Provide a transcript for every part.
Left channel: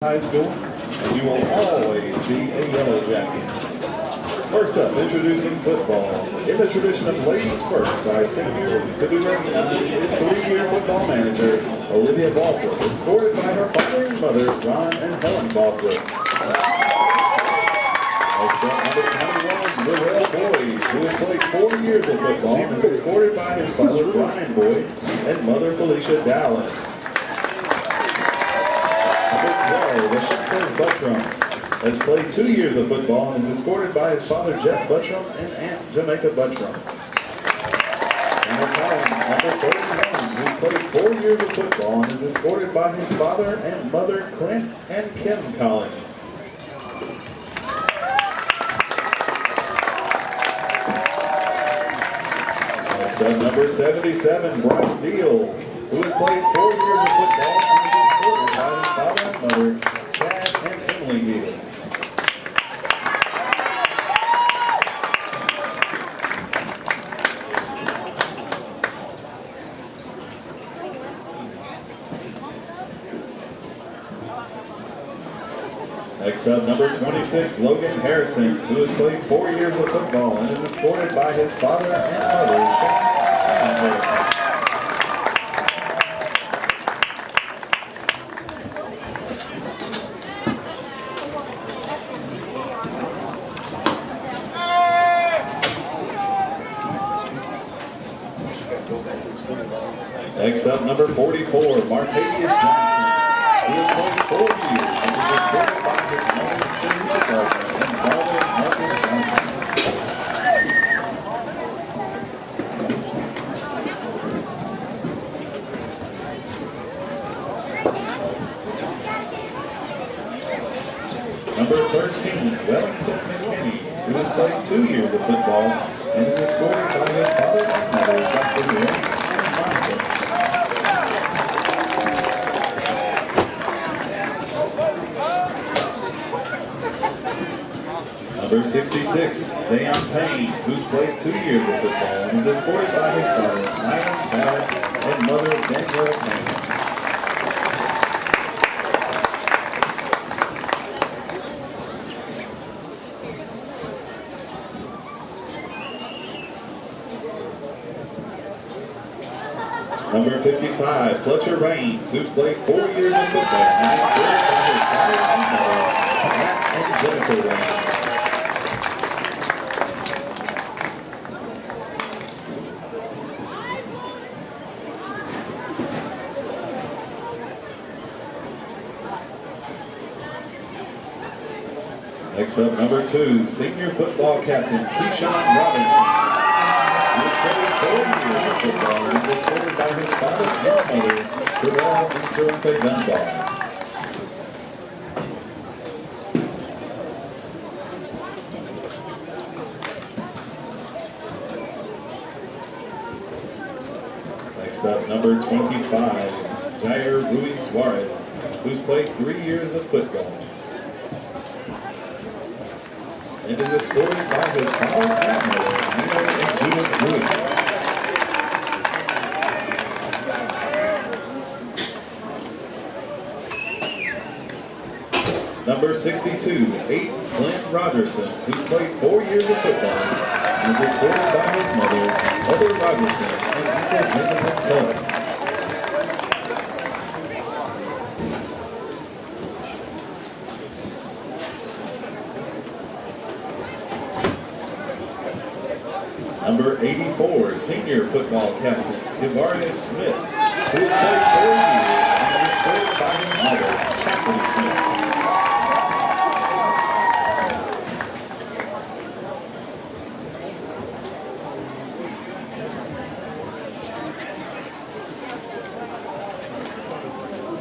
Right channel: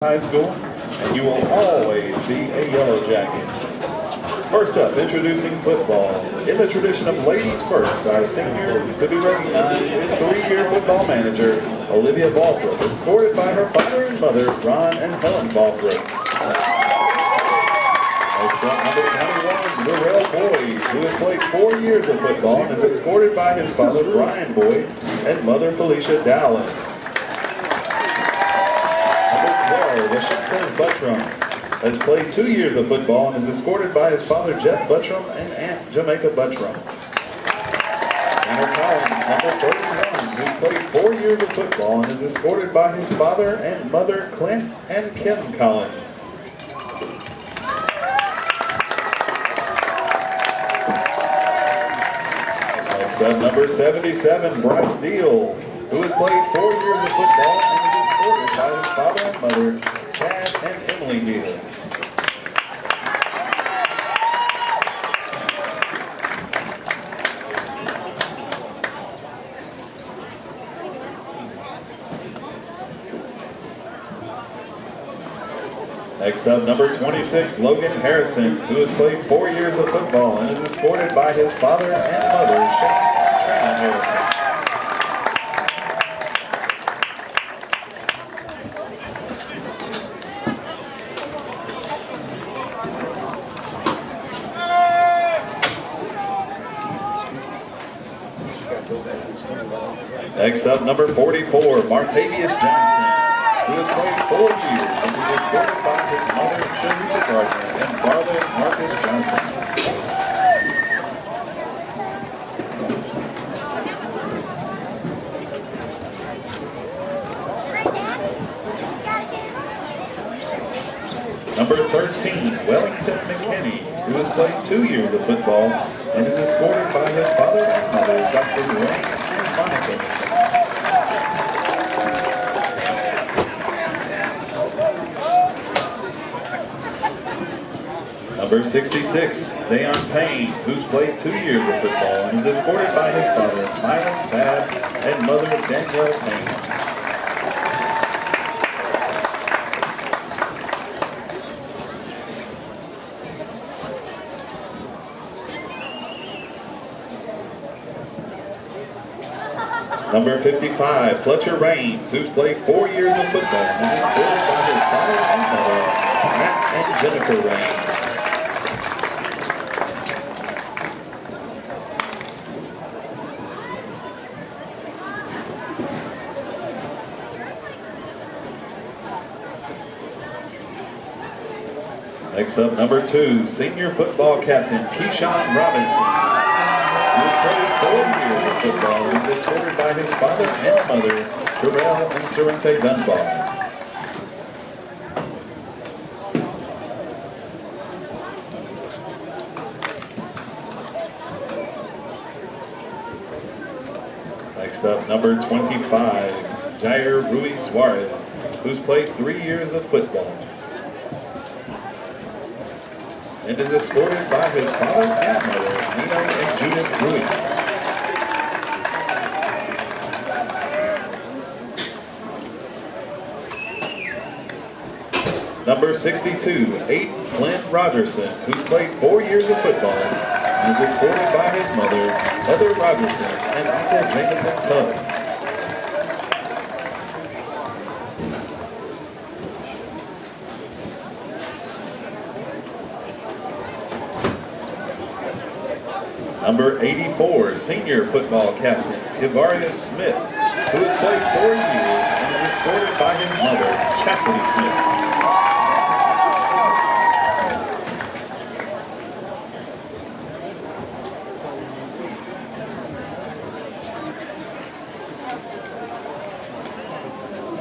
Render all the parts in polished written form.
High School, and you will always be a Yellow Jacket. First up, introducing football. In the tradition of ladies first, our senior to be recognized is three-year football manager, Olivia Balthrop, escorted by her father and mother, Ron and Helen Balthrop. Next up, number 21, Zarrell Boyd, who has played 4 years of football and is escorted by his father, Brian Boyd, and mother, Felicia Dowling. Washington's Buttram has played 2 years of football and is escorted by his father Jeff Buttram and Aunt Jamaica Buttram. Tanner Collins, number 31, who played 4 years of football and is escorted by his father and mother Clint and Kim Collins. Next up, number 77, Bryce Deal, who has played 4 years of football and is escorted by his father and mother, Chad and Emily Deal. Next up, number 26, Logan Harrison, who has played 4 years of football and is escorted by his father and mother, Shane and Harrison. Next up, number 44, Martavius Johnson, who has played 4 years and is escorted by his mother, Sharisa Gardner, and father, Marcus Johnson. Number 13, Wellington McKinney, who has played 2 years of football and is escorted by his father and mother, Dr. Lorraine and Monica. Number 66, Dayon Payne, who's played 2 years of football and is escorted by his father, Myron Babb, and mother, Danielle Payne. Number 55, Fletcher Raines, who's played 4 years of football and is escorted by his father and mother, Matt and Jennifer Raines. Next up, number 2, senior football captain, Keyshawn Robinson, who has played 4 years of football and is escorted by his father and mother, Terrell and Sorrente Dunbar. Next up, number 25, Jair Rui Suarez, who's played 3 years of football and is escorted by his father and mother, Nino and Judith Ruiz. Number 62, Aiden Glenn Rogerson, who's played 4 years of football and is escorted by his mother, Mother Rogerson, and Uncle Jameson Tubbs. Number 84, senior football captain, Kivarius Smith, who has played 4 years and is escorted by his mother, Chastity Smith.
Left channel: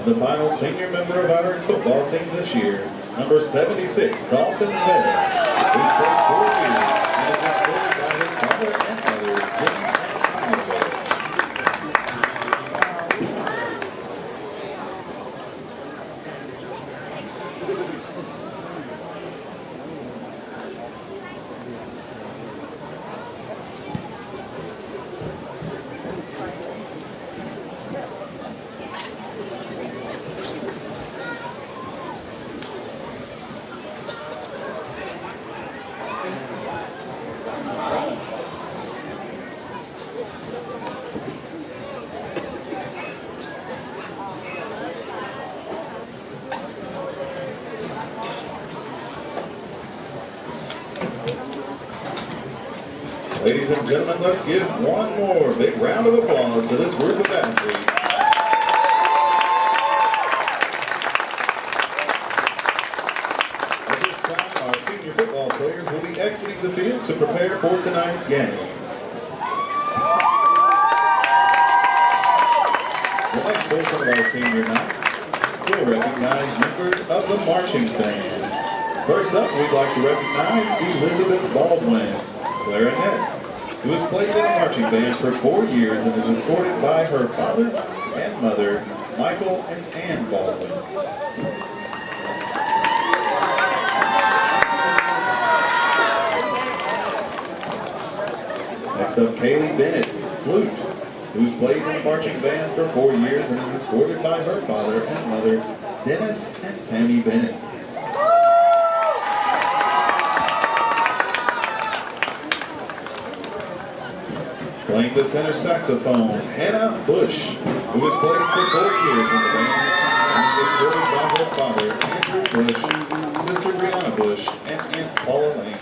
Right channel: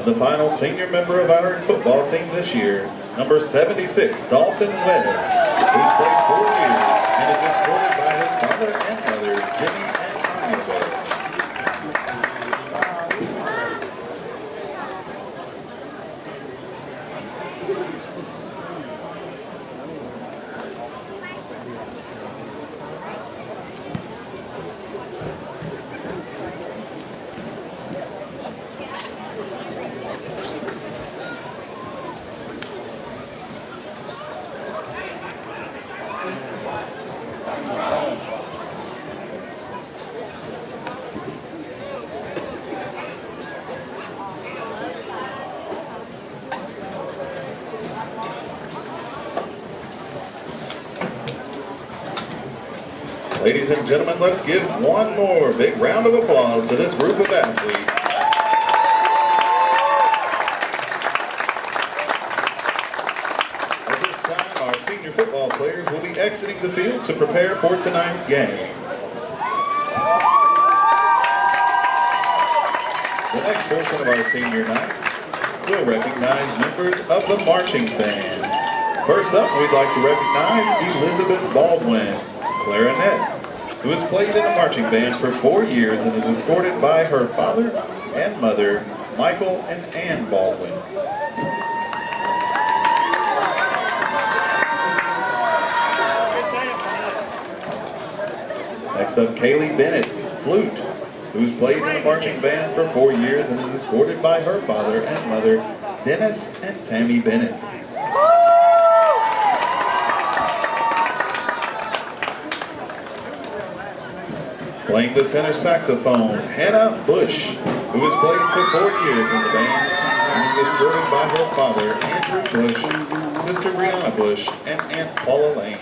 The final senior member of our football team this year, number 76, Dalton Weather, who's played 4 years and is escorted by his father and mother, Jimmy and Tanya Weather. Ladies and gentlemen, let's give one more big round of applause to this group of athletes. At this time, our senior football players will be exiting the field to prepare for tonight's game. The next portion of our senior night will recognize members of the marching band. First up, we'd like to recognize Elizabeth Baldwin, clarinet, who has played in a marching band for 4 years and is escorted by her father and mother, Michael and Ann Baldwin. Next up, Kaylee Bennett, flute, who's played in a marching band for 4 years and is escorted by her father and mother, Dennis and Tammy Bennett. Playing the tenor saxophone, Hannah Bush, who has played for 4 years in the band and is escorted by her father, Andrew Bush, sister Brianna Bush, and Aunt Paula Lane.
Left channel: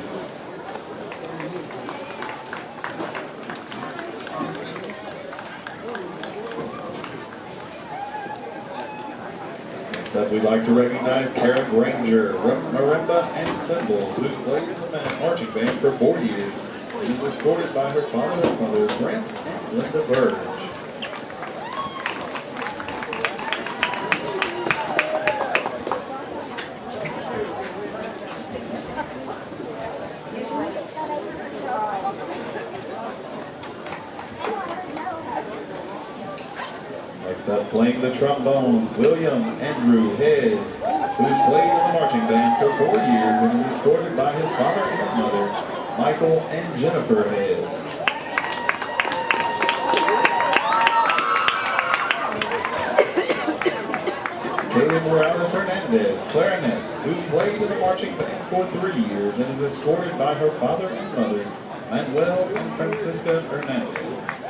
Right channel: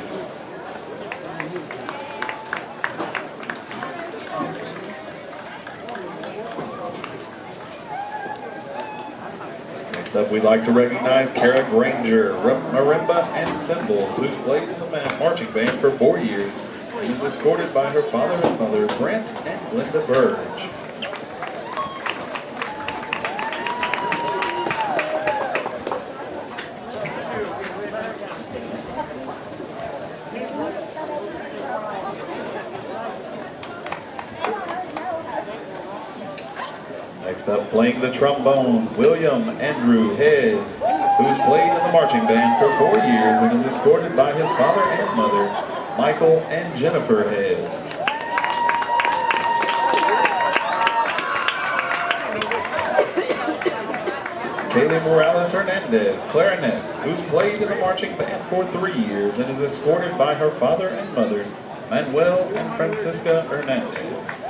Next up, we'd like to recognize Kara Granger, marimba and cymbals, who's played in the marching band for 4 years and is escorted by her father and mother, Brent and Linda Burge. Next up, playing the trombone, William Andrew Head, who's played in the marching band for 4 years and is escorted by his father and mother, Michael and Jennifer Head. Kaylee Morales Hernandez, clarinet, who's played in the marching band for 3 years and is escorted by her father and mother, Manuel and Francisca Hernandez.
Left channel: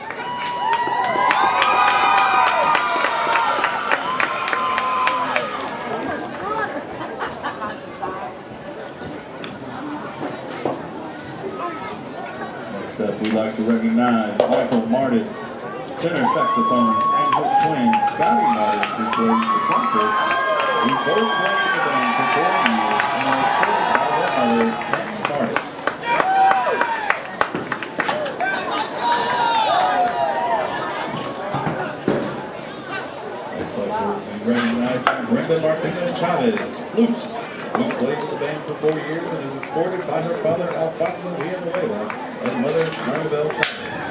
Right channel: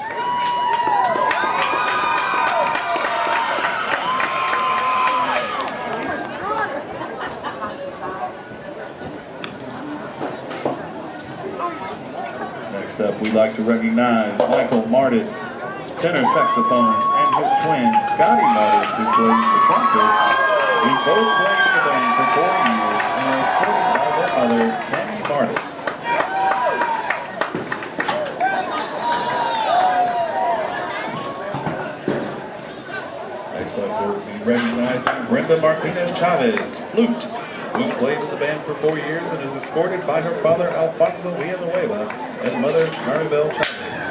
Next up, we'd like to recognize Michael Martis, tenor saxophone, and his twin, Scotty Martis, who plays the trumpet, who both played in the band for 4 years and are escorted by their mother, Tammy Martis. Next up, we'll be recognizing Brenda Martinez Chavez, flute, who's played in the band for 4 years and is escorted by her father, Alfonso Villanueva, and mother, Maribel Chavez.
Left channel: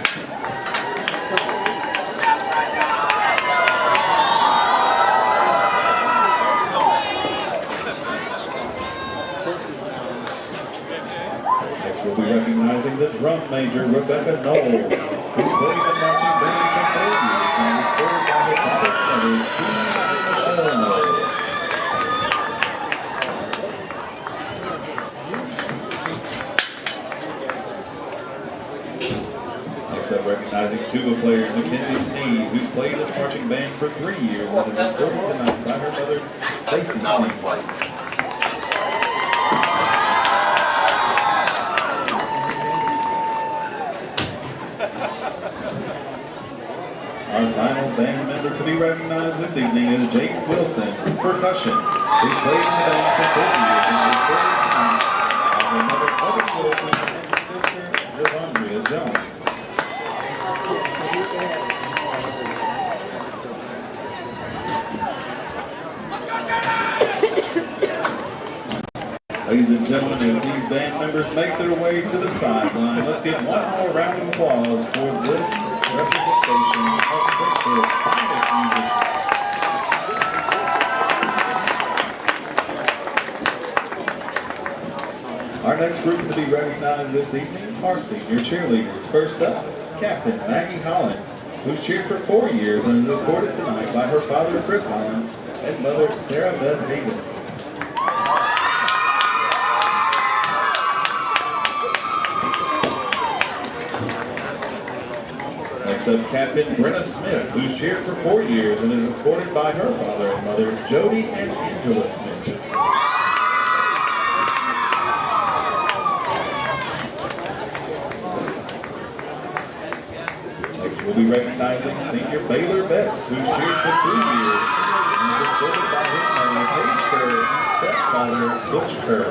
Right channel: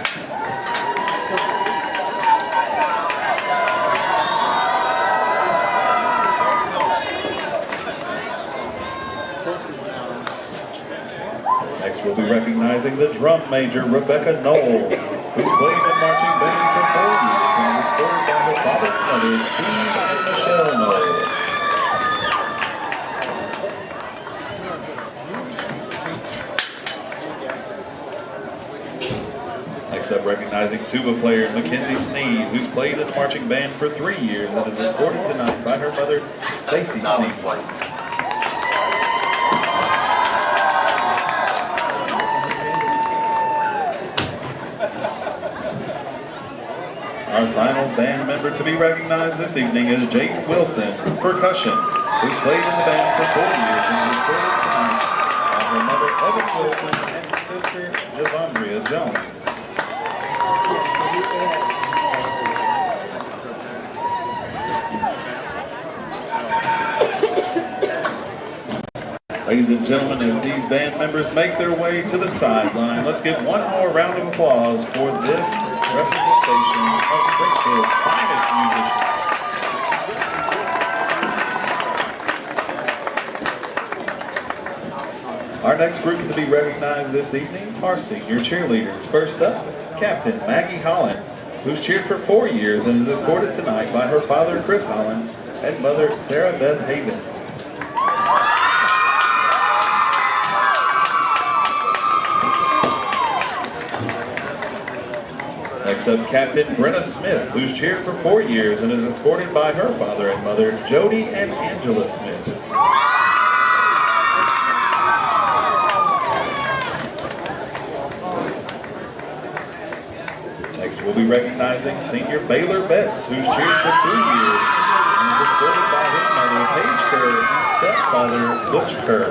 Next, we'll be recognizing the drum major, Rebecca Knoll, who's played in the marching band for 4 years and is escorted by her father and mother, Steve and Michelle Knoll. Next up, recognizing tuba player Mackenzie Sneed, who's played in the marching band for 3 years and is escorted tonight by her mother, Stacy Sneed. Our final band member to be recognized this evening is Jake Wilson, percussion, who's played in the band for 4 years and is escorted tonight by her mother, Evan Wilson, and sister, Javandria Jones. Ladies and gentlemen, as these band members make their way to the sideline, let's give one more round of applause for this representation of Springfield's finest musicians. Our next group to be recognized this evening are senior cheerleaders. First up, Captain Maggie Holland, who's cheered for 4 years and is escorted tonight by her father, Chris Holland, and mother, Sarah Beth Haven. Next up, Captain Brenna Smith, who's cheered for 4 years and is escorted by her father and mother, Jody and Angela Smith. we'll be recognizing senior Baylor Betts, who's cheered for 2 years and is escorted by his mother, Paige Kerr, and stepfather, Butch Kerr.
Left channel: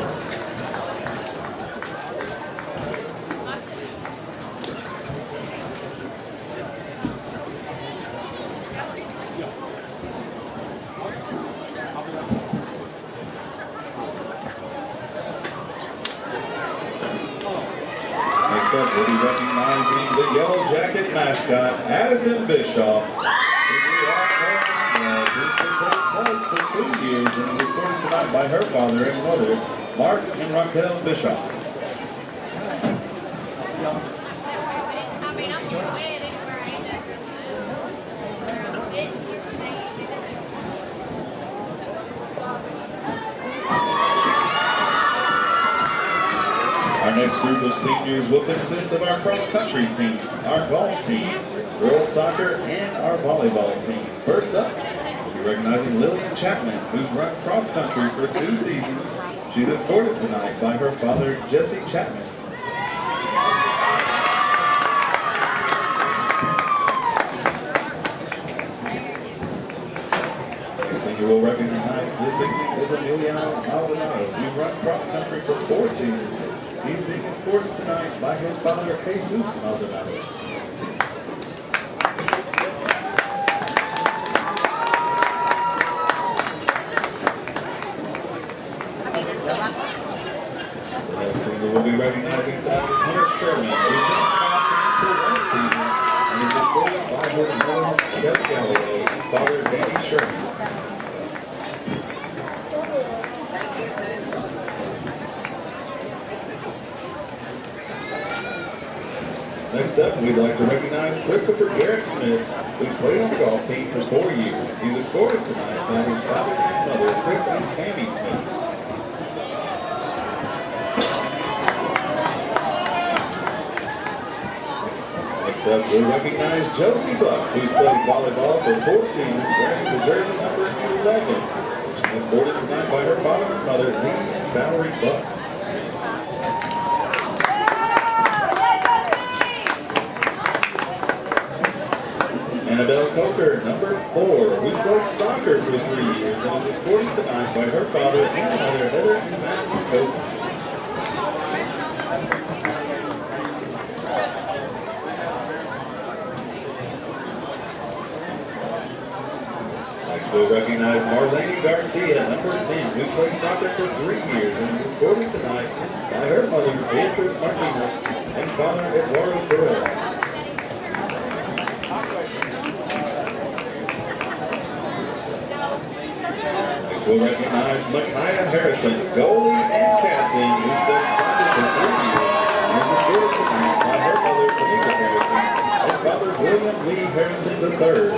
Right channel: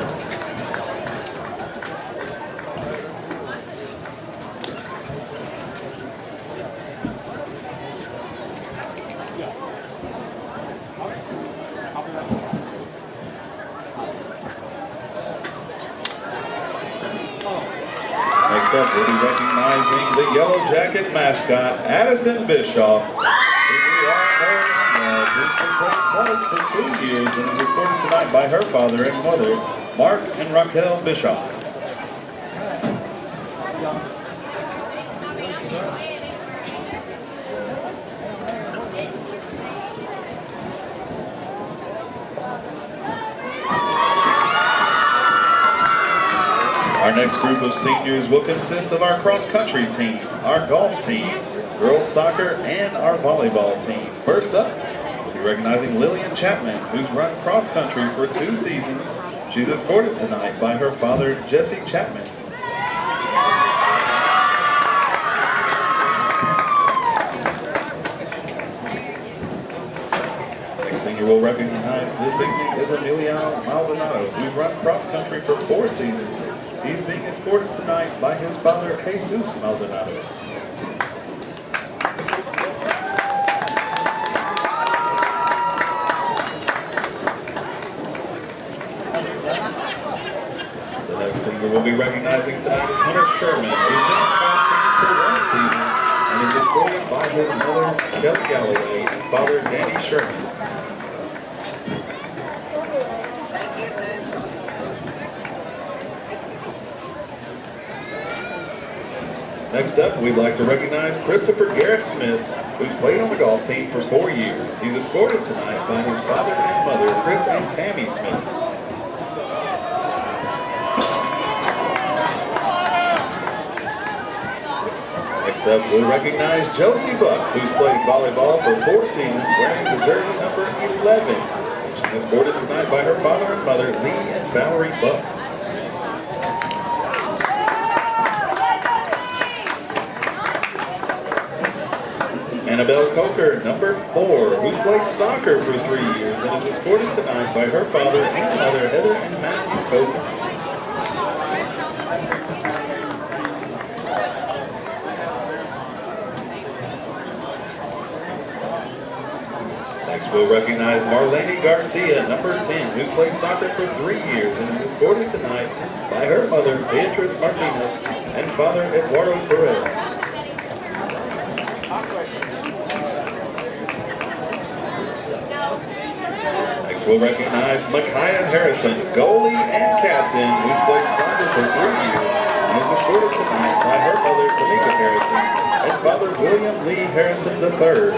Next up, we'll be recognizing the Yellow Jacket mascot, Addison Bischoff, who's been playing clubs for 2 years and is escorted tonight by her father and mother, Mark and Raquel Bischoff. Our next group of seniors will consist of our cross-country team, our golf team, girls soccer, and our volleyball team. First up, we'll be recognizing Lillian Chapman, who's run cross-country for 2 seasons. She's escorted tonight by her father, Jesse Chapman. Next senior we'll recognize this evening is Emiliano Maldonado, who's run cross-country for 4 seasons. He's being escorted tonight by his father, Jesus Maldonado. The next singer we'll be recognizing tonight is Hunter Sherman, who's been on for 1 season and is escorted by his mother, Kelly Galloway, and father, Danny Sherman. Next up, we'd like to recognize Christopher Garrett Smith, who's played on the golf team for 4 years. He's escorted tonight by his father and mother, Chris and Tammy Smith. Next up, we'll recognize Josie Buck, who's played volleyball for 4 seasons, wearing the jersey number 11. She's escorted tonight by her father and mother, Lee and Valerie Buck. Annabelle Coker, number 4, who's played soccer for 3 years and is escorted tonight by her father and mother, Heather and Matthew Coker. Next, we'll recognize Marlene Garcia, number 10, who's played soccer for 3 years and is escorted tonight by her mother, Beatriz Martinez, and father, Eduardo Perez. Next, we'll recognize Micaiah Harrison, goalie and captain, who's played soccer for 3 years and is escorted tonight by her mother, Tamika Harrison, and father, William Lee Harrison III.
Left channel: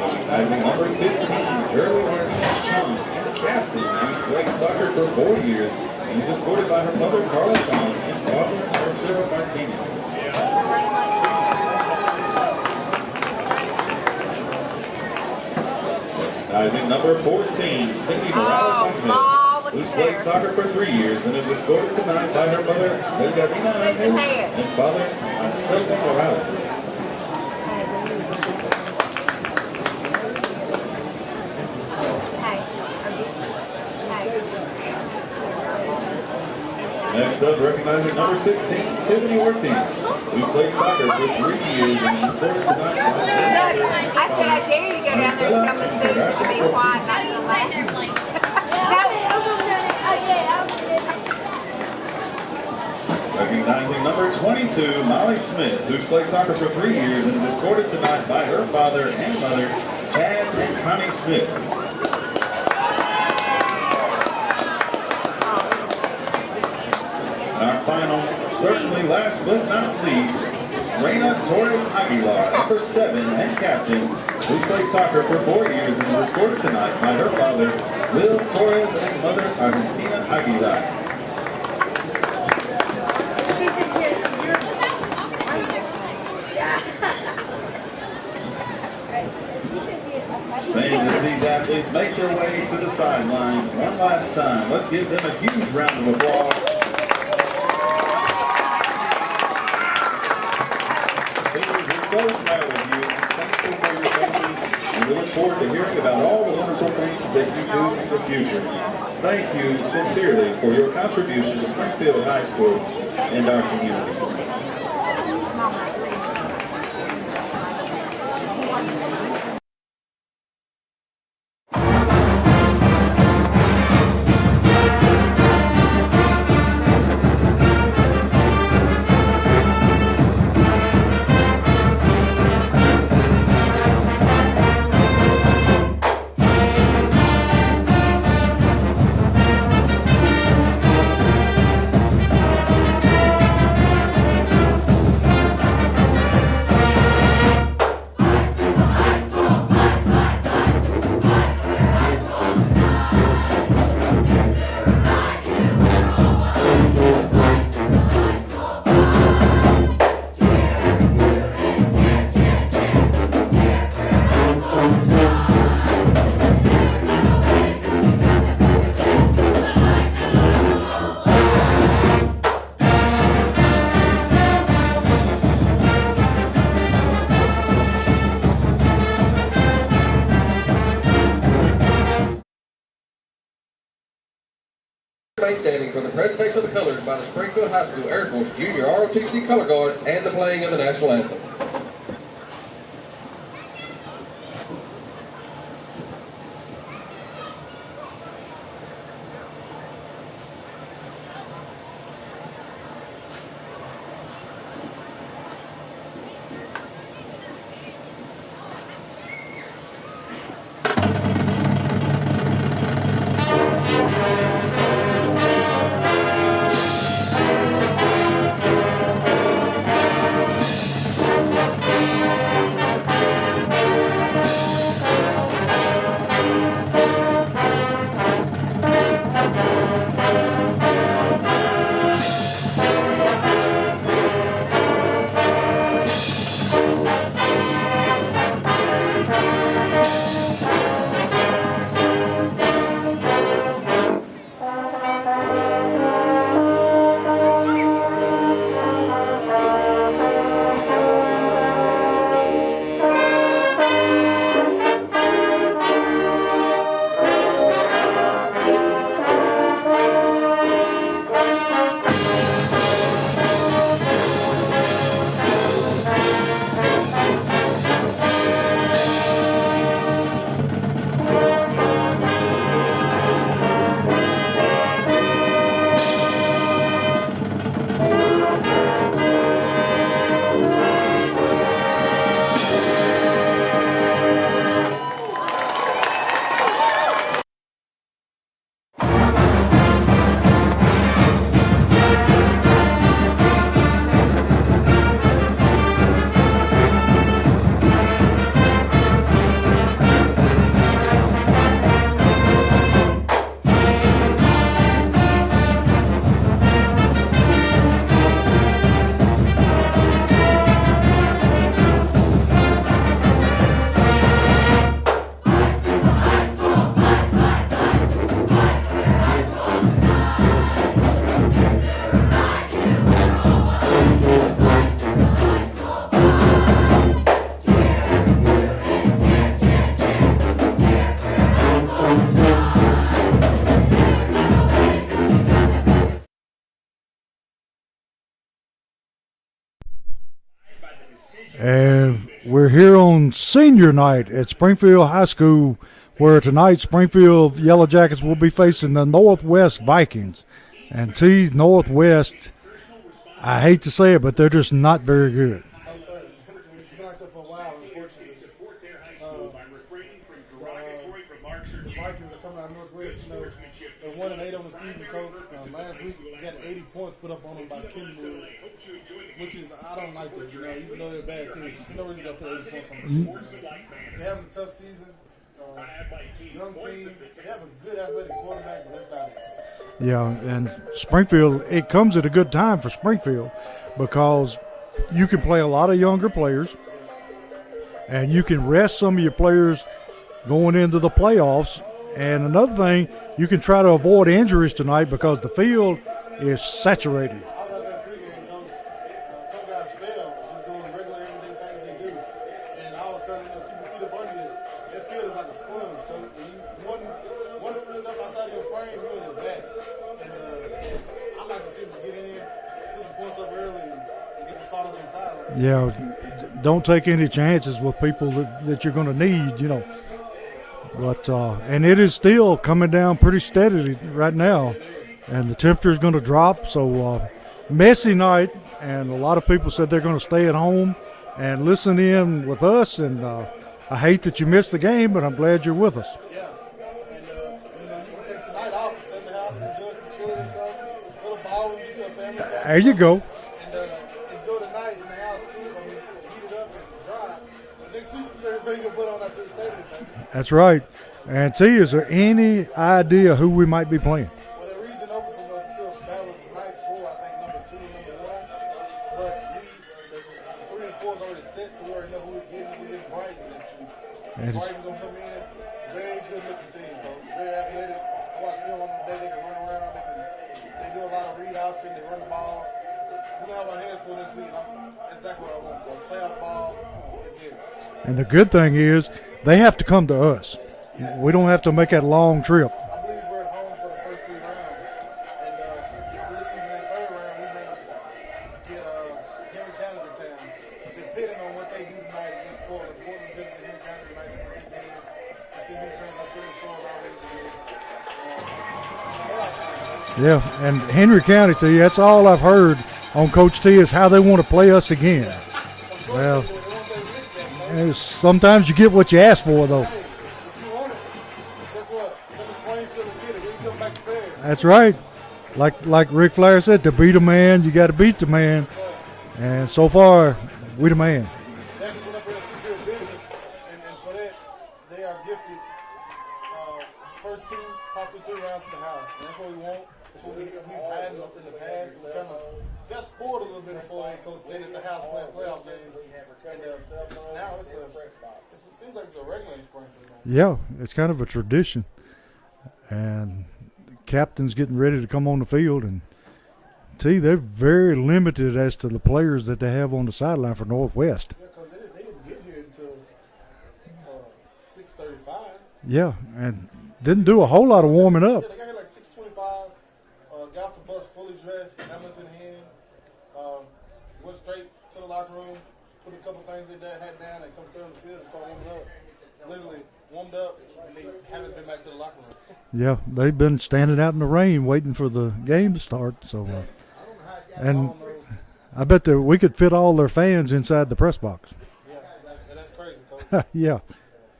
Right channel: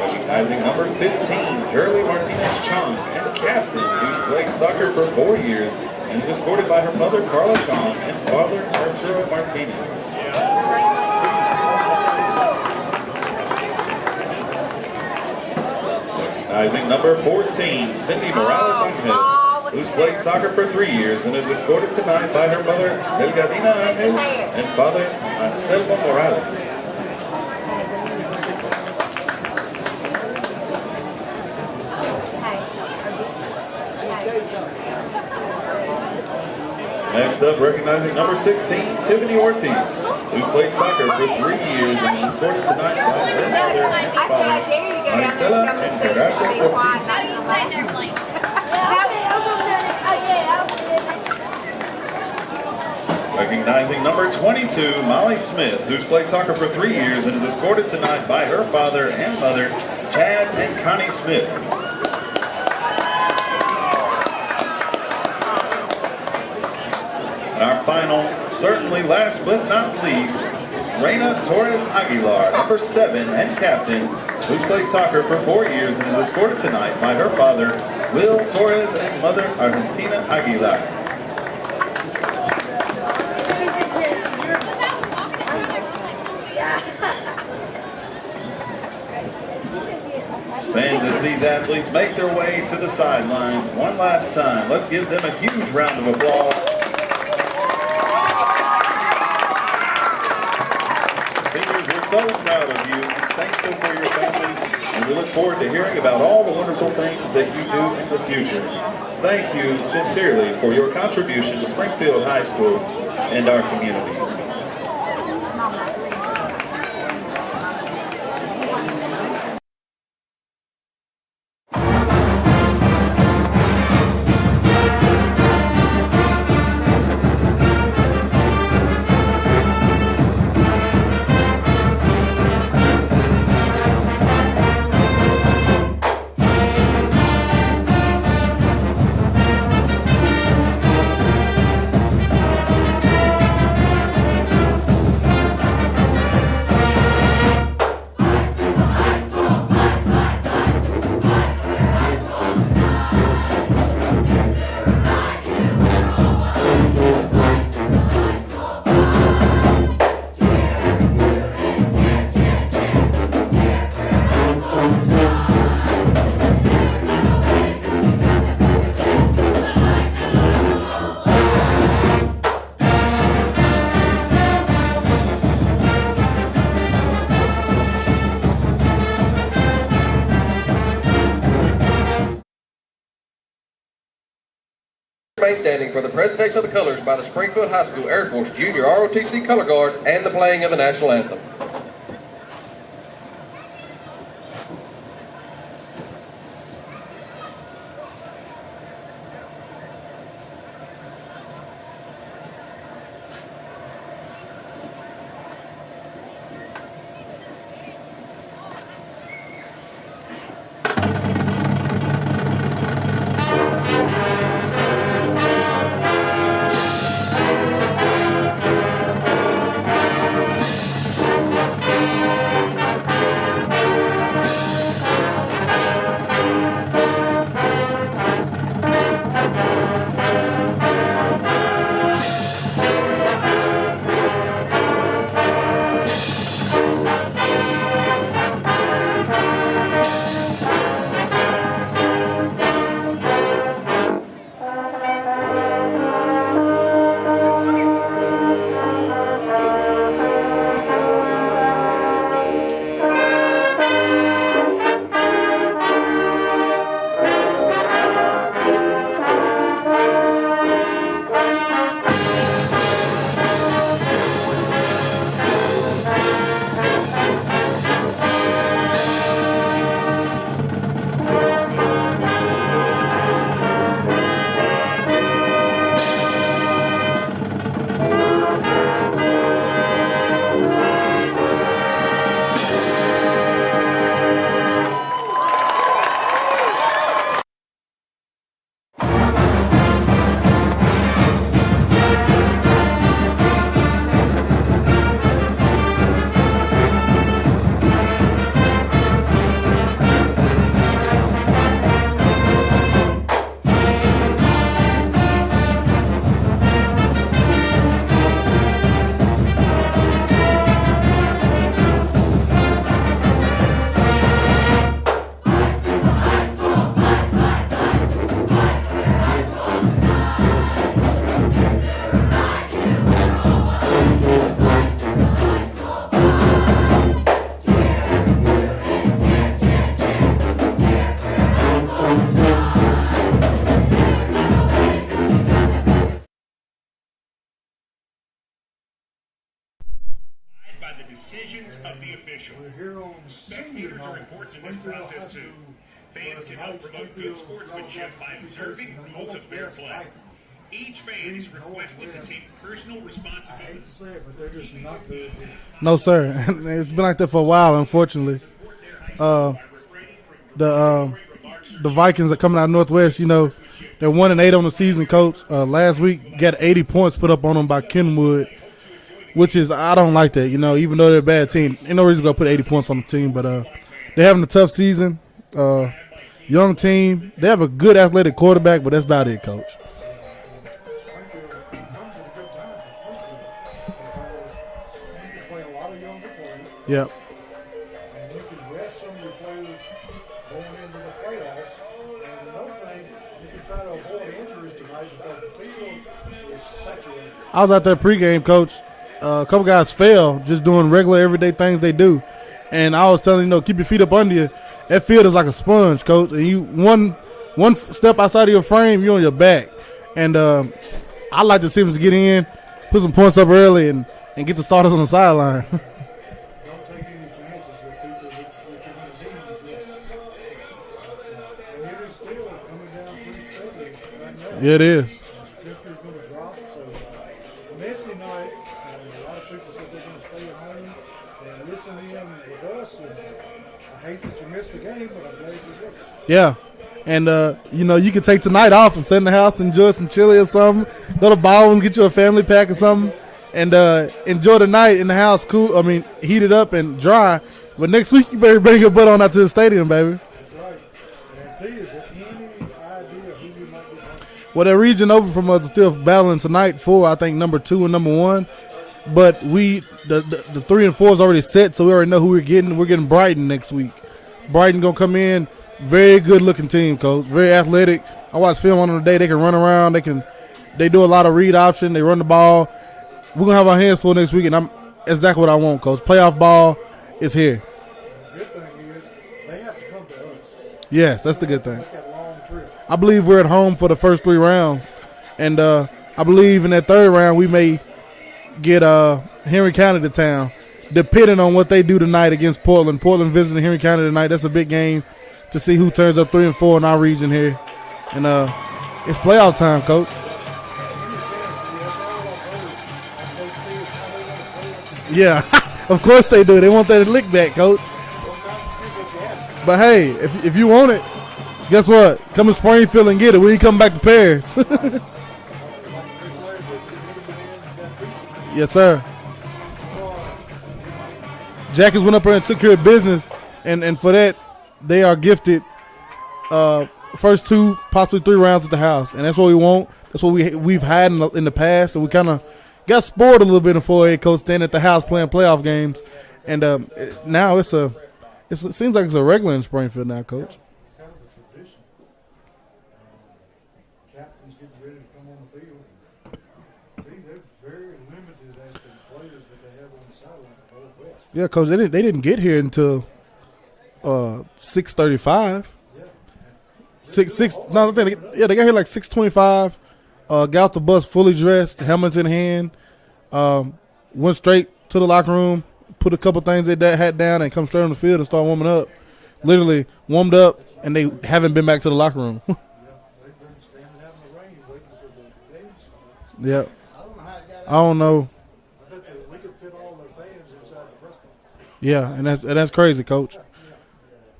Recognizing number 15, Shirley Martinez Chong, and captain, who's played soccer for 4 years and is escorted by her mother, Carla Chong, and father, Arturo Martinez. Recognizing number 14, Cindy Morales Angel, who's played soccer for 3 years and is escorted tonight by her mother, Delgadina Angel, and father, Anselmo Morales. Next up, recognizing number 16, Tiffany Ortiz, who's played soccer for 3 years and is escorted tonight by her mother. I said, I dare you to go down there and tell Miss Susan to be quiet. Not to stay there, please. Recognizing number 22, Molly Smith, who's played soccer for 3 years and is escorted tonight by her father and mother, Chad and Connie Smith. And our final, certainly last but not least, Reina Torres Aguilar, number 7 and captain, who's played soccer for 4 years and is escorted tonight by her father, Will Torres, and mother, Argentina Aguilar. Fans, as these athletes make their way to the sidelines one last time, let's give them a huge round of applause. Seniors, we're so proud of you, thankful for your families, and we look forward to hearing about all the wonderful things that you do in the future. Thank you sincerely for your contribution to Springfield High School and our community. Remain standing for the presentation of the colors by the Springfield High School Air Force Junior ROTC Color Guard and the playing of the National Anthem. And we're here on senior night at Springfield High School, where tonight Springfield Yellow Jackets will be facing the Northwest Vikings. And Northwest, I hate to say it, but they're just not very good. No, sir. It's been like that for a while, unfortunately. The Vikings are coming out of Northwest, you know, they're 1-8 on the season, Coach. Last week, got 80 points put up on them by Kenwood, which is, I don't like that, you know, even though they're a bad team. Ain't no reason to go put 80 points on the team, but they're having a tough season. Young team. They have a good athletic quarterback, but that's about it, Coach. Yeah, and Springfield, it comes at a good time for Springfield because you can play a lot of younger players. Yep. And you can rest some of your players going into the playoffs. And another thing, you can try to avoid injuries tonight because the field is saturated. I was out there pregame, Coach. A couple guys fell just doing regular everyday things they do. And I was telling keep your feet up under you. That field is like a sponge, Coach. And you one step outside of your frame, you're on your back. And I like to see them get in, put some points up early, and get the starters on the sideline. Yeah, don't take any chances with people that you're going to need, But and it is still coming down pretty steadily right now. Yeah, it is. And the temperature is going to drop. So messy night, and a lot of people said they're going to stay at home and listen in with us. And I hate that you missed the game, but I'm glad you're with us. Yeah. And, you can take tonight off and sit in the house, enjoy some chili or something, go to Baldwin's, get you a family pack or something. There you go. And enjoy the night in the house, heated up and dry. But next week, you better bring your butt on out to the stadium, baby. That's right. And T, is there any idea who we might be playing? Well, that region over from us is still battling tonight for, I think, number 2 and number 1. But the 3 and 4 is already set, so we already know who we're getting. We're getting Brighton next week. Brighton going to come in. Very good-looking team, Coach. Very athletic. I watched film on them today. They can run around. They do a lot of read option. They run the ball. We're going to have our hands full next week, and I'm exactly what I want, Coach. Playoff ball is here. And the good thing is they have to come to us. Yes. We don't have to make that long trip. I believe we're at home for the first 3 rounds. And I believe in that 3rd round we may get Henry County to town, depending on what they do tonight against Portland. Portland visiting Henry County tonight. That's a big game to see who turns up 3 and 4 in our region here. And it's playoff time, Coach. Yeah, and Henry County, T, that's all I've heard on Coach T is how they want to play us again. Yeah, of course they do. They want that lick back, Coach. Sometimes you get what you ask for. But, hey, if you want it, guess what? Come to Springfield and get it when you come back to Paris. That's right. Like Ric Flair said, to beat a man, you got to beat the man. Yes, sir. And so far, we the man. Jackets went up there and took care of business, and for that, they are gifted first 2, possibly 3 rounds at the house, and that's what we want. That's what we've had in the past, and we kind of got spoiled a little bit in 4A, Coach, staying at the house playing playoff games, and now it seems like it's a regular in Springfield now, Coach. Yeah, it's kind of a tradition, and the captain's getting ready to come on the field, and they're very limited as to the players that they have on the sideline for Northwest. Yeah, Coach, they didn't get here until 6:35. Yeah, and didn't do a whole lot of warming up. Yeah, they got here like 6:25. Got off the bus fully dressed, helmets in hand. Went straight to the locker room, put a couple things they had down, and come straight on the field and start warming up. Literally warmed up, and they haven't been back to the locker room. Yeah, they've been standing out in the rain waiting for the game to start. So yeah, I don't know. I bet that we could fit all their fans inside the press box. Yeah, and that's crazy, Coach. Yeah.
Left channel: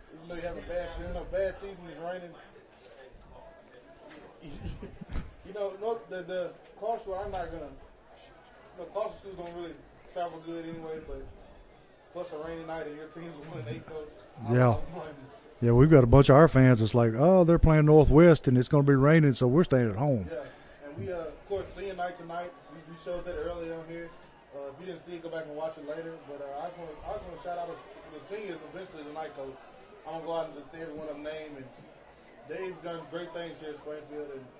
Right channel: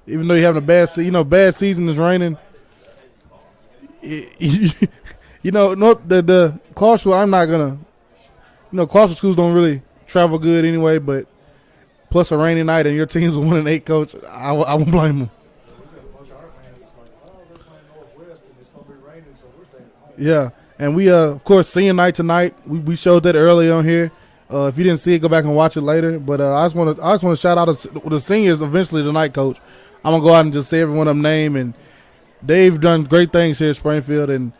Even though you're having a bad bad season is raining. The Clarksville, I'm not going to, Clarksville schools don't really travel good anyway, but plus a rainy night and your team's 1-8, Coach, I won't blame them. Yeah, we've got a bunch of our fans that's like, oh, they're playing Northwest and it's going to be raining, so we're staying at home. Yeah, and we, of course, senior night tonight. We showed that early on here. If you didn't see it, go back and watch it later. But I just want to shout out the seniors eventually tonight, Coach. I'm going to go out and just say every one of them name, and they've done great things here at Springfield, and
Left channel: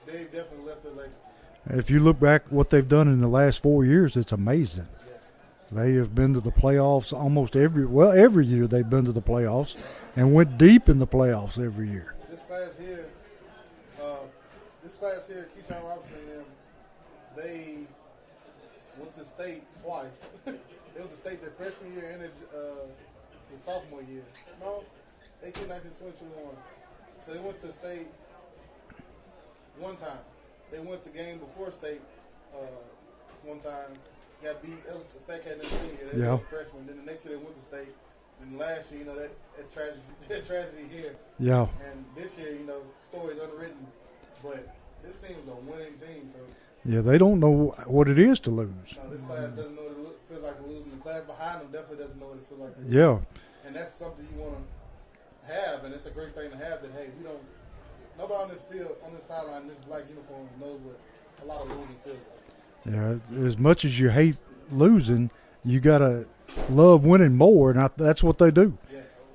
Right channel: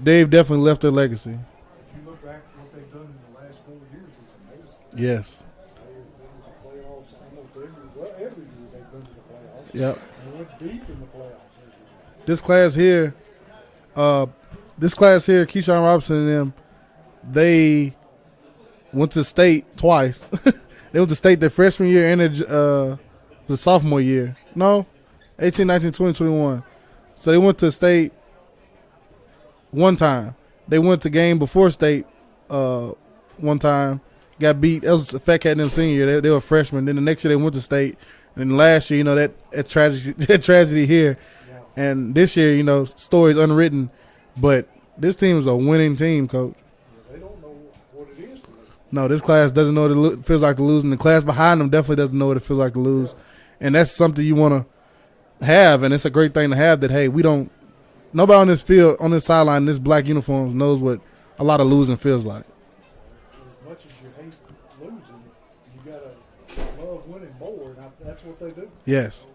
they've definitely left their legacy. If you look back what they've done in the last 4 years, it's amazing. Yes. They have been to the playoffs almost every year they've been to the playoffs. Yep. And went deep in the playoffs every year. This class here, Keyshawn Robinson and them, they went to state twice. They went to state their freshman year and the sophomore year. No, 18, 19, 20, 21. So they went to state one time. They went to game before state one time. Got beat. That was a Fat Cat and them senior year. They were freshmen. Then the next year they went to state. And then last year, that tragedy here. Yeah. And this year, stories unwritten. But this team is a winning team, Coach. Yeah, they don't know what it is to lose. No, this class doesn't know what it feels like to lose. And the class behind them definitely doesn't know what it feels like to lose. Yeah. And that's something you want to have. And it's a great thing to have that, hey, nobody on this field, on this sideline, in this black uniforms knows what a lot of losing feels like. Yeah, as much as you hate losing, you got to love winning more, and that's what they do. Yes.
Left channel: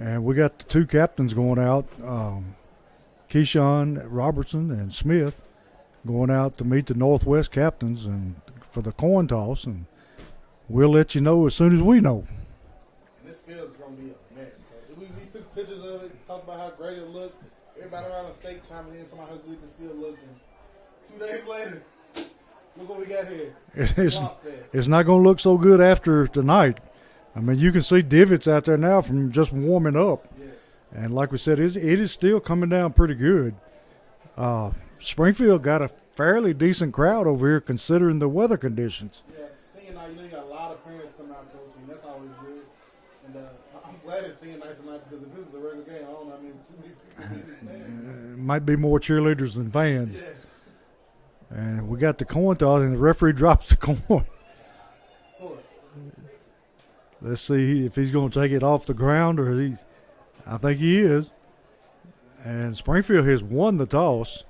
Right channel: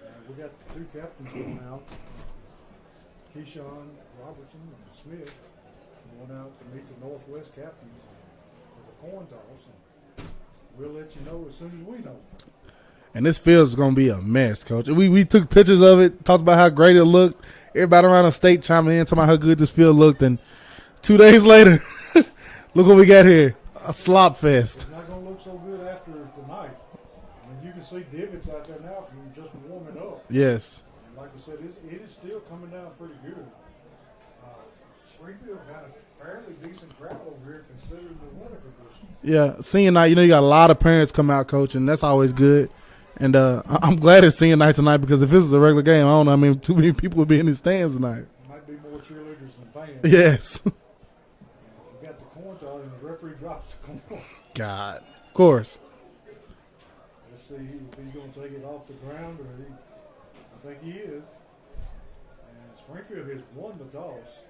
And we got the two captains going out, Keyshawn Robertson and Smith, going out to meet the Northwest captains and for the coin toss. And we'll let you know as soon as we know. And this field is going to be a mess, Coach. We took pictures of it, talked about how great it looked. Everybody around the state chiming in, talking about how good this field looked. And 2 days later, look what we got here, a slop fest. It's not going to look so good after tonight. I mean, you can see divots out there now from just warming up. Yes. And like we said, it is still coming down pretty good. Springfield got a fairly decent crowd over here considering the weather conditions. Yeah, senior night, you got a lot of parents come out, Coach, and that's always good. And I'm glad it's senior night tonight because if this was a regular game, I don't know, I mean, too many people would be in the stands tonight. Might be more cheerleaders than fans. Yes. And we got the coin toss, and the referee drops the coin. God. Of course. Let's see if he's going to take it off the ground or I think he is. And Springfield has won the toss.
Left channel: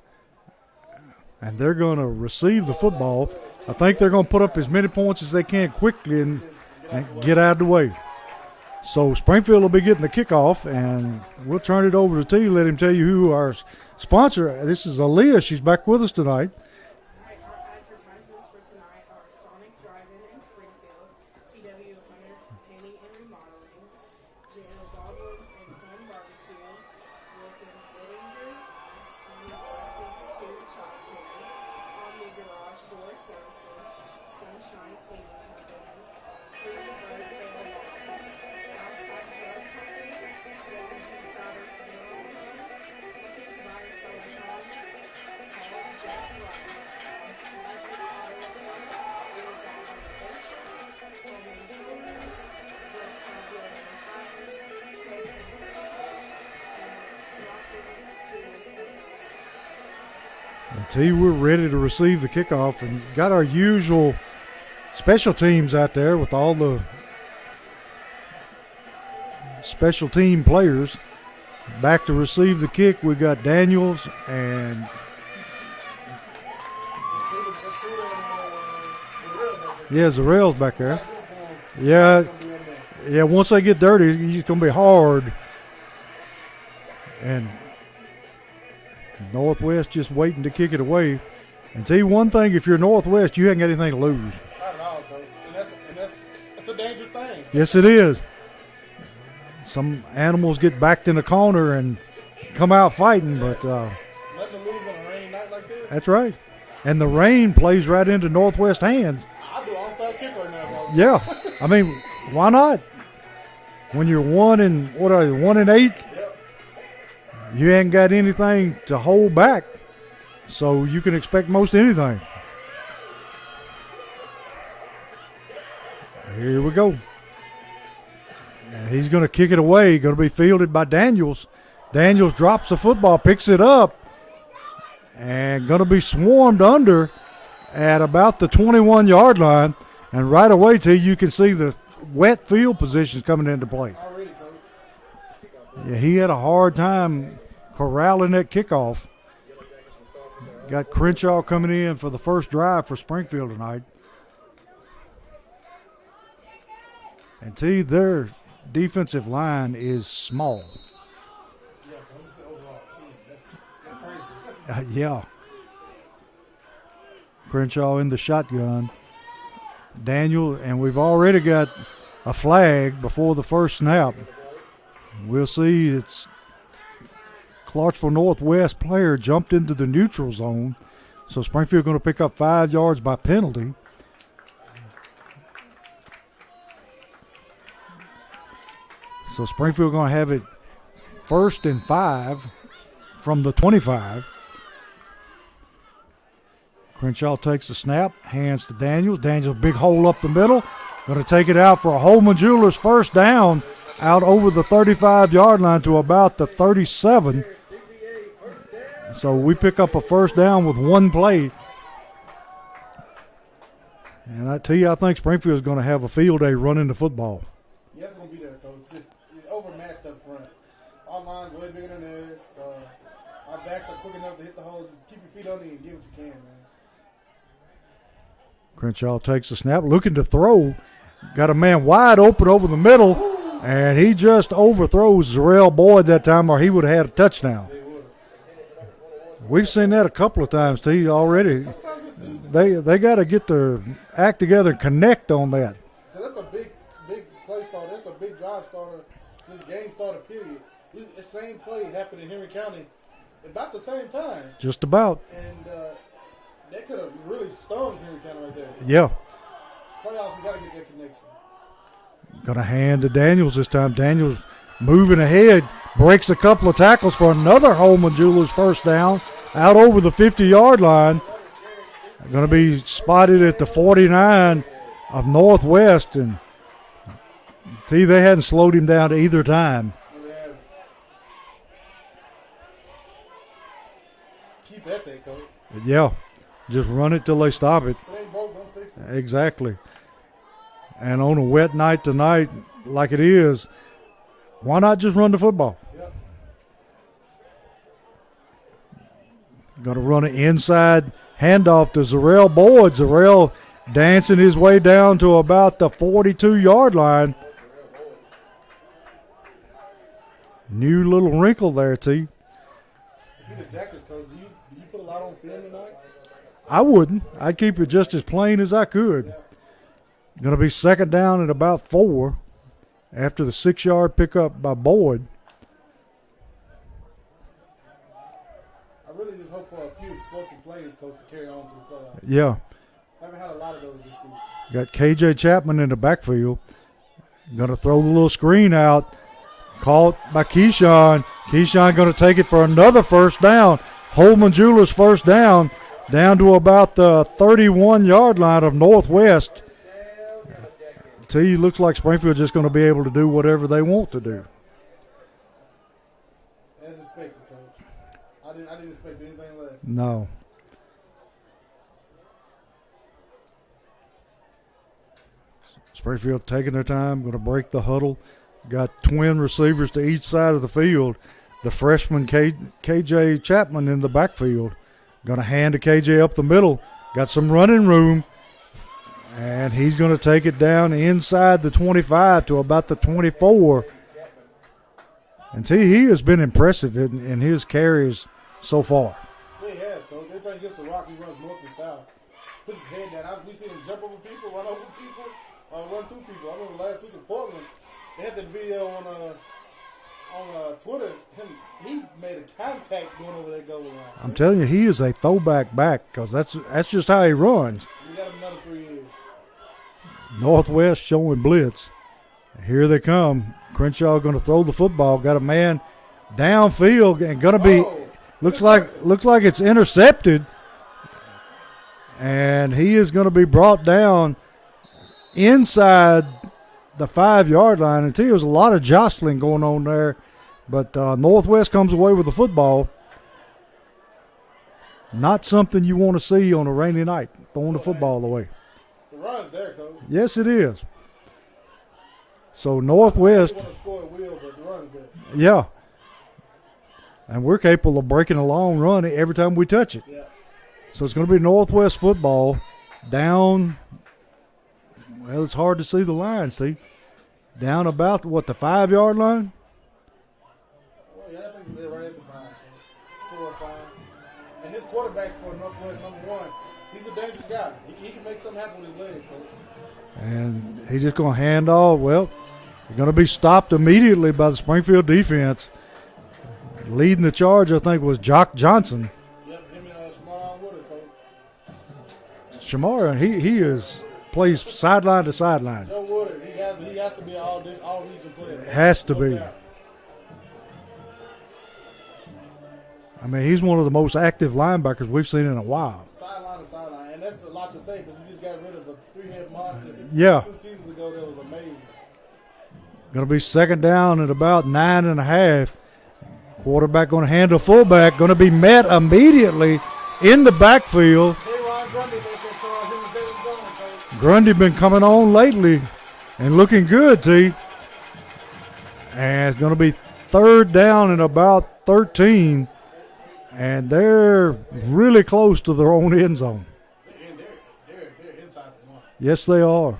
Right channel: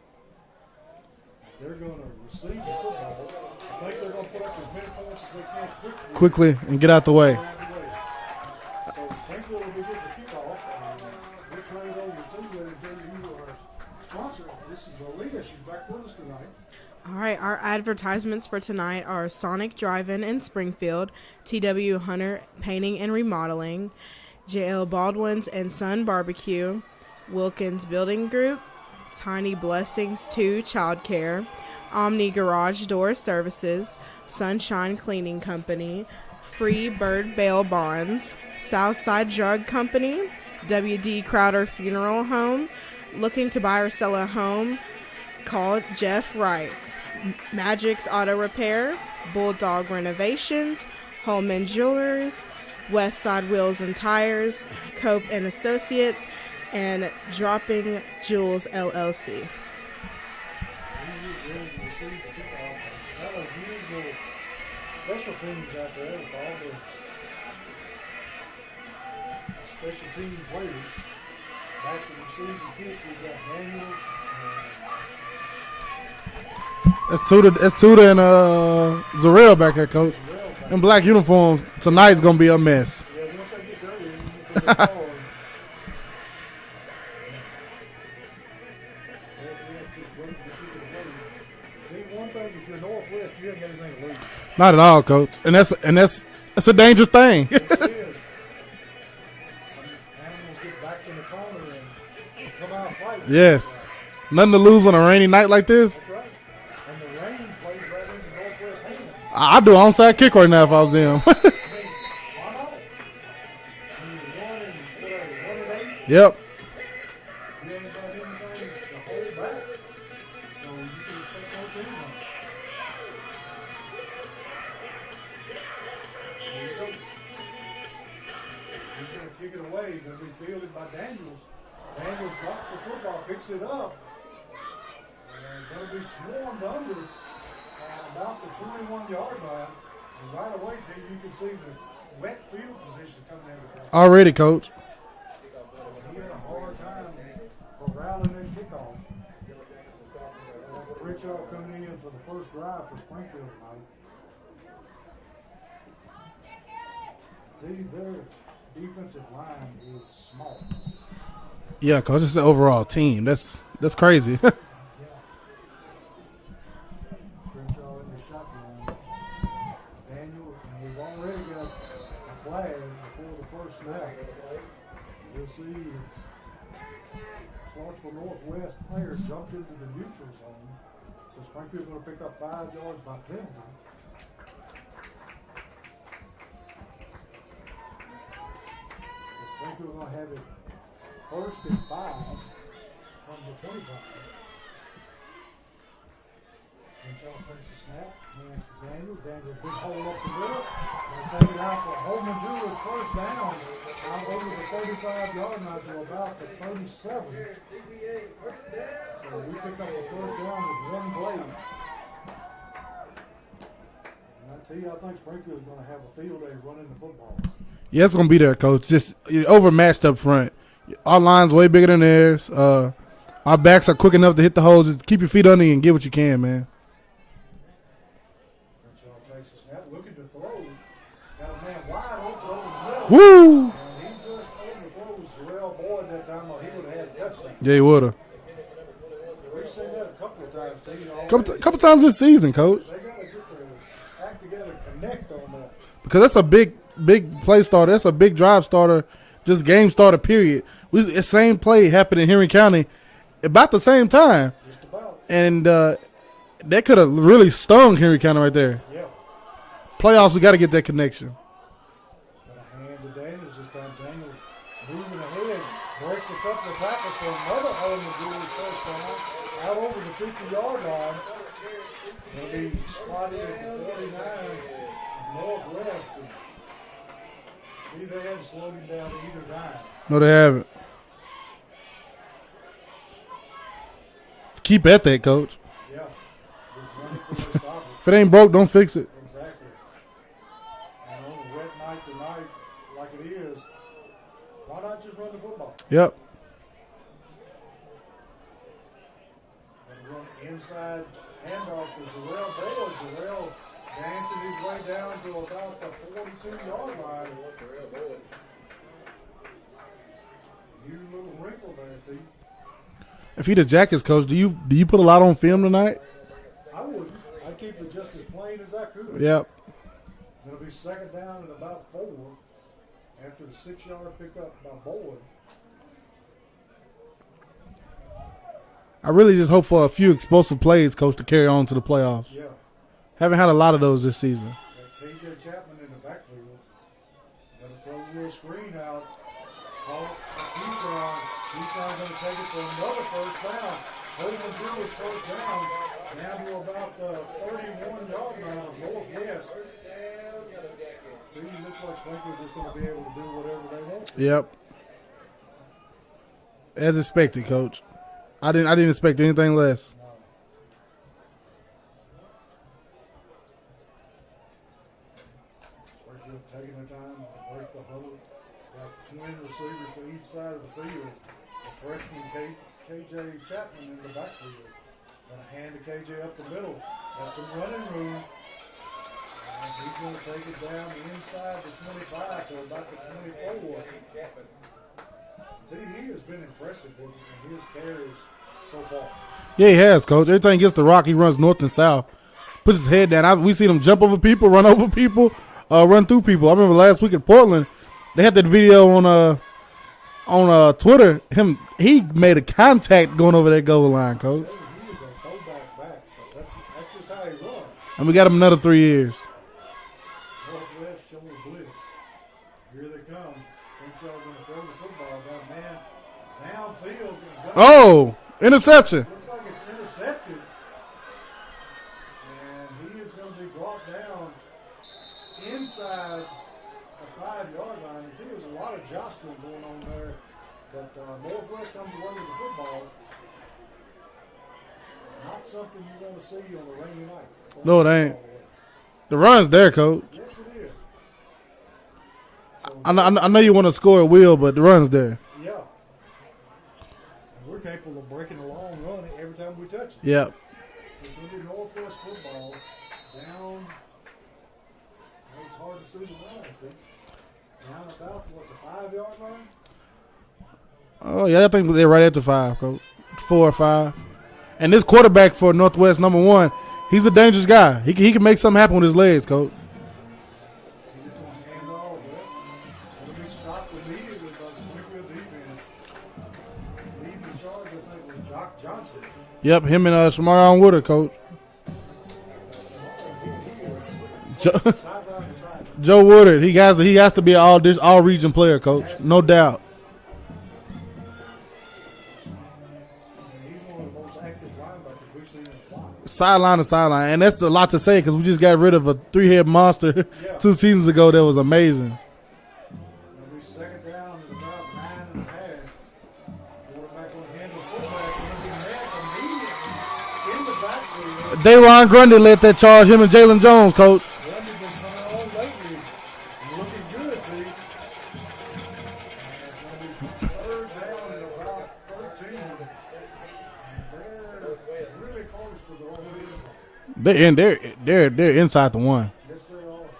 And they're going to receive the football. I think they're going to put up as many points as they can quickly and get out the way. Get out of the way. So Springfield will be getting the kickoff, and we'll turn it over to T. Let him tell you who our sponsor. This is Aaliyah. She's back with us tonight. All right, our advertisements for tonight are Sonic Drive-In in Springfield, T.W. Hunter Painting and Remodeling, J.L. Baldwin's and Son Barbecue, Wilkins Building Group, Tiny Blessings 2 Childcare, Omni Garage Door Services, Sunshine Cleaning Company, Free Bird Bail Bonds, Southside Drug Company, W.D. Crowder Funeral Home. Looking to buy or sell a home? Call Jeff Wright. Magic's Auto Repair, Bulldog Renovations, Holman Jewelers, Westside Wheels and Tires, Cope and Associates, and Dropping Jewels LLC. T, we're ready to receive the kickoff and got our usual special teams out there with all the special team players. Back to receive the kick, we got Daniels and That's Tuda and Zarel back there, Coach. yeah, Zarel's back in there. black uniforms. Tonight's going to be a mess. Yeah, once they get dirty, it's going to be hard. And Northwest just waiting to kick it away. And tell you one thing, if you're Northwest, you haven't got anything to lose. Not at all, Coach. And that's a dangerous thing. Yes, it is. Some animals get backed in the corner and come out fighting. Yes. But, nothing to lose on a rainy night like this. that's right. And the rain plays right into Northwest hands. I'd do an onside kick right now if I was there. Yeah. I mean, why not? When you're 1-8, Yep. you ain't got anything to hold back. So you can expect most anything. Here we go. And he's going to kick it away. Going to be fielded by Daniels. Daniels drops the football, picks it up, and going to be swarmed under at about the 21-yard line. And right away, T, you can see the wet field positions coming into play. Already, Coach. Yeah, he had a hard time corralling that kickoff. Got Crenshaw coming in for the first drive for Springfield tonight. And T, their defensive line is small. Yeah, Coach. It's the overall team. That's crazy. Yeah. Crenshaw in the shotgun. Daniel, and we've already got a flag before the first snap. We'll see. It's Clarksville Northwest player jumped into the neutral zone. So Springfield going to pick up 5 yards by penalty. So Springfield going to have it 1st and 5 from the 25. Crenshaw takes the snap, hands to Daniels. Daniels, big hole up the middle. Going to take it out for a Holman Jewelers first down out over the 35-yard line to about the 37. So we pick up a first down with one play. And I tell you, I think Springfield's going to have a field day running the football. Yeah, it's going to be there, Coach. Just overmatched up front. Our line's way bigger than theirs. Our backs are quick enough to hit the holes. Just keep your feet under you and get what you can, man. Crenshaw takes the snap, looking to throw. Got a man wide open over the middle. Woo! And he just overthrows Zarrell Boyd that time, or he would have had a touchdown. Yeah, he would have. We've seen that a couple of times, T, already. A couple times this season, Coach. They got to get their act together and connect on that. Because that's a big play starter. That's a big drive starter, just game starter, period. The same play happened in Henry County about the same time. Just about. And that could have really stung Henry County right there. Yeah. Playoffs, we got to get that connection. Going to hand to Daniels this time. Daniels moving ahead, breaks a couple of tackles for another Holman Jewelers first down out over the 50-yard line. Going to be spotted at the 49 of Northwest. And see, they hadn't slowed him down either time. No, they haven't. Keep at that, Coach. Yeah. Just run it till they stop it. If it ain't broke, don't fix it. Exactly. And on a wet night tonight, like it is, why not just run the football? Yep. Going to run an inside handoff to Zarrell Boyd. Zarrell dancing his way down to about the 42-yard line. New little wrinkle there, T. If he the Jackets coach, do you put a lot on film tonight? I wouldn't. I'd keep it just as plain as I could. Yep. Going to be second down at about 4 after the 6-yard pickup by Boyd. I really just hope for a few explosive plays, Coach, to carry on to the playoffs. Yeah. Haven't had a lot of those this season. Got KJ Chapman in the backfield. Going to throw the little screen out. Caught by Keyshawn. Keyshawn going to take it for another first down. Holman Jewelers first down to about the 31-yard line of Northwest. T, looks like Springfield just going to be able to do whatever they want to do. Yep. As expected, Coach. I didn't expect anything less. No. Springfield taking their time, going to break the huddle. Got twin receivers to each side of the field. The freshman KJ Chapman in the backfield. Going to hand to KJ up the middle. Got some running room. And he's going to take it down inside the 25 to about the 24. And he has been impressive in his carries so far. Yeah, he has, Coach. Every time he gets the rock, he runs north and south. Puts his head down. We seen him jump over people, run over people, run through people. I remember last week in Portland, they had that video on Twitter. He made a contact going over that goal line, Coach. I'm telling you, he is a throwback back because that's just how he runs. And we got him another 3 years. Northwest showing blitz. Here they come. Crenshaw going to throw the football. Got a man downfield and going to be interception. Looks like it's intercepted. And he is going to be brought down inside the 5-yard line. And there was a lot of jostling going on there. But Northwest comes away with the football. Not something you want to see on a rainy night. Throwing the football away. The run's there, Coach. Yes, it is. So I know you want to score at will, but the run's there. Yeah. And we're capable of breaking a long run every time we touch it. Yep. So it's going to be Northwest football down. Well, it's hard to see the line, see. Down about, the 5-yard line? Oh, yeah, I think they're right at the 5, Coach. 4 or 5. And this quarterback for Northwest, number 1, he's a dangerous guy. He can make something happen with his legs, Coach. And he's just going to hand off. Well, he's going to be stopped immediately by the Springfield defense. Leading the charge, I think, was Jock Johnson. Yep, him and Shamarion Woodard, Coach. Shamarion, he is plays sideline to sideline. Joe Woodard, he has to be an all region player, Coach. No doubt. I mean, he's one of the most active linebackers we've seen in a while. Sideline to sideline, and that's a lot to say because we just got rid of a 3-head monster 2 seasons ago that was amazing. Going to be second down at about 9.5. Quarterback going to hand to fullback. Going to be met immediately in the backfield. Dayron Grundy led that charge, him and Jalen Jones, Coach. Grundy been coming on lately and looking good, T. And it's going to be third down at about 13. And they're really close to their own end zone. They're inside the 1. Yes, they are.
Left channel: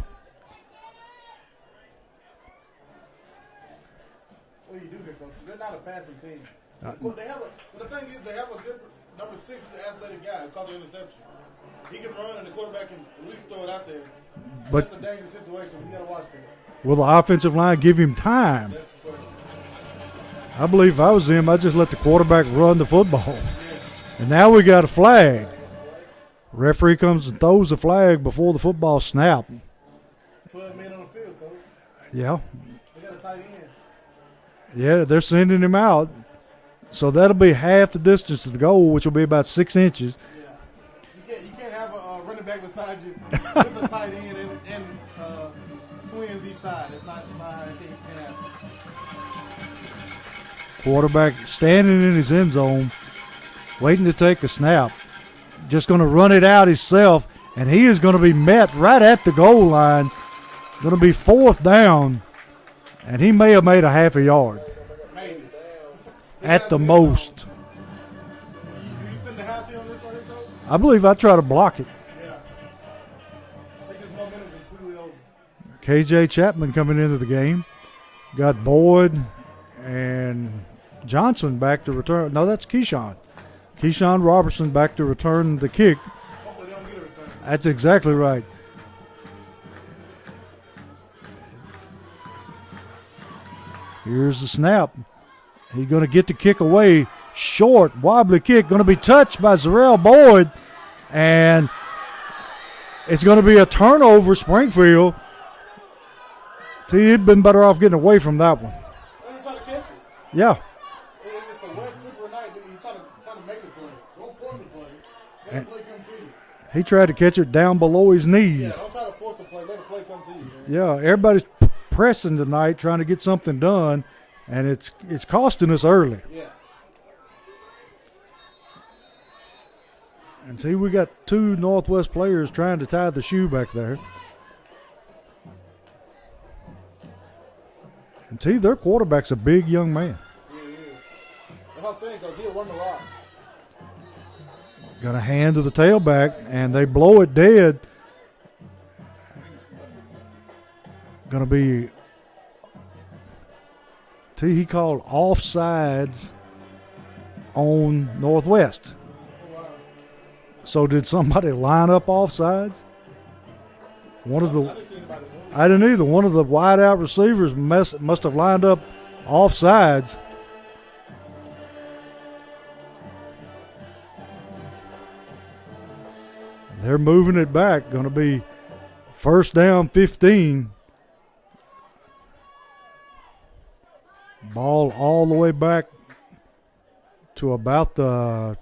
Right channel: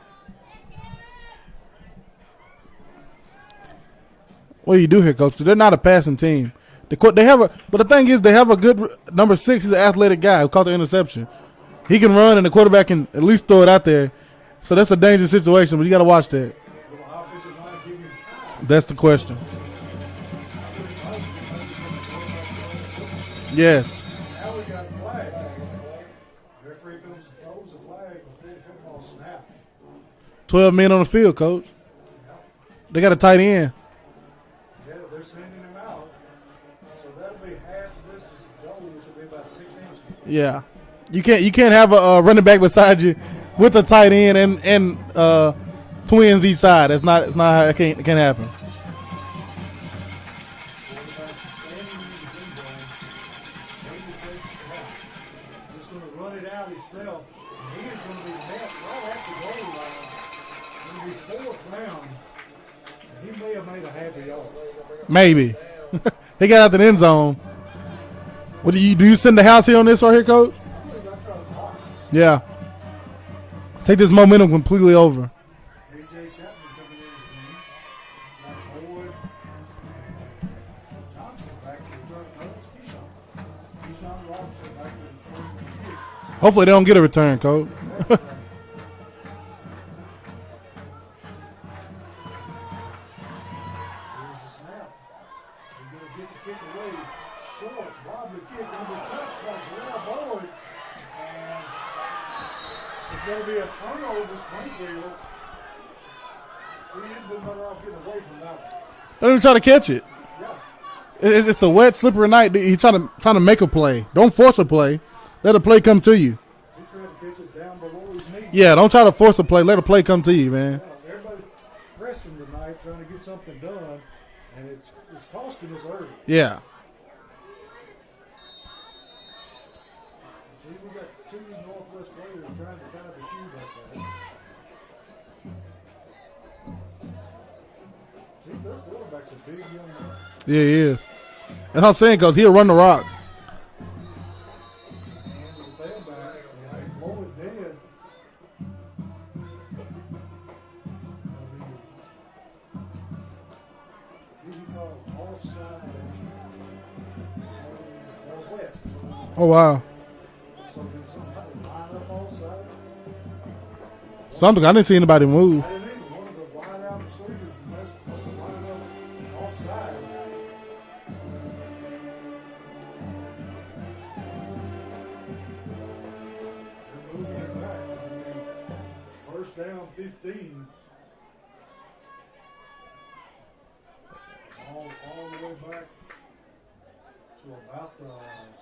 what do you do here, Coach? 'Cause they're not a passing team. But the thing is, they have a good number 6. He's an athletic guy who caught the interception. He can run, and the quarterback can at least throw it out there. So that's a dangerous situation, but you got to watch that. Will the offensive line give him time? That's the question. I believe if I was him, I'd just let the quarterback run the football. Yeah. And now we got a flag. Referee comes and throws the flag before the football snap. 12 men on the field, Coach. Yeah. They got a tight end. Yeah, they're sending him out. So that'll be half the distance to the goal, which will be about 6 inches. Yeah. You can't have a running back beside you with a tight end and twins each side. That's not how it can't happen. Quarterback standing in his end zone, waiting to take a snap. Just going to run it out himself, and he is going to be met right at the goal line. Going to be 4th down, and he may have made a half a yard. Maybe. He got out the end zone. What do you send the house here on this right here, Coach? I believe I try to block it. Yeah. Take this momentum completely over. KJ Chapman coming into the game. Got Boyd and Johnson back to return. No, that's Keyshawn. Keyshawn Robertson back to return the kick. Hopefully they don't get a return, Coach. That's exactly right. Here's the snap. He's going to get the kick away. Short, wobbly kick. Going to be touched by Zarrell Boyd. And it's going to be a turnover, Springfield. He'd been better off getting away from that one. Let him try to catch it. Yeah. It's a wet, slippery night. He's trying to make a play. Don't force a play. Let a play come to you. He tried to catch it down below his knees. Yeah, don't try to force a play. Let a play come to you, man. Yeah, everybody's pressing tonight, trying to get something done, and it's costing us early. Yeah. And see, we got 2 Northwest players trying to tie the shoe back there. And see, their quarterback's a big young man. Yeah, he is. That's what I'm saying, because he'll run the rock. Got a hand to the tailback, and they blow it dead. Going to be, he called offsides on Northwest. Oh, wow. So did somebody line up offsides? I didn't see anybody move. I didn't either. One of the wide-out receivers must have lined up offsides. They're moving it back. Going to be 1st down 15. Ball all the way back to about the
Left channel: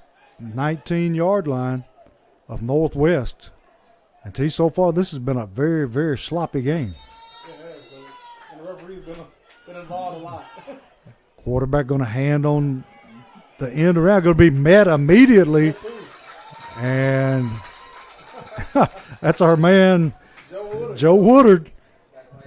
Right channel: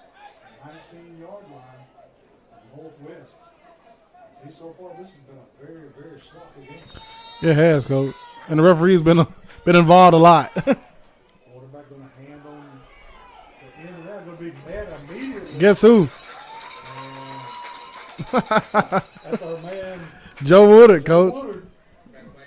19-yard line of Northwest. And so far, this has been a very, very sloppy game. It has, Coach. And the referee's been involved a lot. Quarterback going to hand on the end around. Going to be met immediately. Guess who? And that's our man, Joe Woodard. Joe Woodard.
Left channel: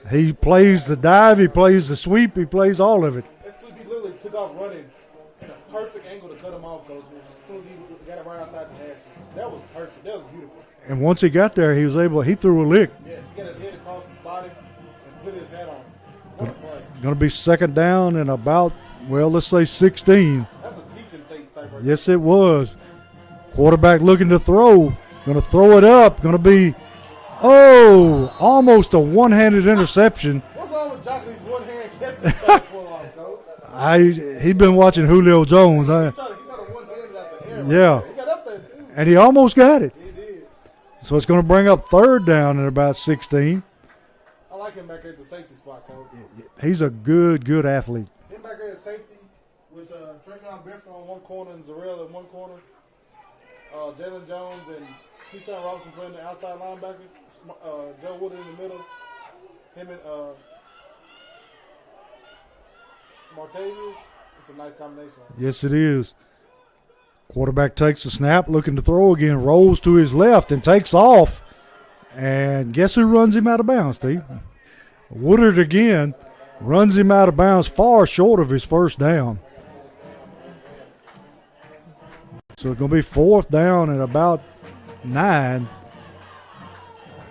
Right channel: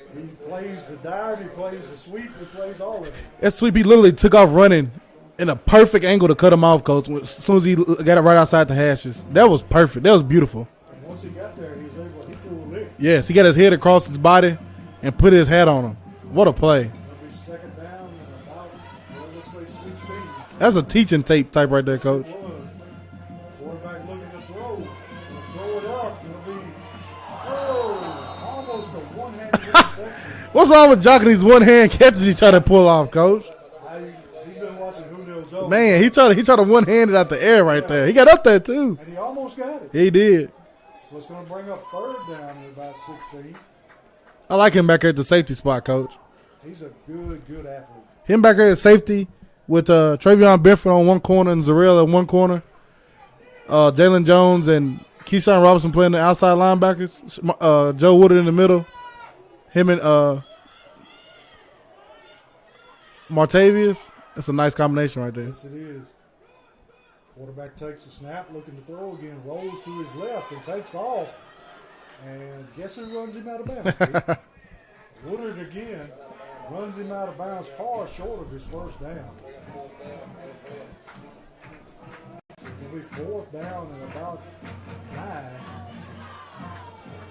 He plays the dive. He plays the sweep. He plays all of it. That sweep, he literally took off running in a perfect angle to cut him off, Coach, as soon as he got it right outside the hashes. That was perfect. That was beautiful. And once he got there, he threw a lick. Yes, he got his head across his body and put his hat on him. What a play. Going to be 2nd down and about, let's say 16. That's a teaching tape type right there, Yes, Coach. it was. Quarterback looking to throw. Going to throw it up. Going to be, almost a one-handed interception. What's wrong with jocking these one-hand catches he trying to pull off, Coach? He'd been watching Julio Jones. Man, right? he tried to one-hand it out the air there. He got up there, too. And he almost got it. He did. So it's going to bring up 3rd down at about 16. I like him back there at the safety spot, Coach. He's a good athlete. Him back there at safety with Travion Benford on one corner and Zarrell at one corner. Jalen Jones and Keyshawn Robinson playing the outside linebackers. Joe Woodard in the middle. Him and Martavius. That's a nice combination right there. Yes, it is. Quarterback takes the snap, looking to throw again, rolls to his left and takes off. And guess who runs him out of bounds, Steve? Woodard again runs him out of bounds far short of his 1st down. So it's going to be 4th down at about 9.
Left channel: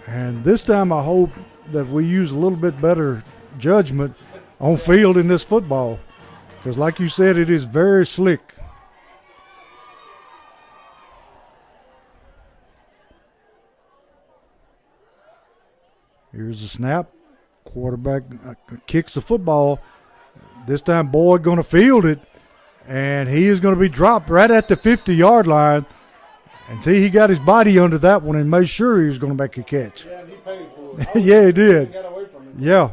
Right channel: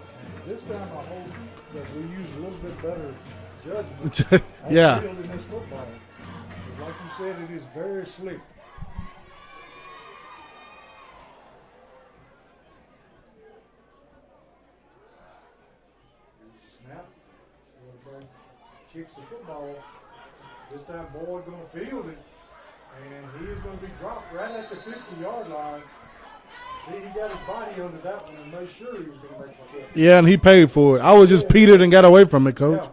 And this time I hope that we use a little bit better judgment on field in this football. Because like you said, it is very slick. Here's the snap. Quarterback kicks the football. This time Boyd going to field it, and he is going to be dropped right at the 50-yard line. And he got his body under that one and made sure he was going to make a catch. Yeah, and he paid for it. I was Yeah, just he petered did. and got away from it, Coach. Yeah,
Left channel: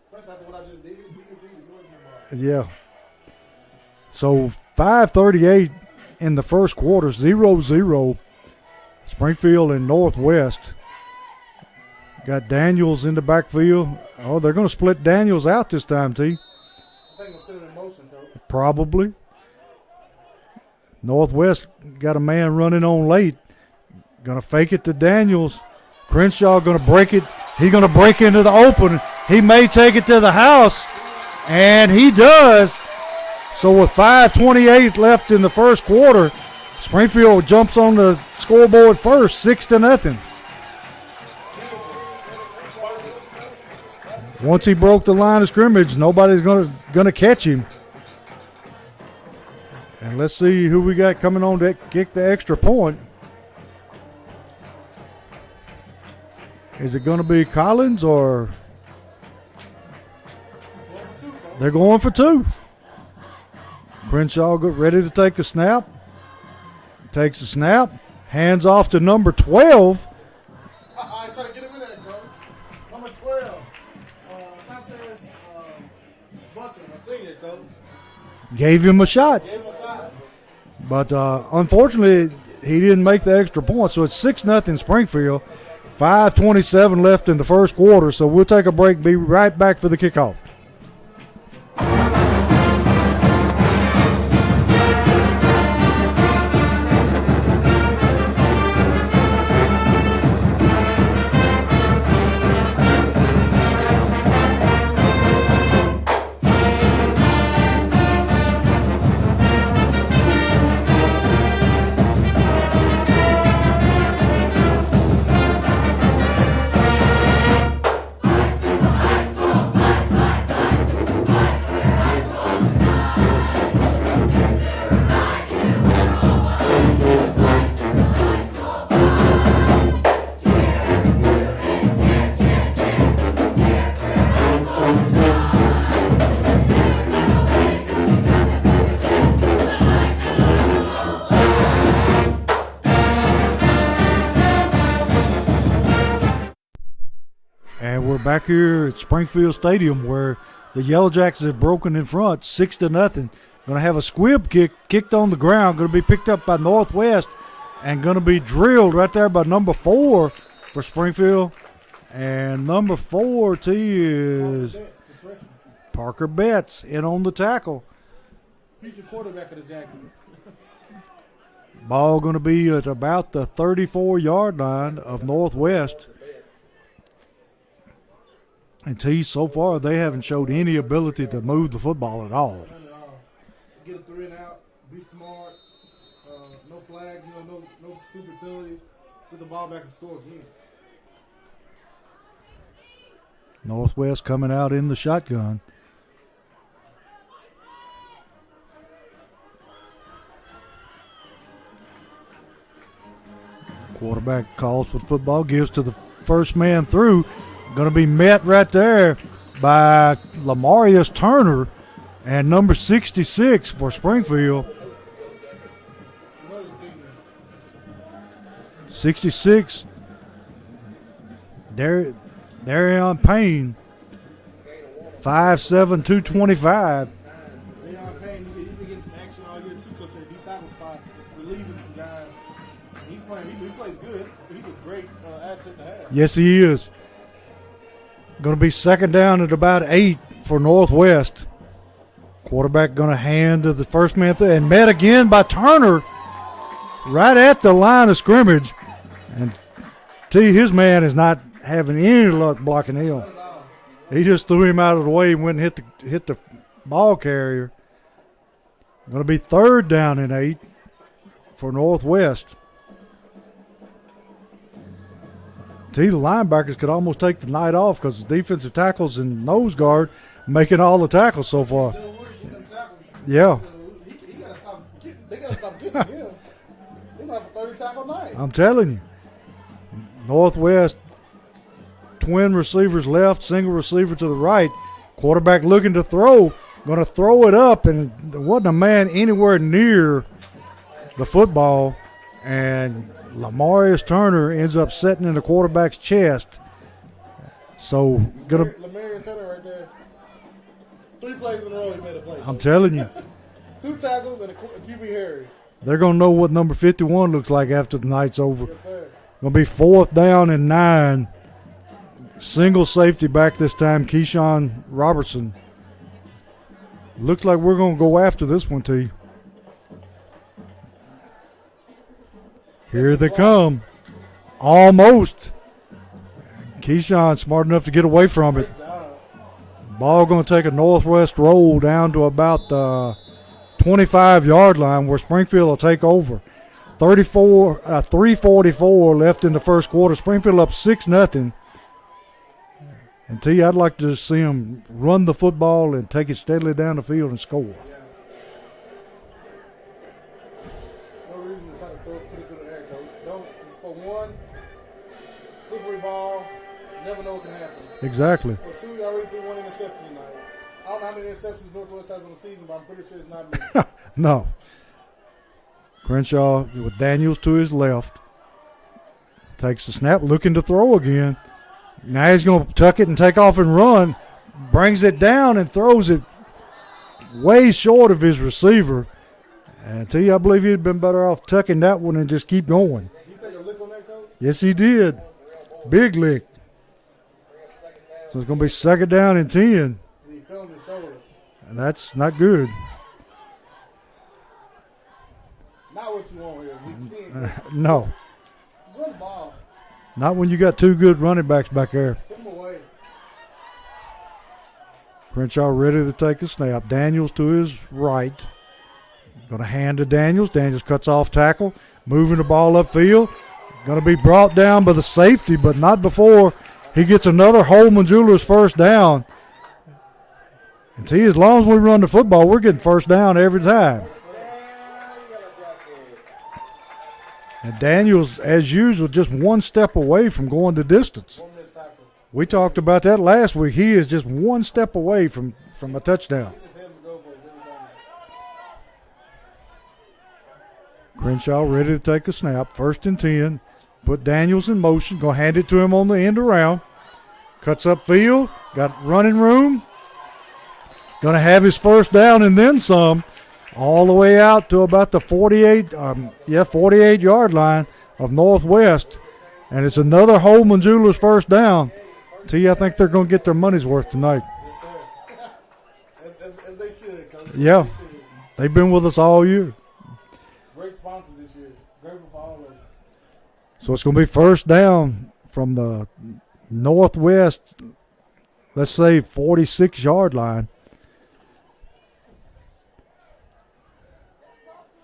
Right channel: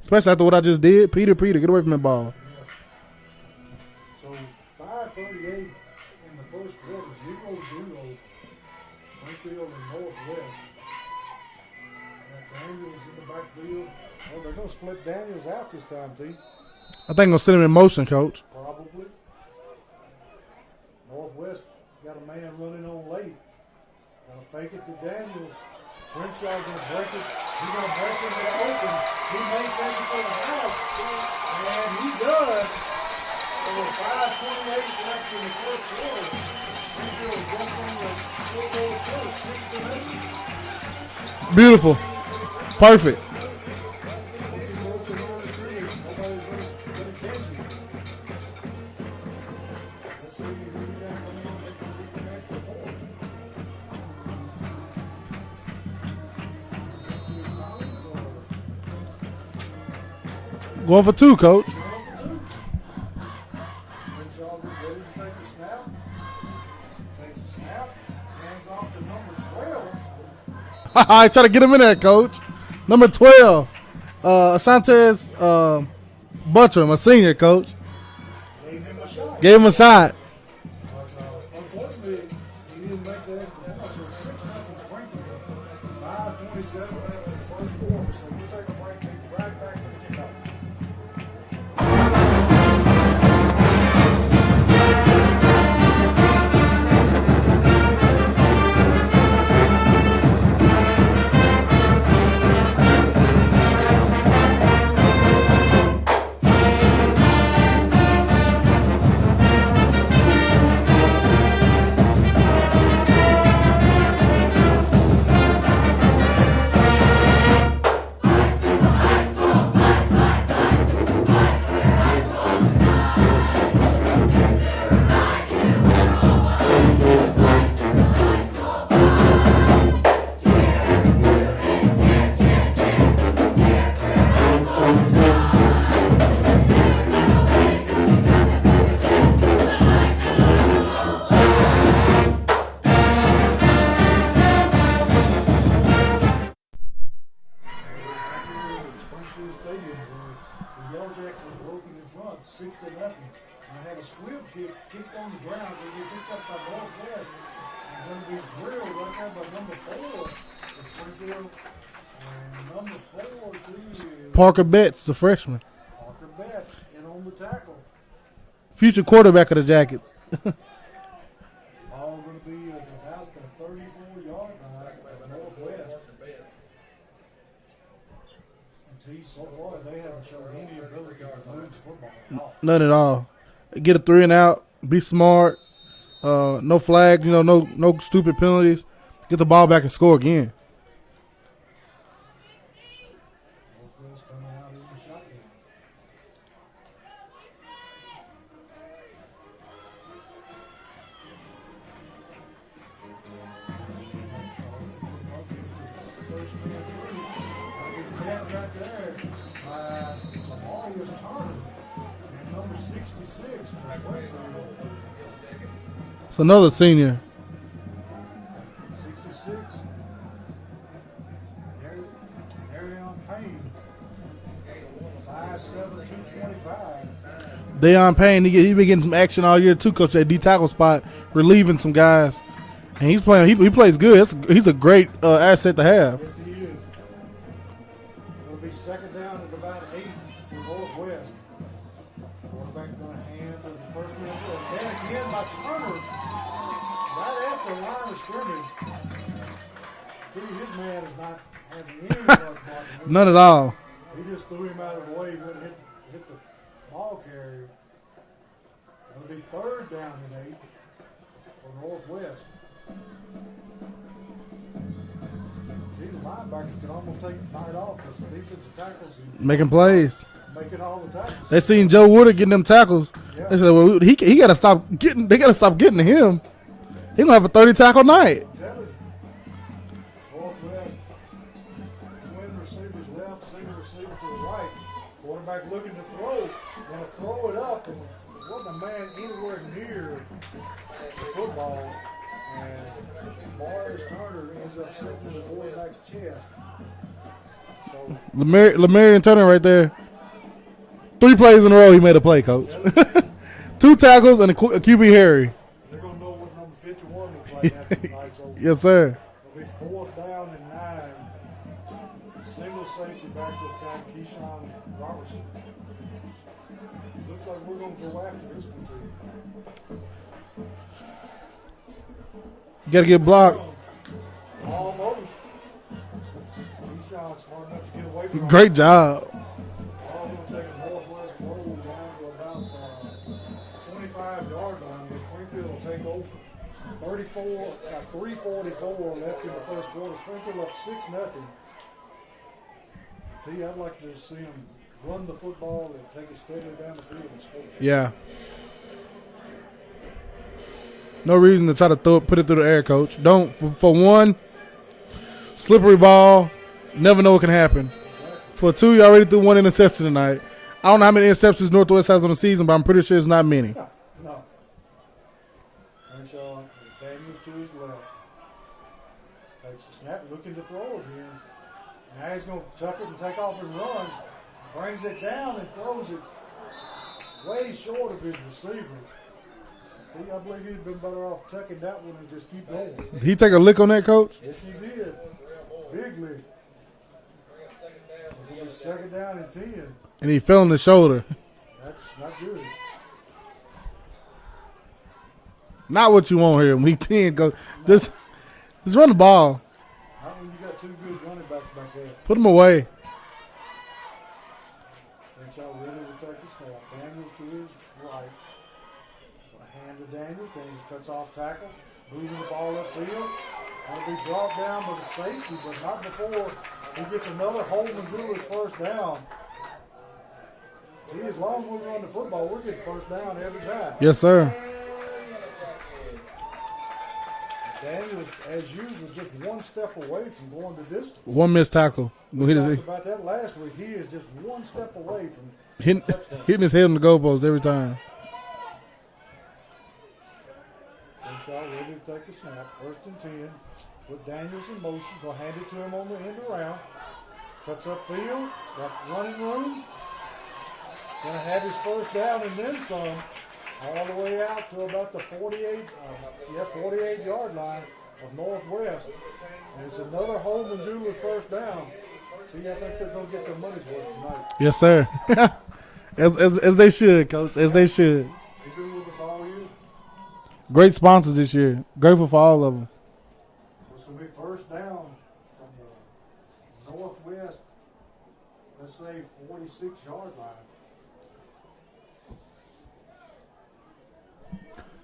Especially after what I just did. Peter, get away from that ball. yeah. So 5:38 in the first quarter, 0-0. Springfield and Northwest. Got Daniels in the backfield. Oh, they're going to split Daniels out this time, T. I think I'm going to send him in motion, Coach. Probably. Northwest got a man running on late. Going to fake it to Daniels. Crenshaw going to break it. He's going to break into the open. He may take it to the house, and he does. So with 5:28 left in the first quarter, Springfield jumps on the scoreboard first, 6-0. Beautiful. Perfect. Once he broke the line of scrimmage, nobody's gonna catch him. And let's see who we got coming on to kick the extra point. Is it gonna be Collins or Going for 2, Coach. they're going for 2? Crenshaw ready to take a snap. Takes a snap. Hands off to number 12. I try to get him in there, Coach. Number 12, Asantez Buttram, a senior, Coach. Gave him a shot. Gave him a shot. But unfortunately, he didn't make the extra point. So it's 6-0 Springfield. 5:27 left in the first quarter. So we'll take a break. Be right back for the kickoff. And we're back here at Springfield Stadium where the Yellow Jackets have broken in front, 6-0. Going to have a squib kicked on the ground. Going to be picked up by Northwest and going to be drilled right there by number 4 for Springfield. And number 4, T, is Parker Betts, the freshman. Parker Betts in on the tackle. Future quarterback of the Jackets. Ball going to be at about the 34-yard line of Northwest. And T, so far they haven't showed any ability to move the football at all. None at all. Get a 3 and out. Be smart. No flags. No stupid penalties. Get the ball back and score again. Northwest coming out in the shotgun. Quarterback calls for the football, gives to the first man through. Going to be met right there by Lamarius Turner and number 66 for Springfield. It's another senior. 66, Darion Payne, 5'7", 225. Deion Payne, he been getting some action all year too, Coach, at D tackle spot, relieving some guys. And he's playing. He plays good. He's a great asset to have. Yes, he is. Going to be second down at about 8 for Northwest. Quarterback going to hand to the first man through and met again by Turner right at the line of scrimmage. And his man is not having any luck blocking him. None at all. He just threw him out of the way and went and hit the ball carrier. Going to be third down and 8 for Northwest. The linebackers could almost take the night off because the defensive tackles and Making nose guards plays. making all the tackles. So They seen far. Joe Woodard getting them tackles. Yeah. They said, well, he got to stop getting. They got to stop getting to him. He gonna have a 30 tackle night. I'm telling you. Northwest, twin receivers left, single receiver to the right. Quarterback looking to throw. Going to throw it up, and there wasn't a man anywhere near the football. And Lamarius Turner ends up sitting in the quarterback's chest. So Lamarian Turner right there. 3 plays in a row, he made a play, I'm coach. telling you, 2 tackles and a QB Harry. they're going to know what number 51 looks like after the night's over. Yes, sir. Going to be 4th down and 9. Single safety back this time, Keyshawn Robertson. Looks like we're going to go after this one, T. You got to Here get they blocked. come. Almost. Keyshawn smart enough to get away from Great it. job. Ball going to take a Northwest roll down to about the 25-yard line where Springfield will take over. 3:44 left in the first quarter. Springfield up 6-0. And T, I'd like to see them run the football and take it steadily down the field and score. Yeah. No reason to try to put it through the air, coach. Don't, for one, slippery ball, never know what can happen. Exactly. For 2, you already threw 1 interception tonight. I don't know how many interceptions Northwest has on the season, but I'm pretty sure it's not many. No. Crenshaw with Daniels to his left. Takes the snap, looking to throw again. Now he's going to tuck it and take off and run. Brings it down and throws it way short of his receiver. And I tell you, I believe he'd been better off tucking that one and just keep going. Did he take a lick on that, coach? Yes, he did. Big lick. So it's going to be 2nd down and 10. And he fell on the shoulder. And that's not good. Not what you want here in week 10, coach. No. Just run the ball. Not when you got 2 good running backs back there. Put him away. Crenshaw ready to take a snap. Daniels to his right. Going to hand to Daniels. Daniels cuts off tackle. Moving the ball upfield. Going to be brought down by the safety, but not before he gets another Holman Jewelers first down. And see, as long as we run the football, we're getting first down every time. Yes, sir. And Daniels, as usual, just 1 step away from going the distance. 1 missed tackle. We talked about that last week. He is just 1 step away from a touchdown. Hitting his head on the goalpost every time. Crenshaw ready to take a snap. 1st and 10. Put Daniels in motion. Go hand it to him on the end around. Cuts upfield. Got running room. Going to have his first down and then some. All the way out to about the 48-yard line of Northwest. And it's another Holman Jewelers first down. T, I think they're going to get their money's worth tonight. Yes, sir. as they should, coach. As they should. They've been with us all year. Great sponsors this year. Grateful for all of them. So it's going to be first down from the Northwest, let's say 46-yard line.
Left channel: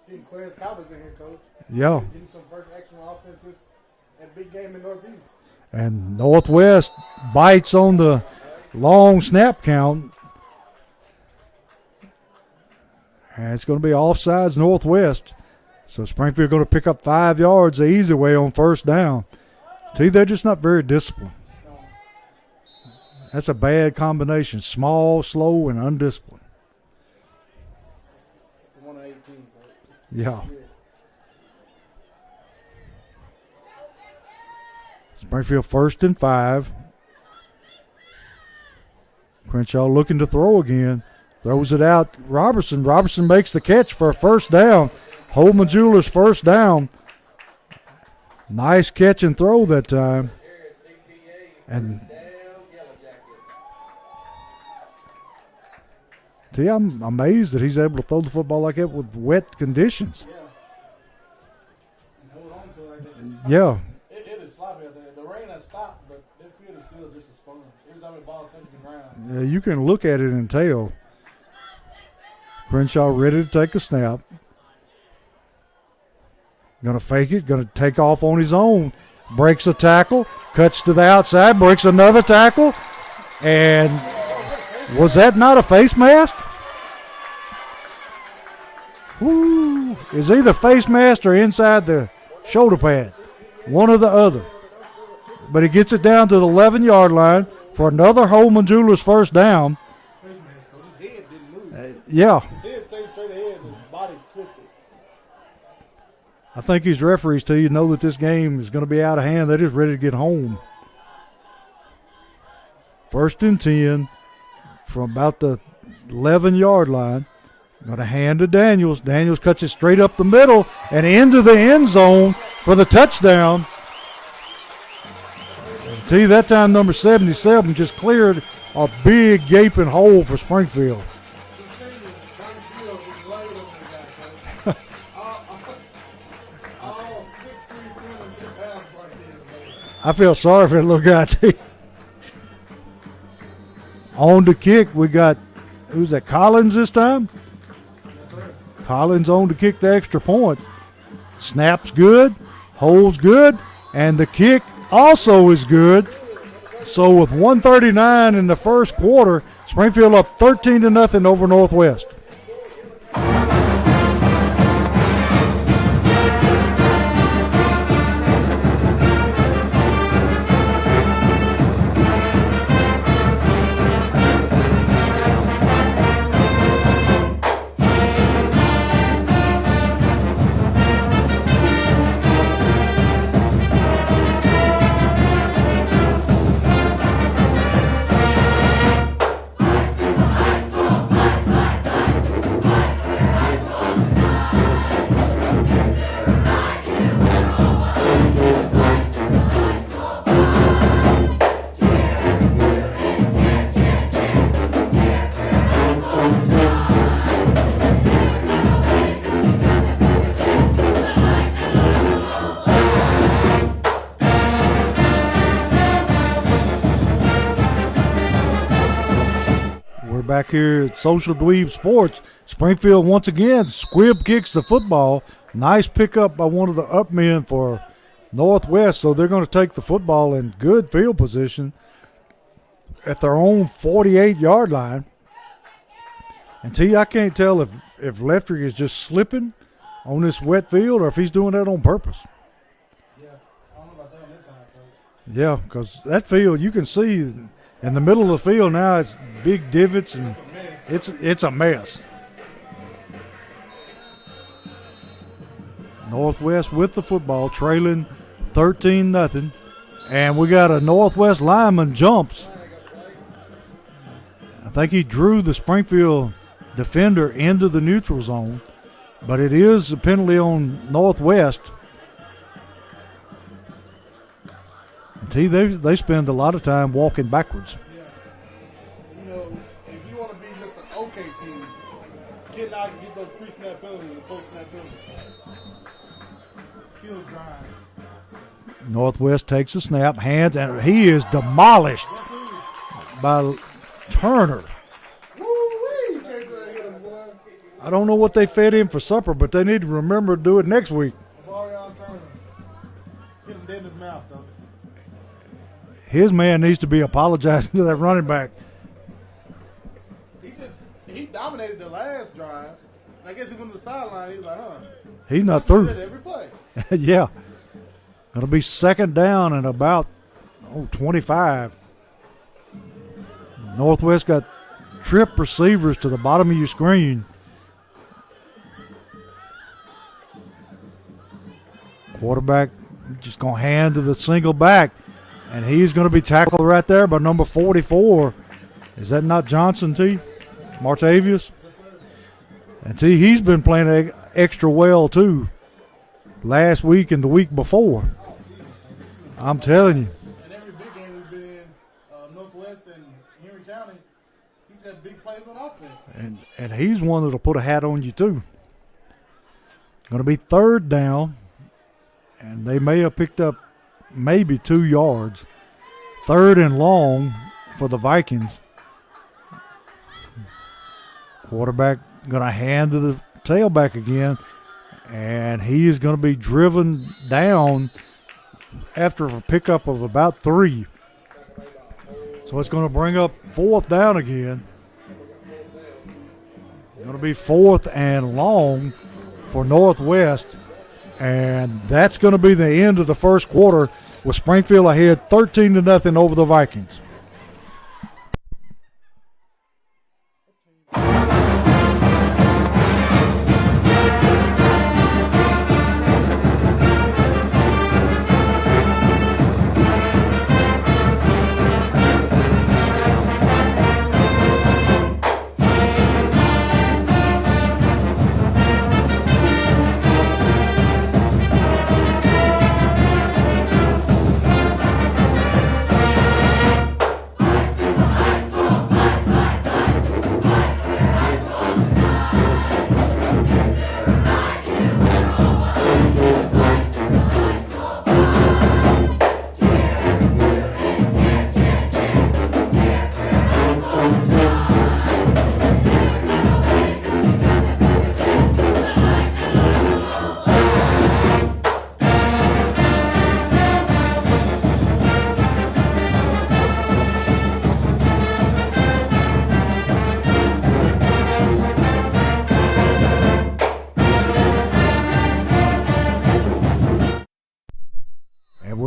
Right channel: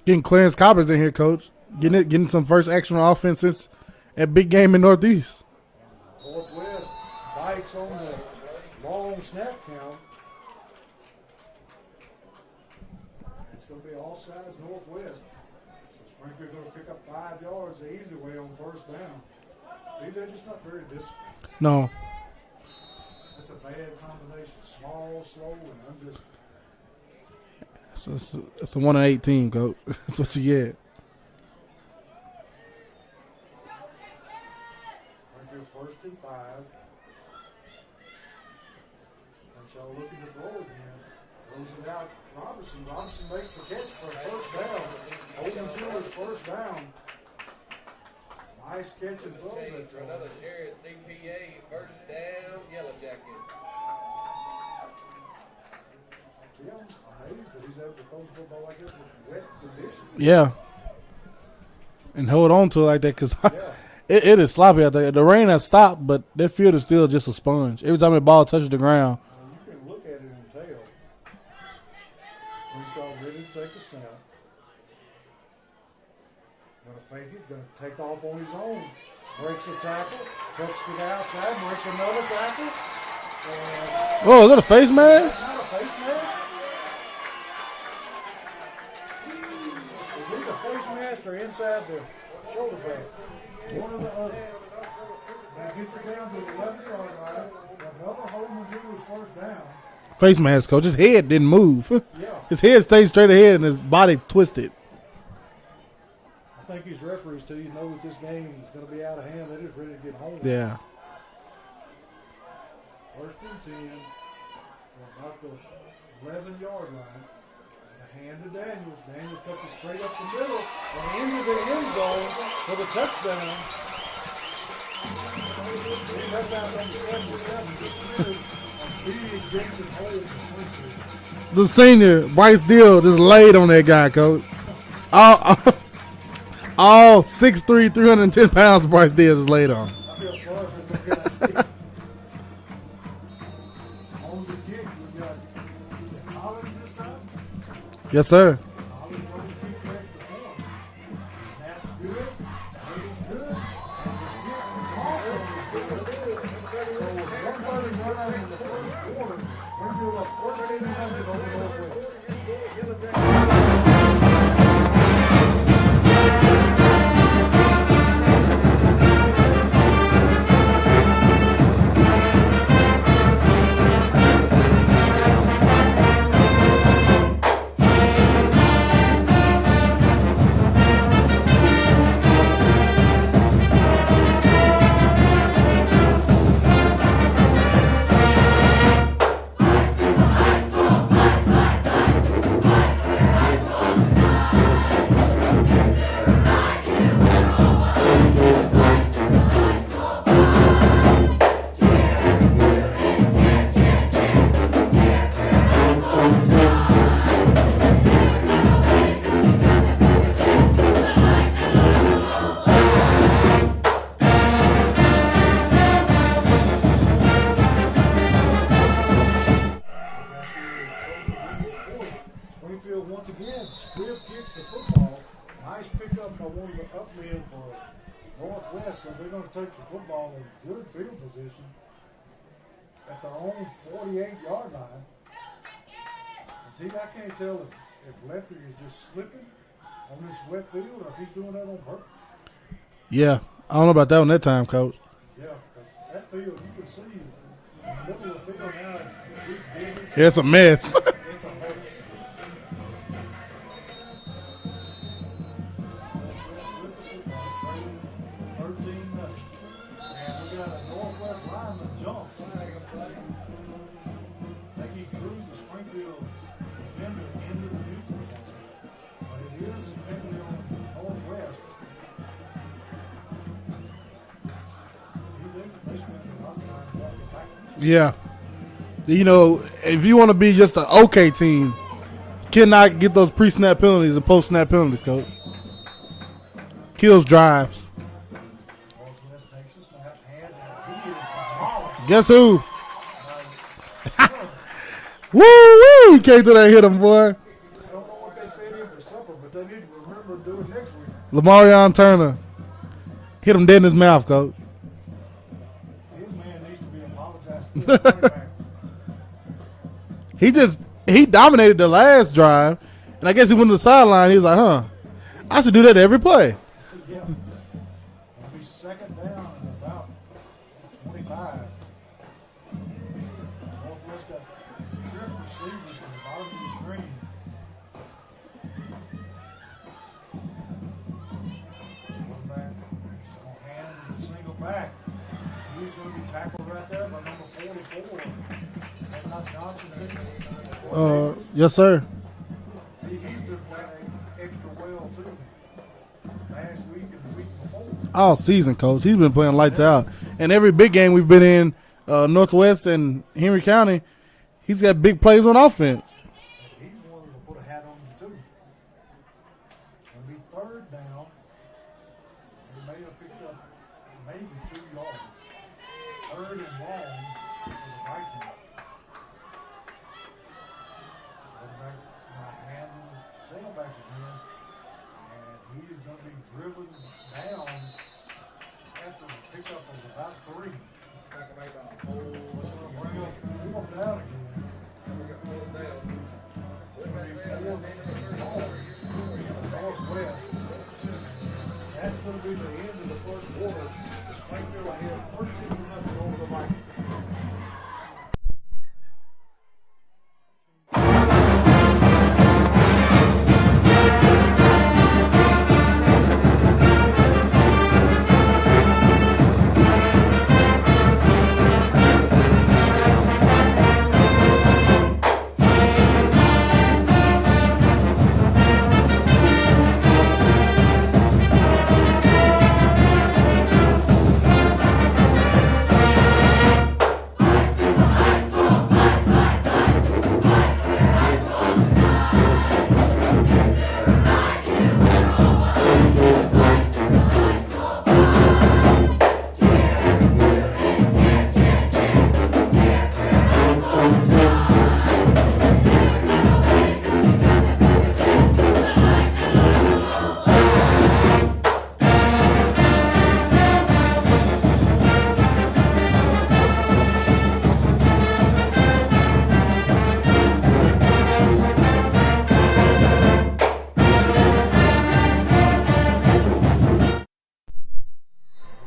Getting Clarence Coppers in here, coach. Yeah. Getting some first action on offenses at big game in Northeast. And Northwest bites on the long snap count. And it's going to be offsides Northwest. So Springfield going to pick up 5 yards the easy way on first down. See, they're just not very disciplined. No. That's a bad combination. Small, slow, and undisciplined. It's a 1-18, coach. That's what you get. Springfield 1st and 5. Crenshaw looking to throw again. Throws it out. Robertson. Robertson makes the catch for a first down. Holman Jewelers first down. Nice catch and throw that time. And see, I'm amazed that he's able to throw the football like that with wet conditions. Yeah. And hold on to it like that because Yeah. it is sloppy out there. The rain has stopped, but that field is still just a sponge. Every time the ball touches the ground. Yeah, you can look at it and tell. Crenshaw ready to take a snap. Going to fake it. Going to take off on his own. Breaks a tackle. Cuts to the outside. Breaks another tackle. And Oh, is that a face mask? was that not a face mask? Woo. It's either face mask or inside the shoulder pad. One or the other. But he gets it down to the 11-yard line for another Holman Jewelers first down. Face mask, coach. His head didn't move. Yeah. His head stayed straight ahead and his body twisted. I think these referees, too, you know that this game is going to be out of hand. They're just ready to get home. Yeah. 1st and 10 from about the 11-yard line. Going to hand to Daniels. Daniels cuts it straight up the middle and into the end zone for the touchdown. See, that time number 77 just cleared a big gaping hole for Springfield. The senior, Bryce Deal, just laid on that guy, coach. all 6'3", 310 pounds Bryce Deal just laid on. I feel sorry for that little guy, too. On the kick, we got, who's that, Collins this time? Yes, sir. Collins on to kick the extra point. Snaps good, holds good, and the kick also is good. So with 1:39 in the first quarter, Springfield up 13-0 over Northwest. Back here at Social Dweeb Sports, Springfield once again squib kicks the football. Nice pickup by one of the up men for Northwest, so they're going to take the football in good field position at their own 48-yard line. And T, I can't tell if Lefty is just slipping on this wet field or if he's doing that on purpose. Yeah, I don't know about that one that time, coach. Yeah, because that field, you can see in the middle of the field now, it's big divots. Yeah, it's a mess. It's a mess. Northwest with the football, trailing 13-0. And we got a Northwest lineman jumps. I think he drew the Springfield defender into the neutral zone. But it is a penalty on Northwest. They spend a lot of time walking backwards. Yeah. You know, if you want to be just an okay team, cannot get those pre-snap penalties and post-snap penalties, coach. Kills drives. Northwest takes a snap, hands, and he is demolished. Guess who? By Turner. Woo-wee! He came to that hit him, boy. I don't know what they fed him for supper, but they need to remember to do it next week. Lamarion Turner. Hit him dead in his mouth, coach. His man needs to be apologizing to that running back. He dominated the last drive, and I guess he went to the sideline. He was like, He's I not should do that every play. Yeah. It'll be second down and about 25. Northwest got trip receivers to the bottom of your screen. Quarterback just going to hand to the single back. And he's going to be tackled right there by number 44. Is that not Johnson, T? Martavius? Yes, sir. And T, he's been playing extra well, too, last week and the week before. All season, coach. He's been playing I'm like telling that. you. And every big game we've been in, Northwest and Henry County, he's got big plays on offense. And he's one that'll put a hat on you, too. Going to be third down, and they may have picked up maybe 2 yards. Third and long for the Vikings. Quarterback going to hand to the tailback again, and he is going to be driven down after a pickup of about 3. So it's going to bring up 4th down again. Going to be 4th and long for Northwest. And that's going to be the end of the first quarter with Springfield ahead 13-0 over the Vikings.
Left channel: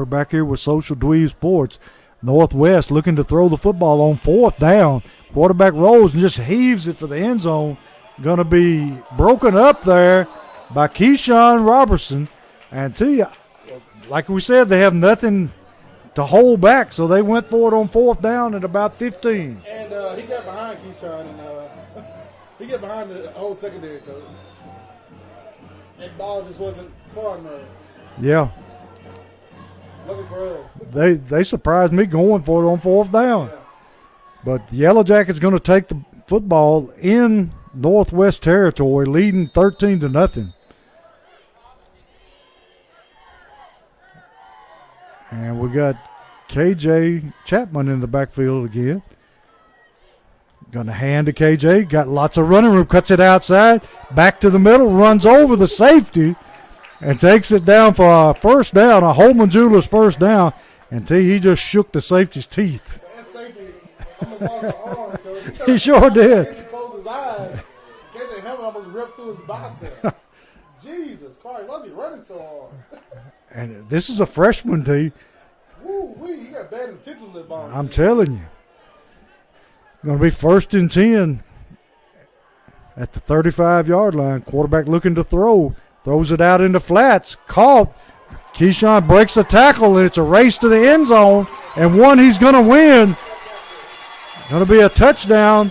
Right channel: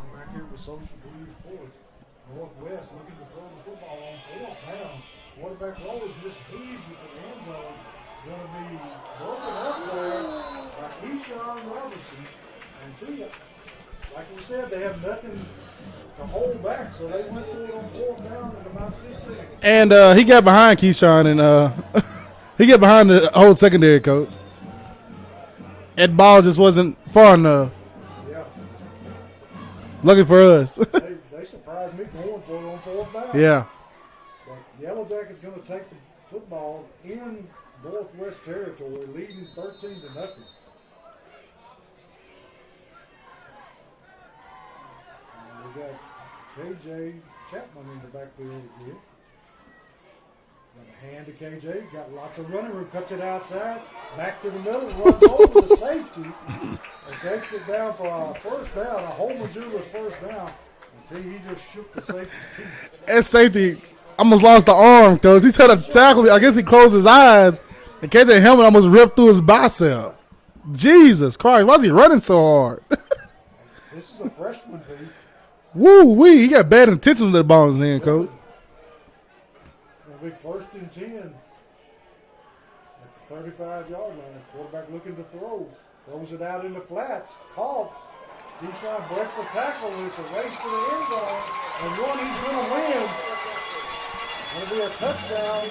Back here with Social Dweeb Sports. Northwest looking to throw the football on 4th down. Quarterback rolls and just heaves it for the end zone. Going to be broken up there by Keyshawn Robertson. And tell you, like we said, they have nothing to hold back, so they went for it on 4th down at about 15. And he got behind Keyshawn, and he got behind the whole secondary, coach. That ball just wasn't far enough. Yeah. Looking for us. they surprised me going for it on 4th down. Yeah. But the Yellow Jackets going to take the football in Northwest territory, leading 13-0. And we got KJ Chapman in the backfield again. Going to hand to KJ. Got lots of running room. Cuts it outside. Back to the middle. Runs over the safety. And takes it down for a first down, a Holman Jewelers first down, until he just shook the safety's teeth. That safety almost lost the arm, coach. He tried to sure tackle. did. I guess he closed his eyes, and KJ helmet almost ripped through his bicep. Jesus Christ, why is he running so hard? And this is a freshman, T. Woo-wee, he got bad intentions with the ball. I'm telling you. Going to be 1st and 10 at the 35-yard line. Quarterback looking to throw. Throws it out into flats. Caught. Keyshawn breaks the tackle, and it's a race to the end zone. And one he's going to win. Going to be a touchdown.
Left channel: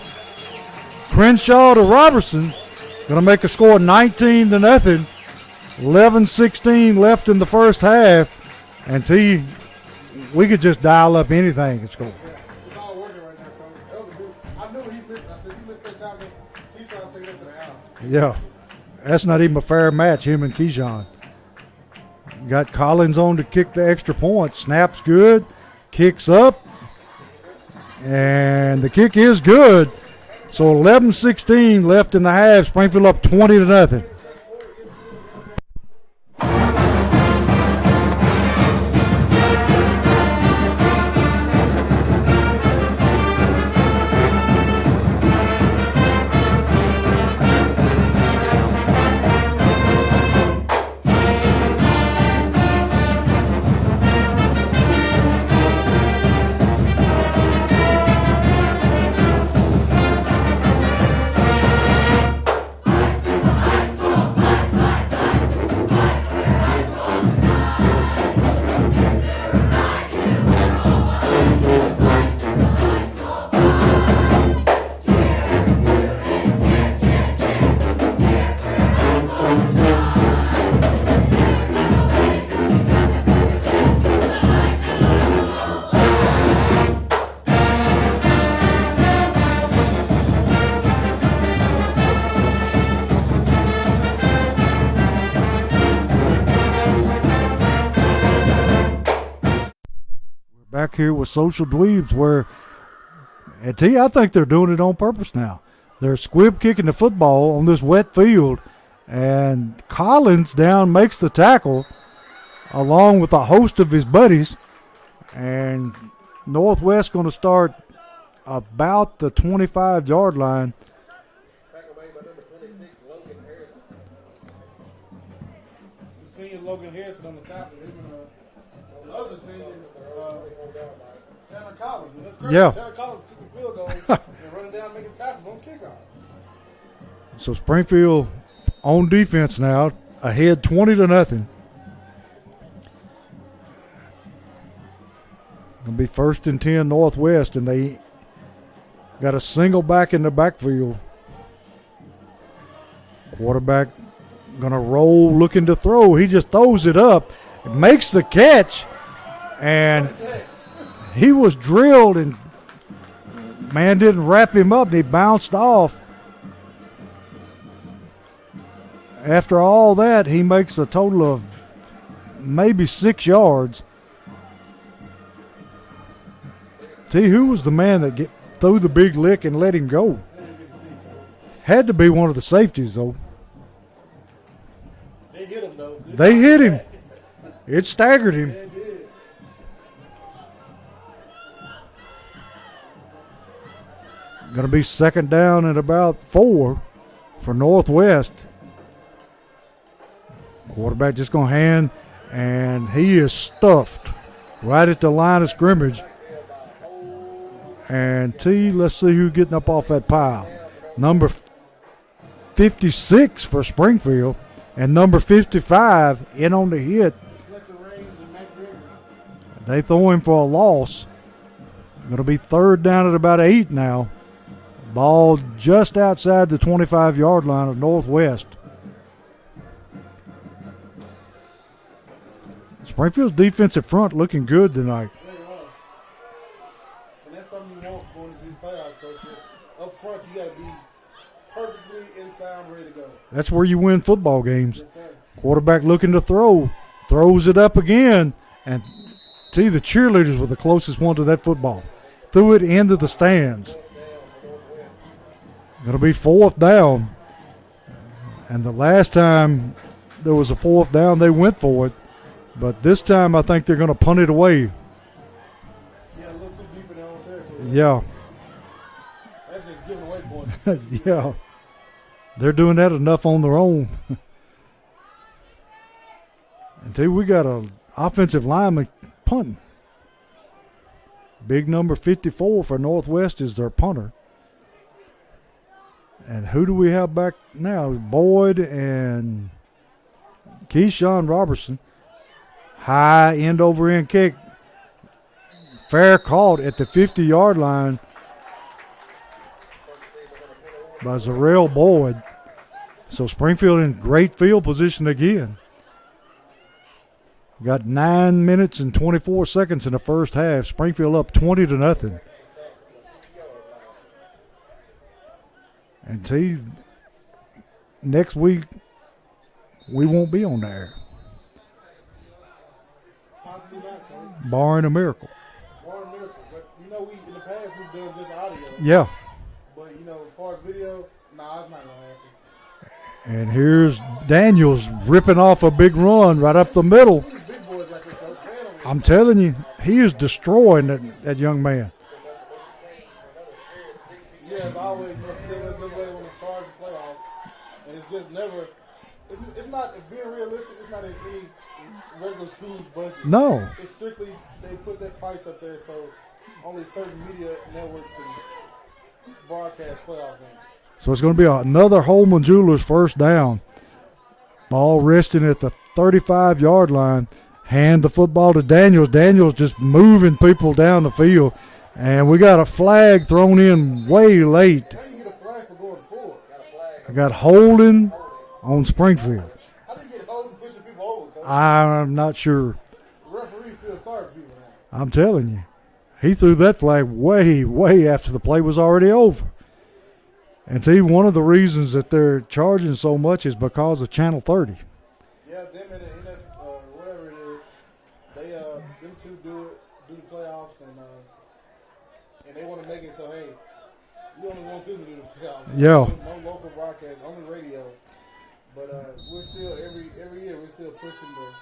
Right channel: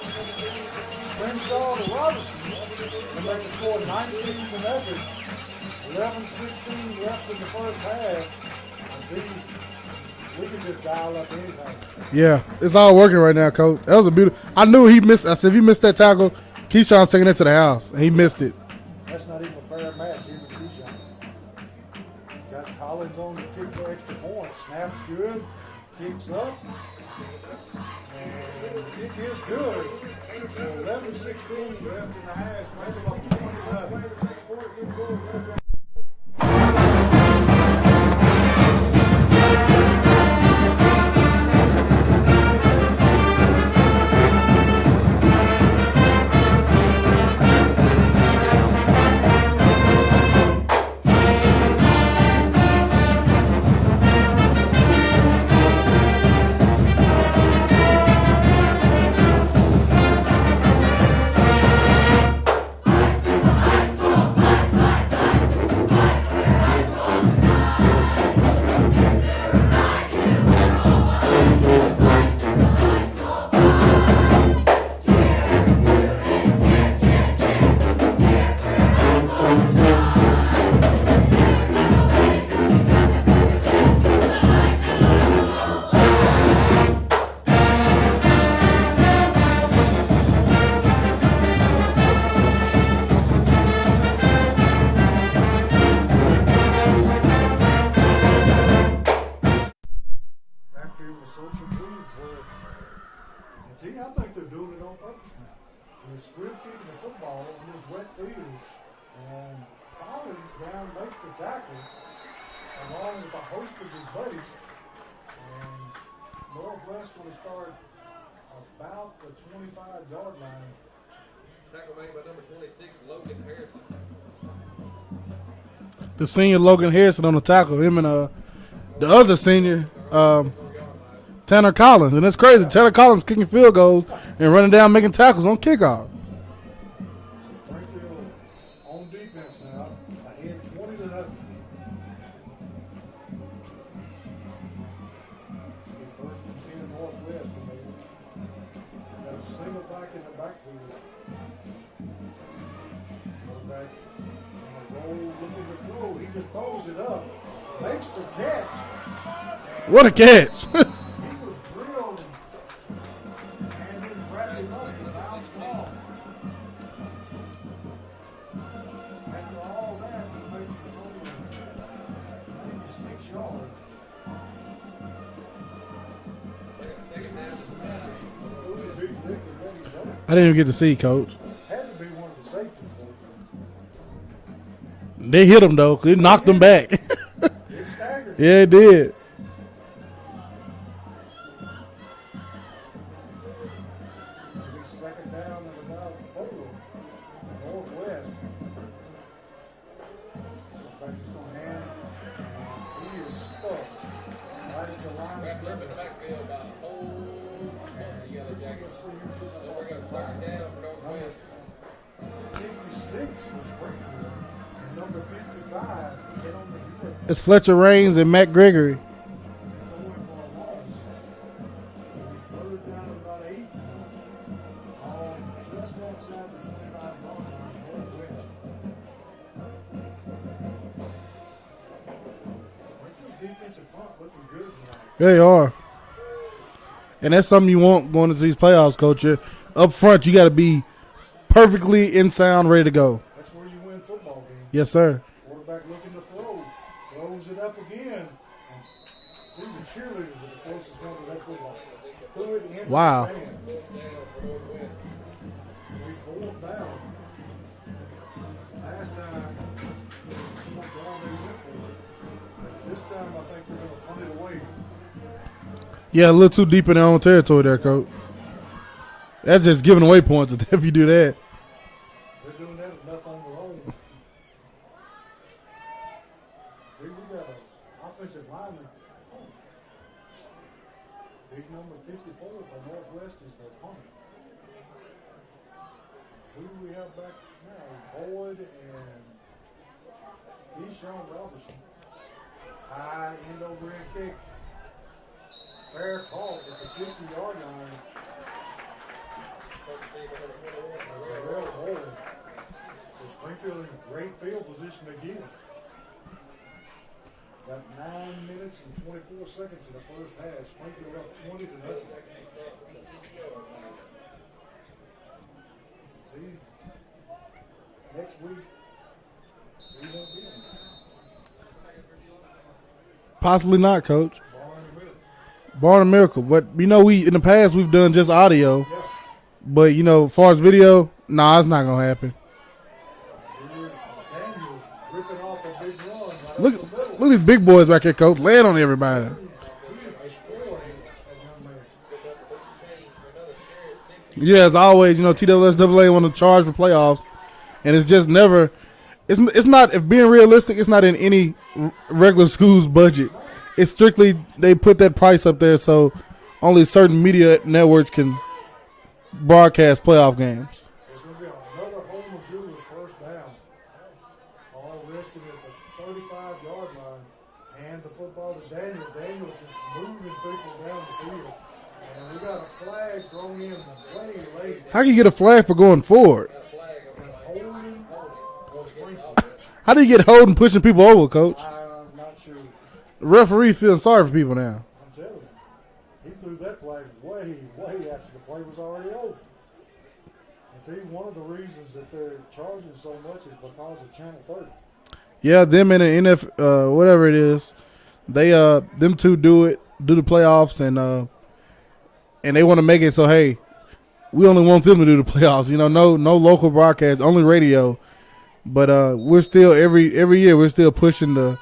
Crenshaw to Robertson. Going to make a score 19-0. 11-16 left in the first half. And we could just dial up anything. Yeah, it's all working right now, coach. That was a beautiful. I knew he missed. I said, if he missed that tackle, Keyshawn's taking it to the house. He missed it. That's not even a fair match, him and Keyshawn. Got Collins on to kick the extra point. Snaps good. Kicks up. And the kick is good. So 11-16 left in the half. Springfield up 20-0. Back here with Social Dweebs, where I think they're doing it on purpose now. They're squib kicking the football on this wet field, and Collins down makes the tackle along with a host of his buddies, and Northwest going to start about the 25-yard line. Tackle made by number 26, Logan Harrison. The senior Logan Harrison on the tackle. Him and the other senior, Tanner Collins. And that's crazy. Yeah. Tanner Collins kicking field goals and running down making tackles on kickoff. So Springfield on defense now, ahead 20-0. Gonna be 1st and 10 Northwest, and they got a single back in the backfield. Quarterback gonna roll, looking to throw. He just throws it up, makes the catch, and What a catch. he was drilled, and man didn't wrap him up, and he bounced off. After all that, he makes a total of maybe 6 yards. See, who was the man that threw the big lick and let him go? I didn't even get to see, Coach. Had to be one of the safeties, though. They hit him, though. They They knocked him hit back. It staggered him. Yeah, it did. Going to be 2nd down and about 4 for Northwest. Quarterback just going to hand, and he is stuffed right at the line of scrimmage. And let's see who's getting up off that pile. Number 56 for Springfield, and number 55 in on the hit. It's Fletcher Raines and Matt Gregory. They throw him for a loss. It'll be 3rd down at about 8 now. Ball just outside the 25-yard line of Northwest. Springfield's defensive front looking good tonight. They are. And that's something you want going into these playoffs, Coach. Up front, you got to be perfectly in sound, ready to go. That's where you win football games. Yes, sir. Quarterback looking to throw. Throws it up again. And the cheerleaders were the closest one to that football. Threw it into the stands. Going to be 4th down. And the last time there was a 4th down, they went for it. But this time I think they're going to punt it away. Yeah, a little too deep in their own territory there, Yeah. Coach. That's just giving away points if you do Yeah. that. They're doing that enough on their own. Until we got an offensive lineman punting. Big number 54 for Northwest is their punter. And who do we have back now? Boyd and Keyshawn Robertson. High end over end kick. Fair caught at the 50-yard line by Zarrell Boyd. So Springfield in great field position again. Got 9 minutes and 24 seconds in the first half. Springfield up 20-0. And see, next week we won't be on there. Possibly not, Coach. Barring a miracle. Barring a miracle. But, in the past we've done just audio. Yeah. But, as far as video, it's not going to happen. And here's Daniels ripping off a big run right up the middle. Look at these big boys back here, Coach. Laying on I'm everybody. telling you, he is destroying that young man. Yeah, as always, TWSAA want to charge for playoffs. And it's just never – it's not – if being realistic, it's not in any regular school's budget. No. It's strictly they put that price up there so only certain media networks can broadcast playoff games. So it's going to be another Holman Jewelers first down. Ball resting at the 35-yard line. Hand the football to Daniels. Daniels just moving people down the field. And we got a flag thrown in way late. How can you get a flag for going forward? I got holding on Springfield. How do you get holding pushing people over, Coach? I'm not sure. The referee feeling sorry for people now. I'm telling you. He threw that flag way, way after the play was already over. And see, one of the reasons that they're charging so much is because of Channel 30. Yeah, them and the NF, whatever it is, they them two do the playoffs, and they want to make it so, hey, we only want them to do the playoffs. No local broadcast, only radio. But we're still every year we're still pushing the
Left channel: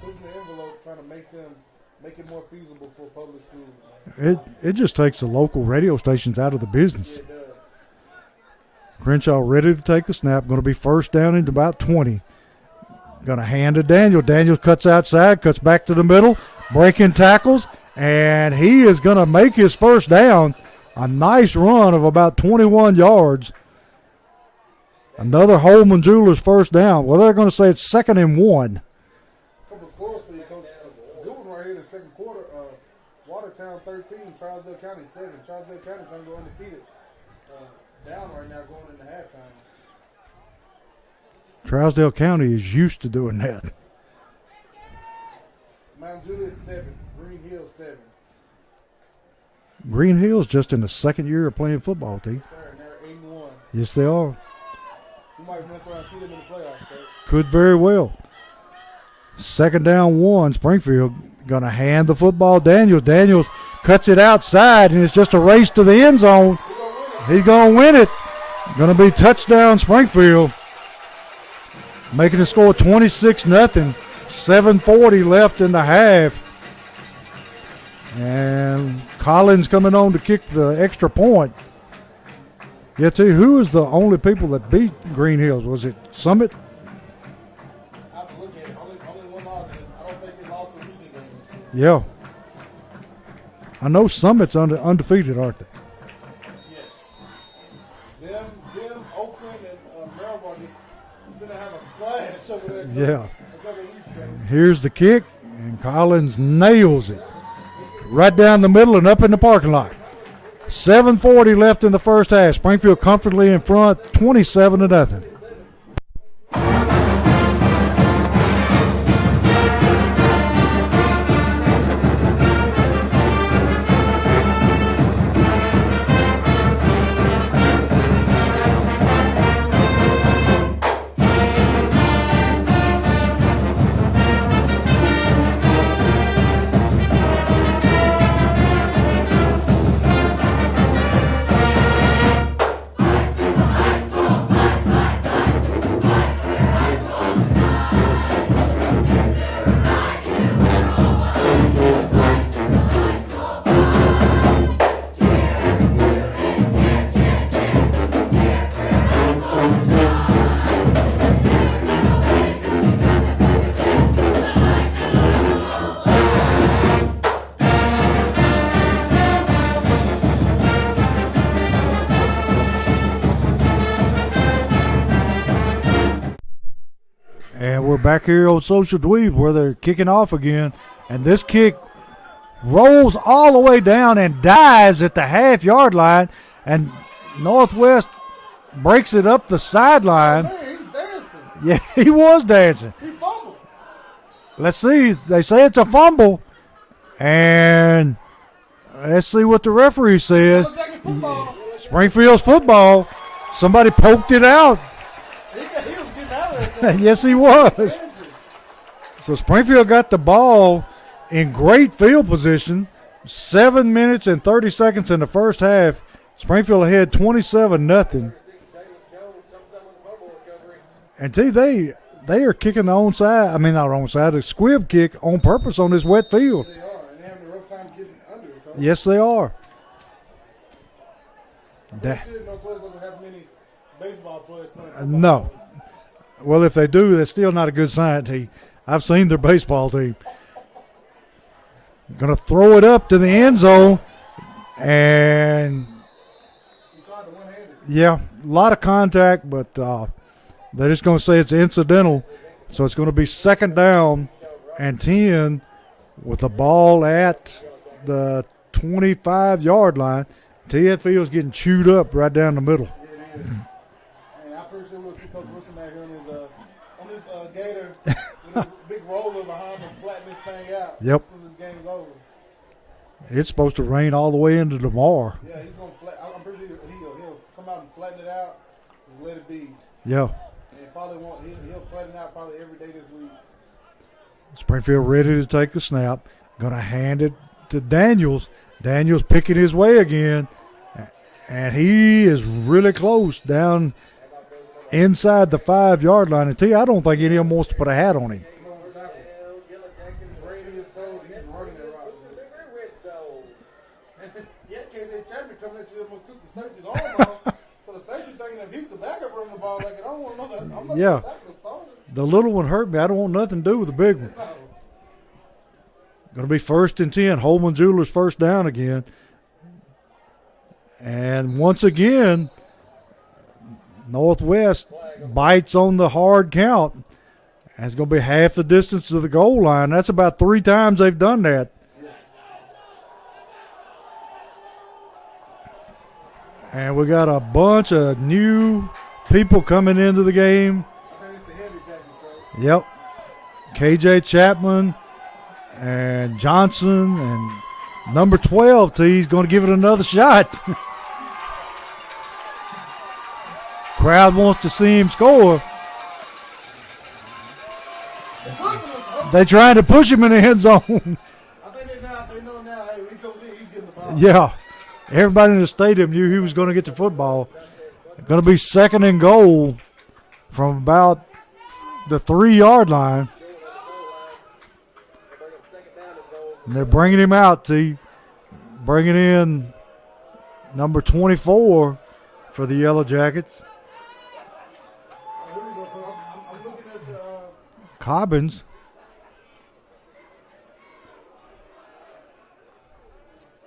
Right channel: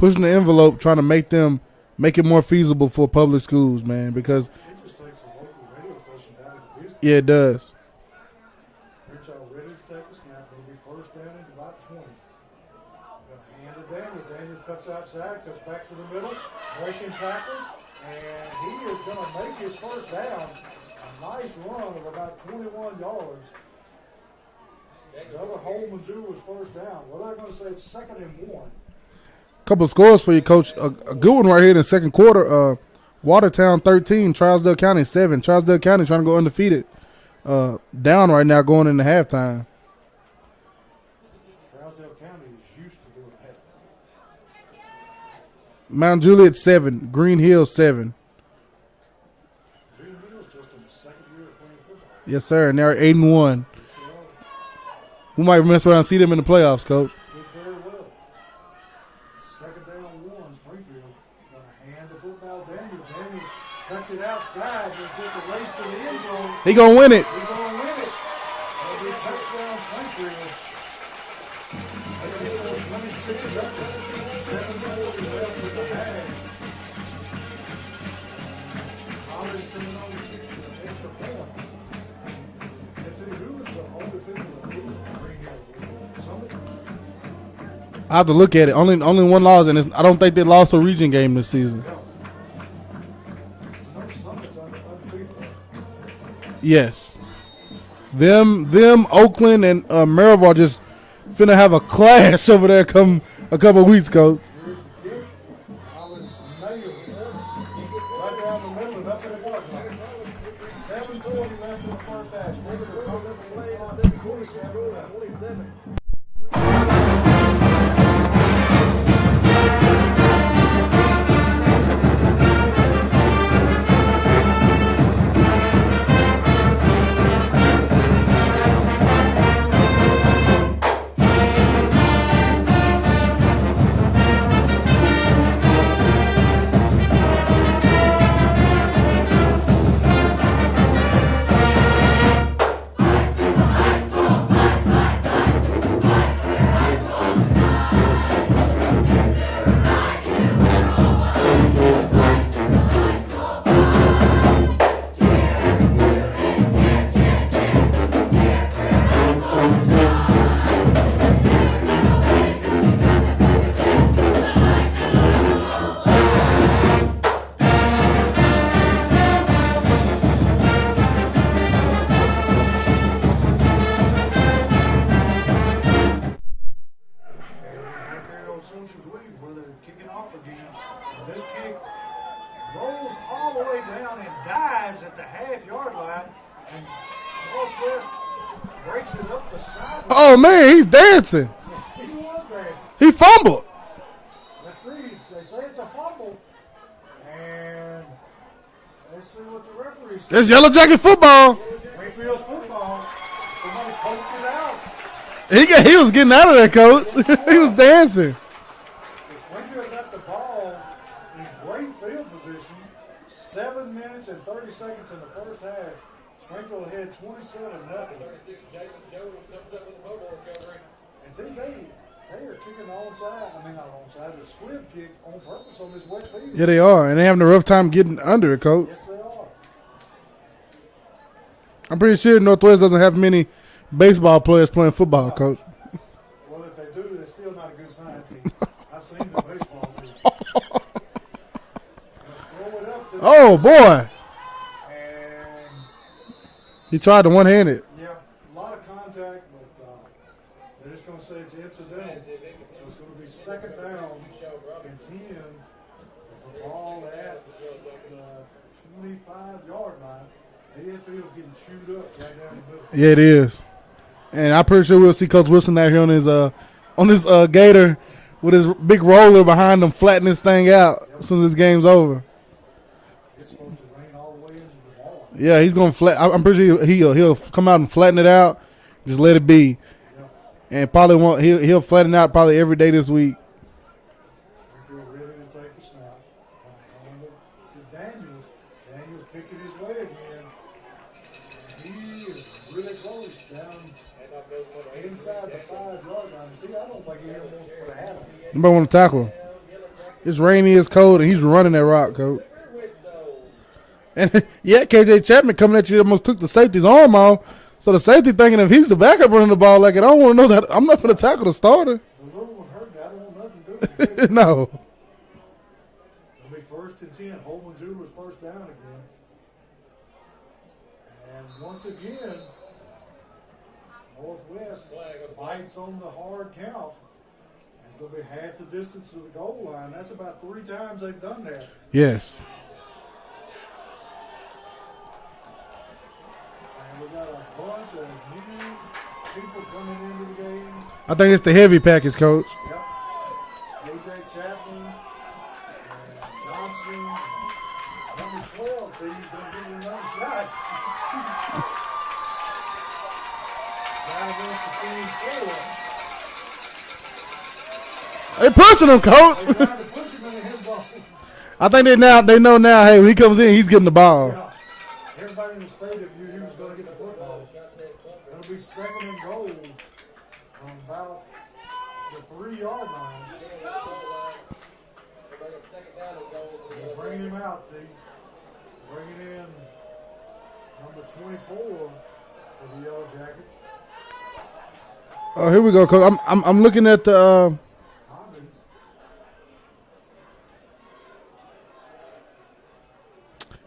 envelope, trying to make them make it more feasible for public schools, man, because it just takes the local radio stations out of the business. yeah, it does. Crenshaw ready to take the snap. Going to be first down into about 20. Going to hand to Daniel. Daniels cuts outside, cuts back to the middle, breaking tackles, and he is going to make his first down. A nice run of about 21 yards. Another Holman Jewelers first down. Well, they're going to say it's 2nd and 1. Couple of scores for you, Coach. A good one right here in the second quarter. Watertown 13, Trousdale County 7. Trousdale County trying to go undefeated. Down right now going into halftime. Trousdale County is used to doing that. Mount Juliet 7, Green Hill 7. Green Hill's just in the second year of playing football. Team. Yes, sir, and they're 8-1. Yes, they are. We might mess around and see them in the playoffs, Coach. Could very well. 2nd down 1. Springfield going to hand the football. Daniels cuts it outside, and it's just a race to the end zone. He going to win it. He's going to win it. Going to be touchdown Springfield. Making the score 26-0. 7:40 left in the half. And Collins coming on to kick the extra point. Yeah, tell you, who was the only people that beat Green Hills? Was it Summit? I have to look at it. Only one loss, and I don't think they lost a region game this season. Yeah. I know Summit's undefeated, aren't they? Yes. Them, Oakland, and Maryville are just finna have a clash over there coming a couple of weeks, Coach. Here's the kick, and Collins nails it. Right down the middle and up in the parking lot. 7:40 left in the first half. Springfield comfortably in front, 27-0. Back here on Social Dweeb where they're kicking off again. And this kick rolls all the way down and dies at the half-yard line. And Northwest breaks it up the sideline. Oh, man, he's dancing. Yeah, he was dancing. He fumbled. Let's see. They say it's a fumble. And let's see what the referee says. It's Yellow Jacket football. Springfield's football. Somebody poked it out. He was getting out of there, Coach. Yes, he was. He was dancing. So Springfield got the ball in great field position. 7 minutes and 30 seconds in the first half. Springfield ahead 27-0. And see, they are kicking the onside. I mean, not onside, a squib kick on purpose on this wet field. Yeah, they are, and they're having a rough time getting under it, Coach. Yes, they are. I'm pretty sure Northwest doesn't have many baseball players playing football, no. Coach. Well, if they do, that's still not a good sign, team. I've seen their baseball team. Going to throw it up to the end zone. Boy. And he tried to one-handed. Yeah, a lot of contact, but they're just going to say it's incidental. So it's going to be 2nd down and 10 with the ball at the 25-yard line. Ted Field's getting chewed up right down the middle. Yeah, it is. And I'm pretty sure we'll see Coach Wilson out here on his gator with his big roller behind him, flattening this thing out. Yep. As soon as this game's over. It's supposed to rain all the way into tomorrow. Yeah, he's going to flat. I'm pretty sure he'll come out and flatten it out. Just let it be. Yeah. And probably he'll flatten it out probably every day this week. Springfield ready to take the snap. Going to hand it to Daniels. Daniels picking his way again. And he is really close down inside the 5-yard line. And I don't think any of them wants to put a hat on him. Nobody want to tackle him. It's rainy, it's cold, and he's running that rock, coach. And yeah, KJ Chapman coming at you almost took the safety's arm off. So the safety thinking if he's the backup running the ball like it, I don't want to know that. I'm not going to tackle the starter. The little one hurt me. I don't want nothing to do with the big one. No. Going to be 1st and 10. Holman Jewelers first down again. And once again, Northwest bites on the hard count. And it's going to be half the distance to the goal line. That's about 3 times they've done that. Yes. And we got a bunch of new people coming into the game. I think it's the heavy package, coach. Yep. KJ Chapman and Johnson and number 12 T's going to give it another shot. Crowd wants to see him score. They pushing him, coach. They trying to push him in the end zone. I think they know now, hey, when he comes in, he's getting the ball. Yeah. Everybody in the stadium knew he was going to get the football. Going to be 2nd and goal from about the 3-yard line. And they're bringing him out, T. Bringing in number 24 for the Yellow Jackets. Oh, here we go, coach. I'm looking at the Cobbins.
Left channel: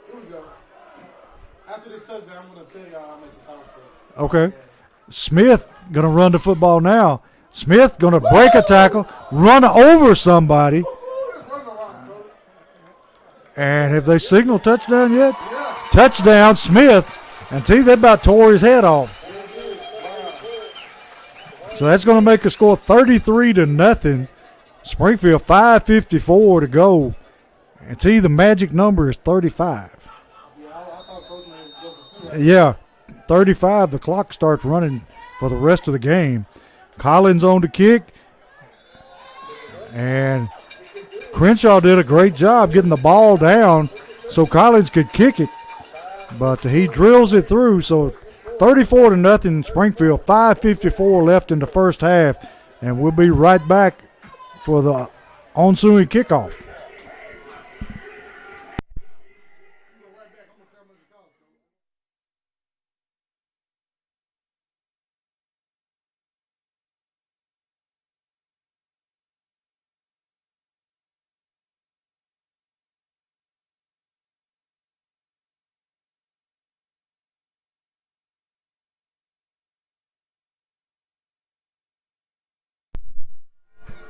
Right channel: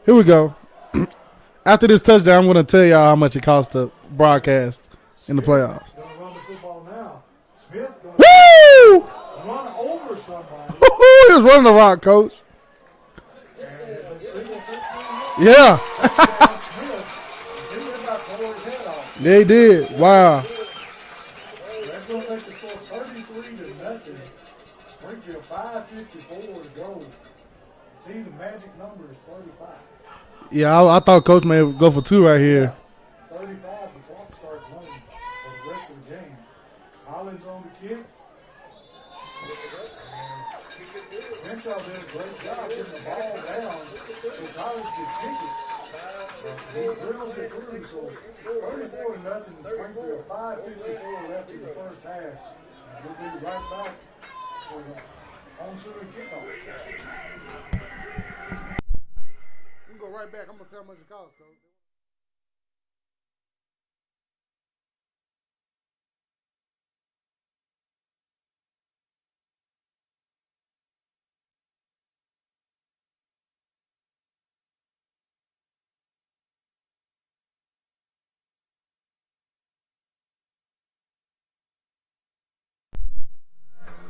Here we go. After this touchdown, I'm going to tell y'all how much it cost to broadcast. Okay. Smith going to run the football now. Smith going to break a tackle, run over somebody. He was running the rock, coach. And have they signaled touchdown yet? Yeah. Touchdown, Smith. And T, they about tore his head off. They did. Wow. So that's going to make a score 33-0. Springfield 5:54 to go. And T, the magic number is 35. Yeah, I thought Coach may go for 2 right here. Yeah, 35. The clock starts running for the rest of the game. Collins on the kick. And Crenshaw did a great job getting the ball down so Collins could kick it. But he drills it through. So 34-0 Springfield. 5:54 left in the first half. And we'll be right back for the ensuing kickoff.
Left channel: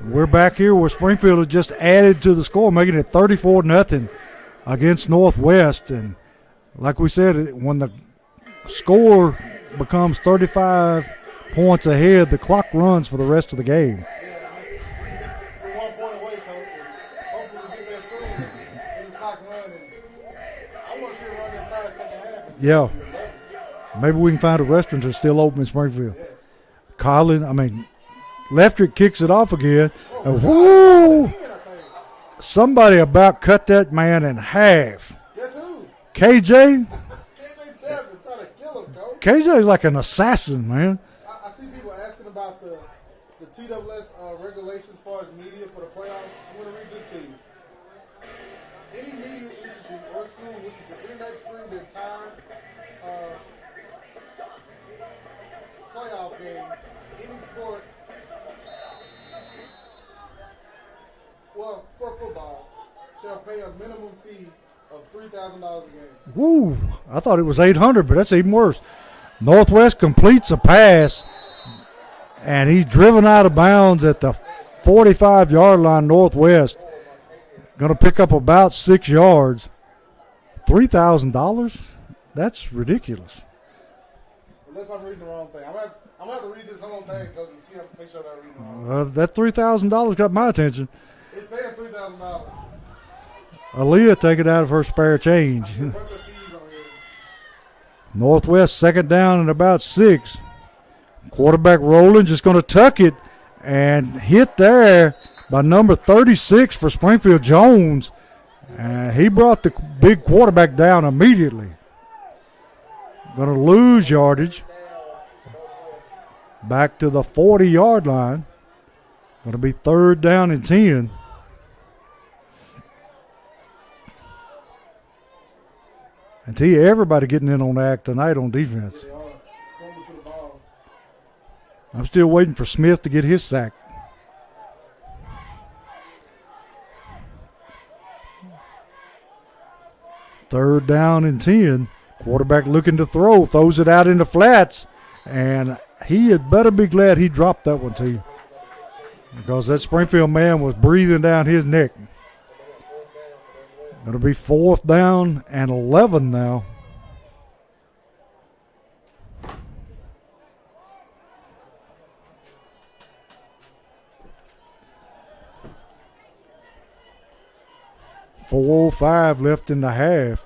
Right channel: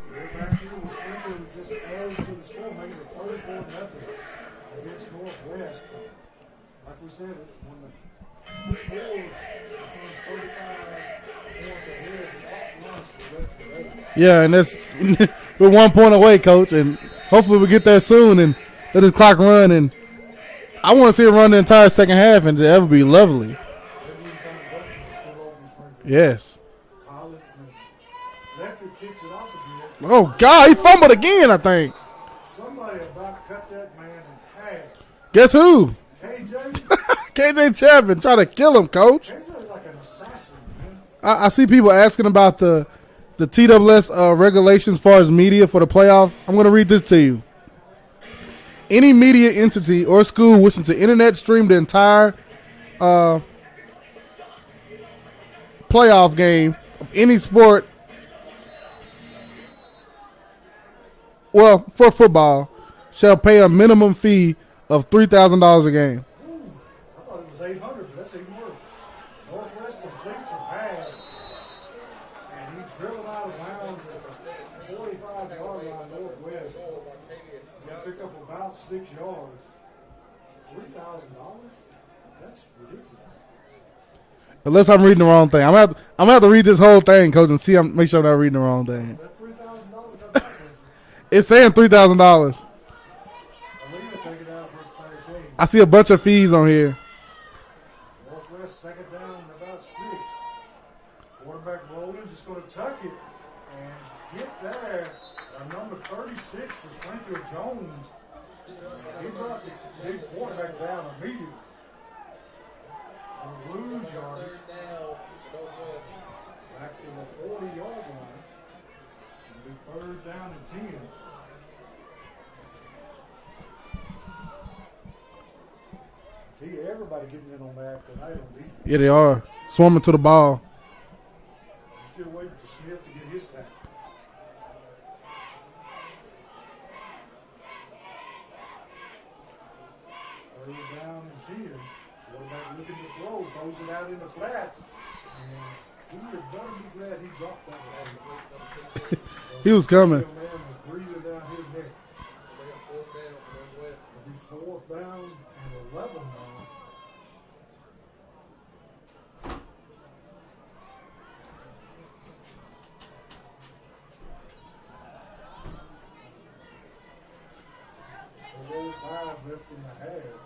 We're back here where Springfield has just added to the score, making it 34-0 against Northwest. And like we said, when the score becomes 35 points ahead, the clock runs for the rest of the game. Yeah, and that's we're 1 point away, Coach, and hopefully we get there soon and let this clock run. And I want to see it run the entire second half, and that would be lovely. Maybe we can find a restaurant that's still open in Springfield. Yes. Leftrick kicks it off again. Oh, God, he fumbled again, I think. Somebody about cut that man in half. Guess who? KJ? KJ Chapman trying to kill him, Coach. KJ's like an assassin, man. I see people asking about the TWS regulations as far as media for the playoffs. I'm going to read this to you. Any media entity or school wishing to internet stream the entire playoff game of any sport, well, for football, shall pay a minimum fee of $3,000 a game. Woo! I thought it was $800, but that's even worse. Northwest completes a pass, and he's driven out of bounds at the 45-yard line. Northwest going to pick up about 6 yards. $3,000? That's ridiculous. Unless I'm reading the wrong thing. I'm gonna have to read this whole thing, Coach, and see. Make sure I'm not reading the wrong thing. That $3,000 got my attention. It's saying $3,000. Aaliyah take it out of her spare change. I see a bunch of fees on here. Northwest second down and about 6. Quarterback rolling, just going to tuck it and hit there by number 36 for Springfield, Jones. And he brought the big quarterback down immediately. Going to lose yardage. Back to the 40-yard line. Going to be 3rd down and 10. And tell you, everybody getting in on the act tonight on defense. Yeah, they are. Swarming to the ball. I'm still waiting for Smith to get his sack. Third down and 10. Quarterback looking to throw. Throws it out in the flats. And he had better be glad he dropped that one too. Because that Springfield man was breathing down his neck. It'll be 4th down and 11 now. .405 left in the half.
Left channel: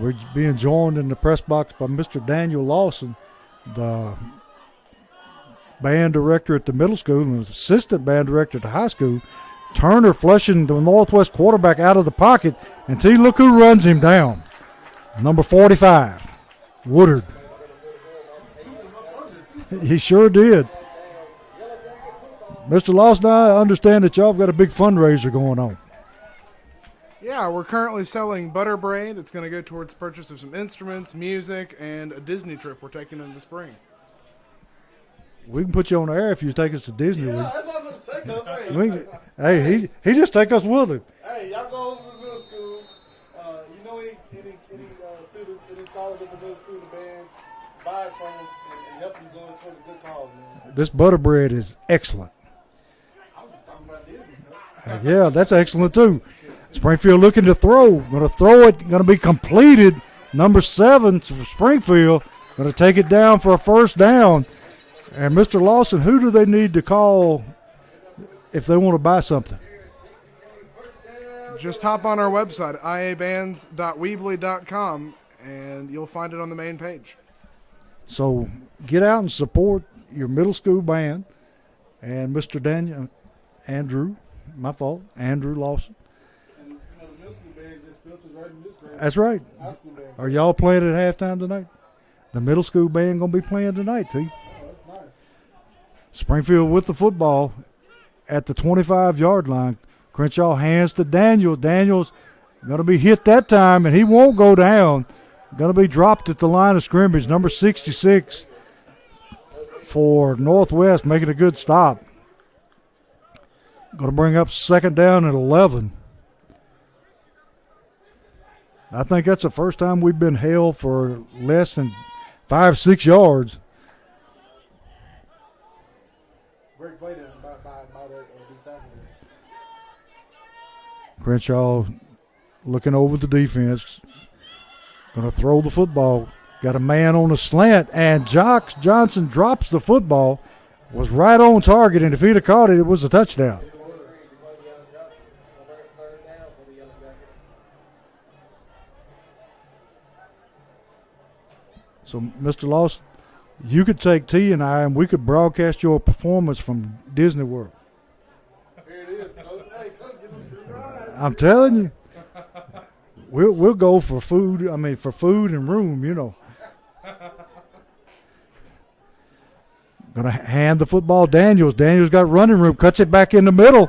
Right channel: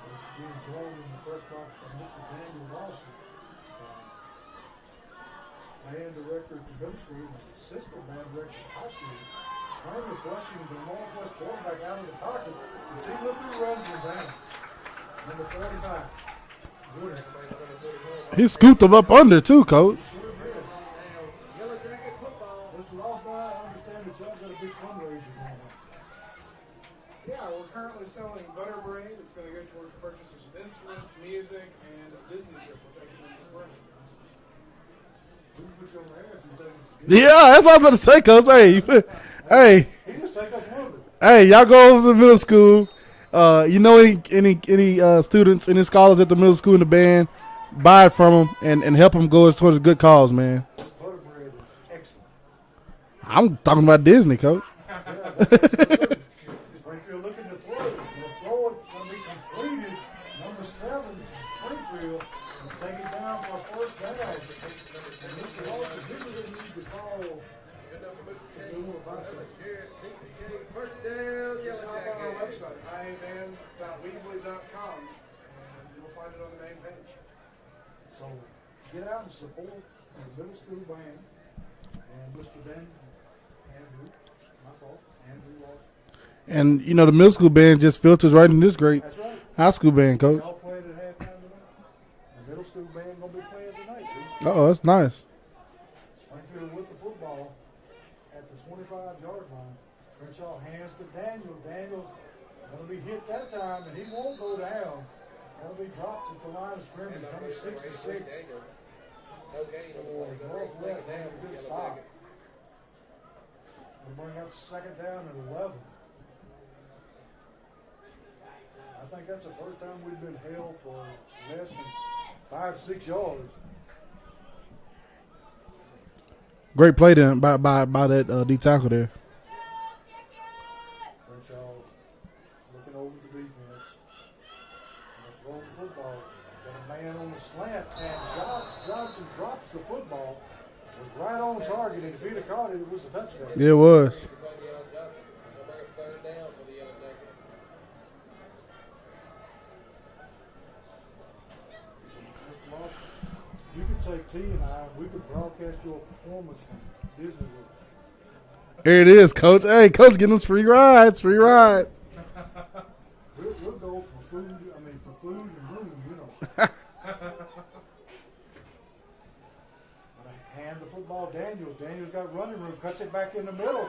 We're being joined in the press box by Mr. Daniel Lawson, the band director at the middle school and assistant band director at the high school. Turner flushing the Northwest quarterback out of the pocket, and look who runs him down. Number 45, Woodard. He scooped him up under too, Coach. He sure did. Mr. Lawson, I understand that y'all have got a big fundraiser going on. Yeah, we're currently selling butter braid. It's going to go towards purchase of some instruments, music, and a Disney trip we're taking in the spring. We can put you on the air if you take us to Disney. Yeah, that's what I was about to say, Coach. Hey, he just take us with him. Hey, y'all go over to the middle school. You know any students, any scholars at the middle school in the band, buy it from them and help them go towards a good cause, man. This butter bread is excellent. I'm talking about Disney, Coach. Yeah, that's excellent too. Springfield looking to throw. Going to throw it. Going to be completed. Number 7 for Springfield. Going to take it down for a first down. And Mr. Lawson, who do they need to call if they want to buy something? Just hop on our website, iabands.weebly.com, and you'll find it on the main page. So get out and support your middle school band and Mr. Andrew Lawson. And, you know, the middle school band just filters right in this great That's right. high school band, Coach. Are y'all playing at halftime tonight? The middle school band going to be playing tonight, too. Oh, that's nice. Springfield with the football at the 25-yard line. Crenshaw hands to Daniels. Daniels going to be hit that time, and he won't go down. Going to be dropped at the line of scrimmage. Number 66 for Northwest, making a good stop. Going to bring up 2nd down at 11. I think that's the first time we've been held for less than 5-6 yards. Great play then by that D tackle there. Crenshaw looking over the defense. Going to throw the football. Got a man on a slant, and Jocks Johnson drops the football. Was right on target, and if he'd have caught it, it was a touchdown. Yeah, it was. So, Mr. Lawson, you could take T and I, and we could broadcast your performance from Disney World. There it is, Coach. Hey, Coach, getting us free rides. I'm telling you, we'll go for food. I mean, for food and room, you know. Going to hand the football Daniels. Daniels got running room, cuts it back in the middle,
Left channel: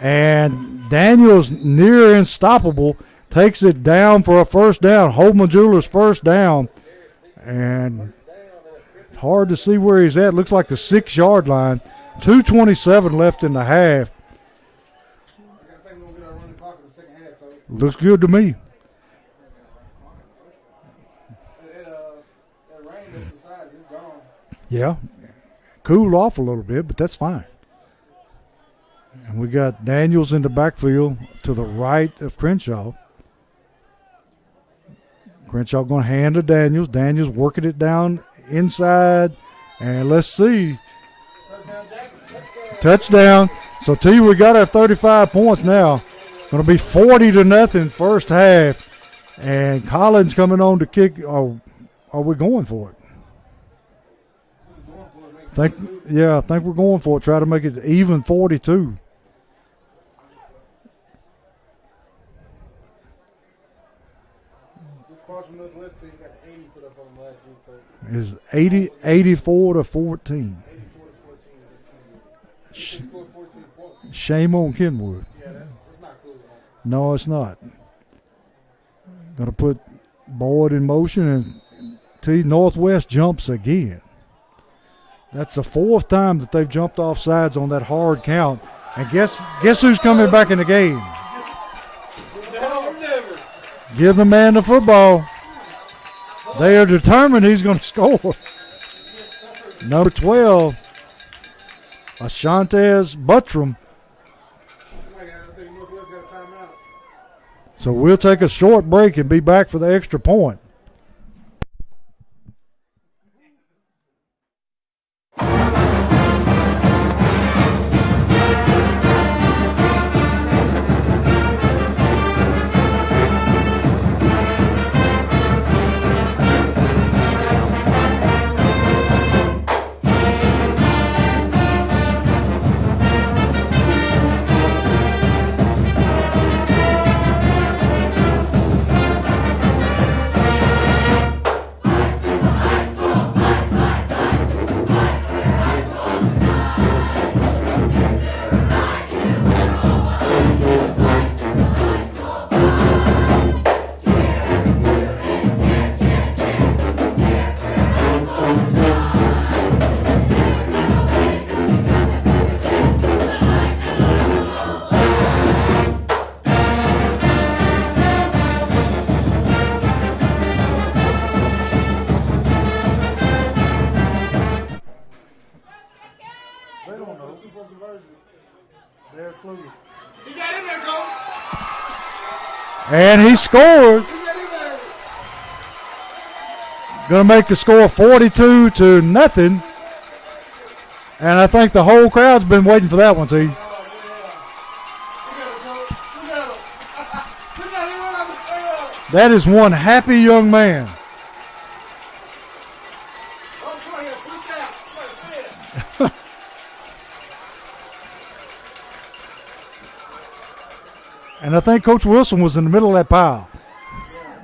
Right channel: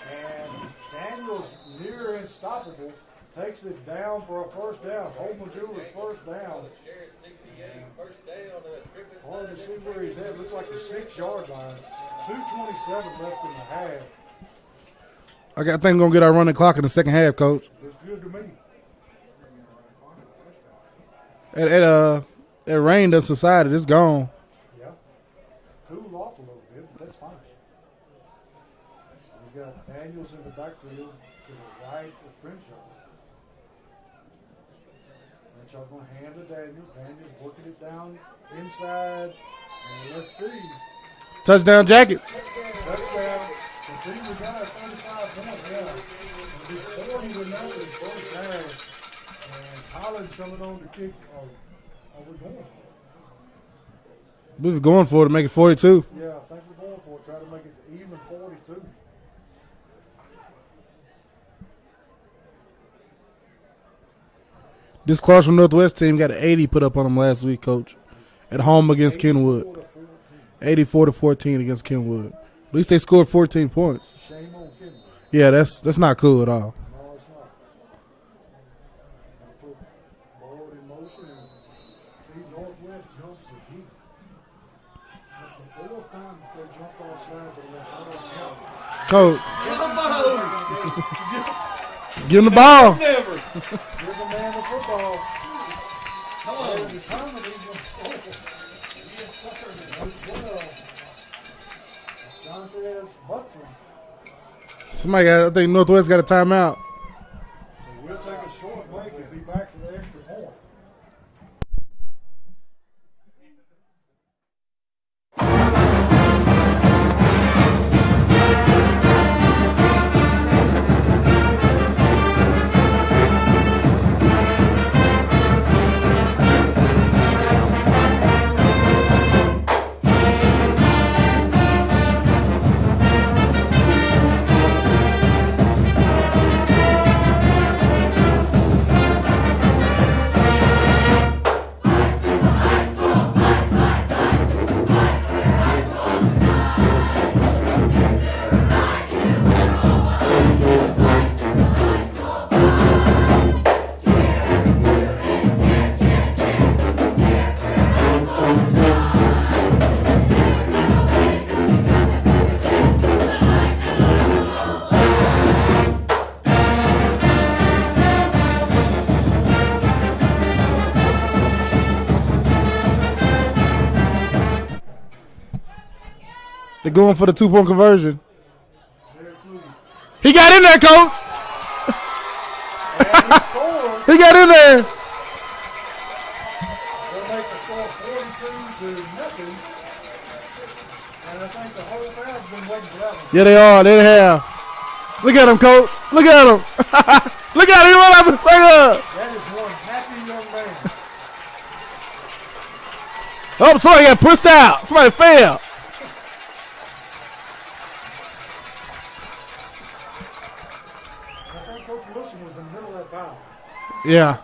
and Daniels near unstoppable, takes it down for a first down. Holman Jewelers first down. And it's hard to see where he's at. Looks like the 6-yard line. 2:27 left in the half. I think we're going to get our running clock in the second half, Coach. Looks good to me. That rain done subsided. It's gone. Yeah. Cooled off a little bit, but that's fine. And we got Daniels in the backfield to the right of Crenshaw. Crenshaw going to hand to Daniels. Daniels working it down inside. And let's see. Touchdown Jackets. Touchdown. So, T, we got our 35 points now. Going to be 40-0 first half. And Collins coming on to kick. Oh, are we going for it? We were going for it to make it 42. Yeah, I think we're going for it. Try to make it even 42. This Clarksville Northwest team got an 80 put up on them last week, Coach. Is at home against 84 to 14. 84 to 14 against Kenwood. At least they scored 14 points. Shame on Kenwood. Yeah, that's not cool at all. No, it's not. Going to put Boyd in motion, and T Northwest jumps again. That's the 4th time that they've jumped off sides on that hard count. And guess who's coming back in the game? Give him the ball. Give the man the football. They are determined he's going to score. Number 12, Ashantes Buttram. I think Northwest got a timeout. So we'll take a short break and be back for the extra point. They're going for the 2-point conversion. He got in there, Coach. And he scored. He got in there. Going to make the score 42-0. And I think the whole crowd's been waiting for that one, too. Yeah, they are. They have. Look at him, Coach. Look at him. Look at him. He run out the finger. That is one happy young man. Oh, somebody got pushed out. Somebody fell. And I think Coach Wilson was in the middle of that pile. Yeah.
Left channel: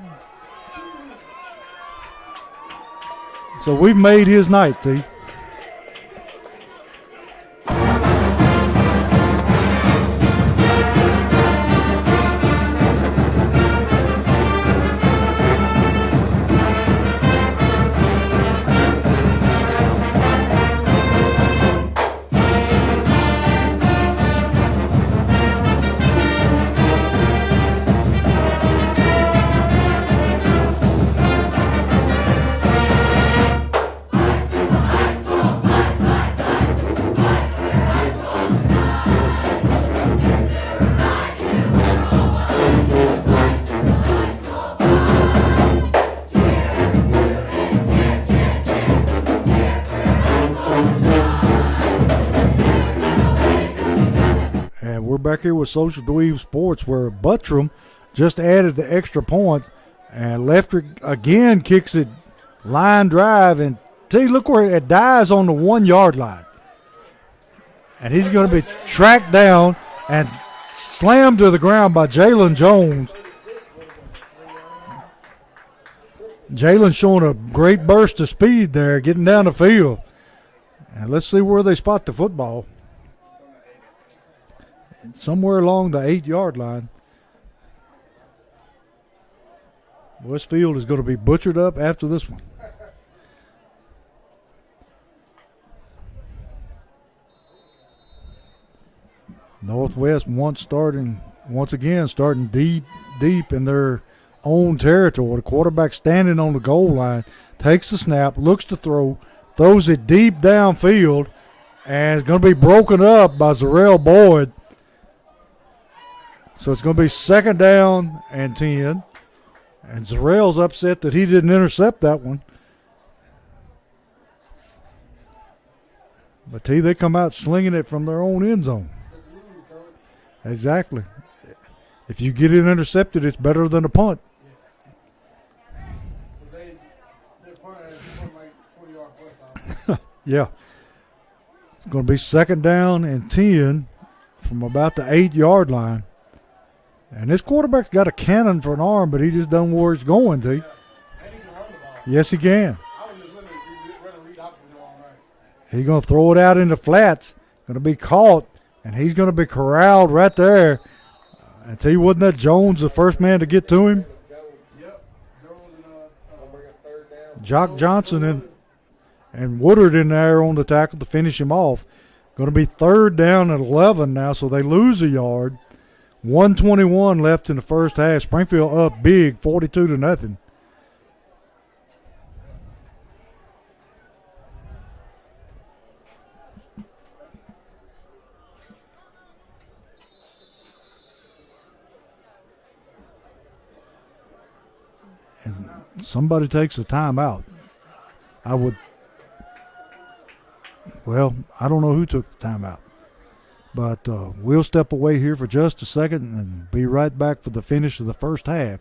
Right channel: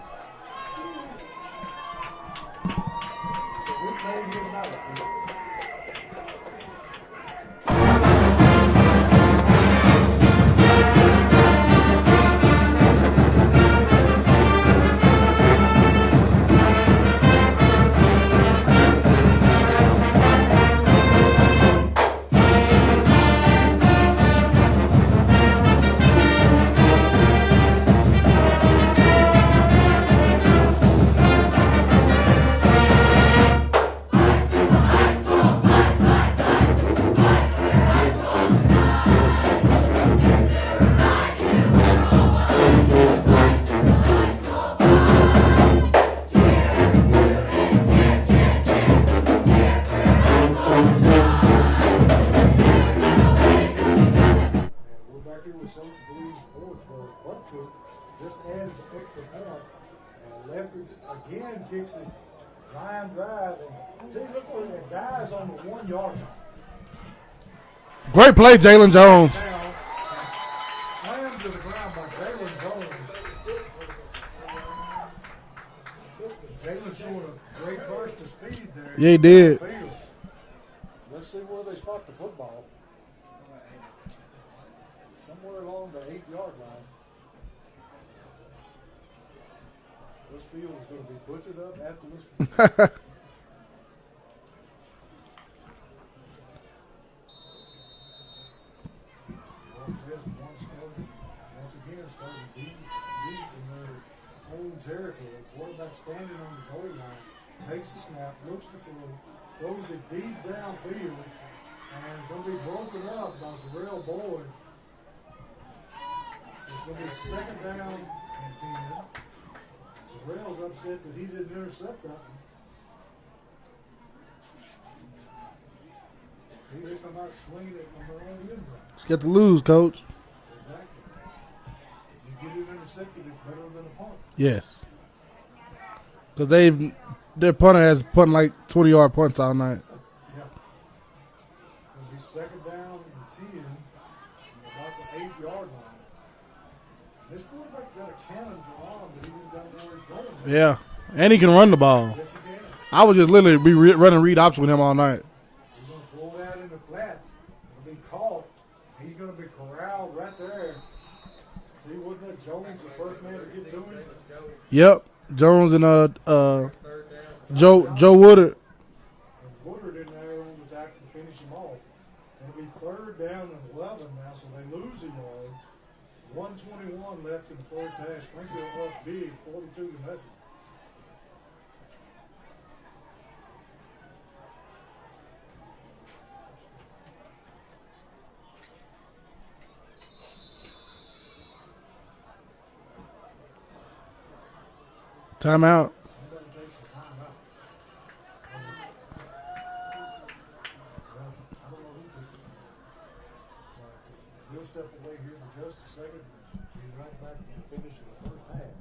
So we've made his night, T. Back here with Social Dweeb Sports, where Buttram just added the extra point, and Leftrick again kicks it line drive, and look where it dies on the 1 yard line. And great play, Jalen Jones. Down and slammed to the ground by Jalen Jones. Jalen showing a great burst of speed there, getting down the field. And let's see where they spot the football. Somewhere along the 8 yard line. Westfield is going to be butchered up after this one. Northwest once again starting deep in their own territory. The quarterback standing on the goal line, takes the snap, looks to throw, throws it deep downfield, and it's going to be broken up by Zarrell Boyd. So it's going to be 2nd down and 10. And Zarrell's upset that he didn't intercept that one. But they come out slinging it from their own end zone. Get to lose, Coach. Exactly. If you get it intercepted, it's better than a punt. Yes. Because their punter has punted like 20-yard punts all night. Yeah. It's going to be 2nd down and 10 from about the 8 yard line. And this quarterback's got a cannon for an arm, but he just doesn't know where he's going to. Yeah, and he can run the ball. Yes, he can. I would just literally be running read option with him all night. He's going to throw it out in the flats, going to be caught, and he's going to be corralled right there. I tell you, wasn't that Jones the first man to get to him? Yep, Jones and Joe Johnson Woodard. and Woodard in there on the tackle to finish him off. Going to be 3rd down and 11 now, so they lose a yard. 1:21 left in the first half. Springfield up big, 42-0. Timeout. Somebody takes a timeout. Well, I don't know who took the timeout. But we'll step away here for just a second and be right back for the finish of the first half.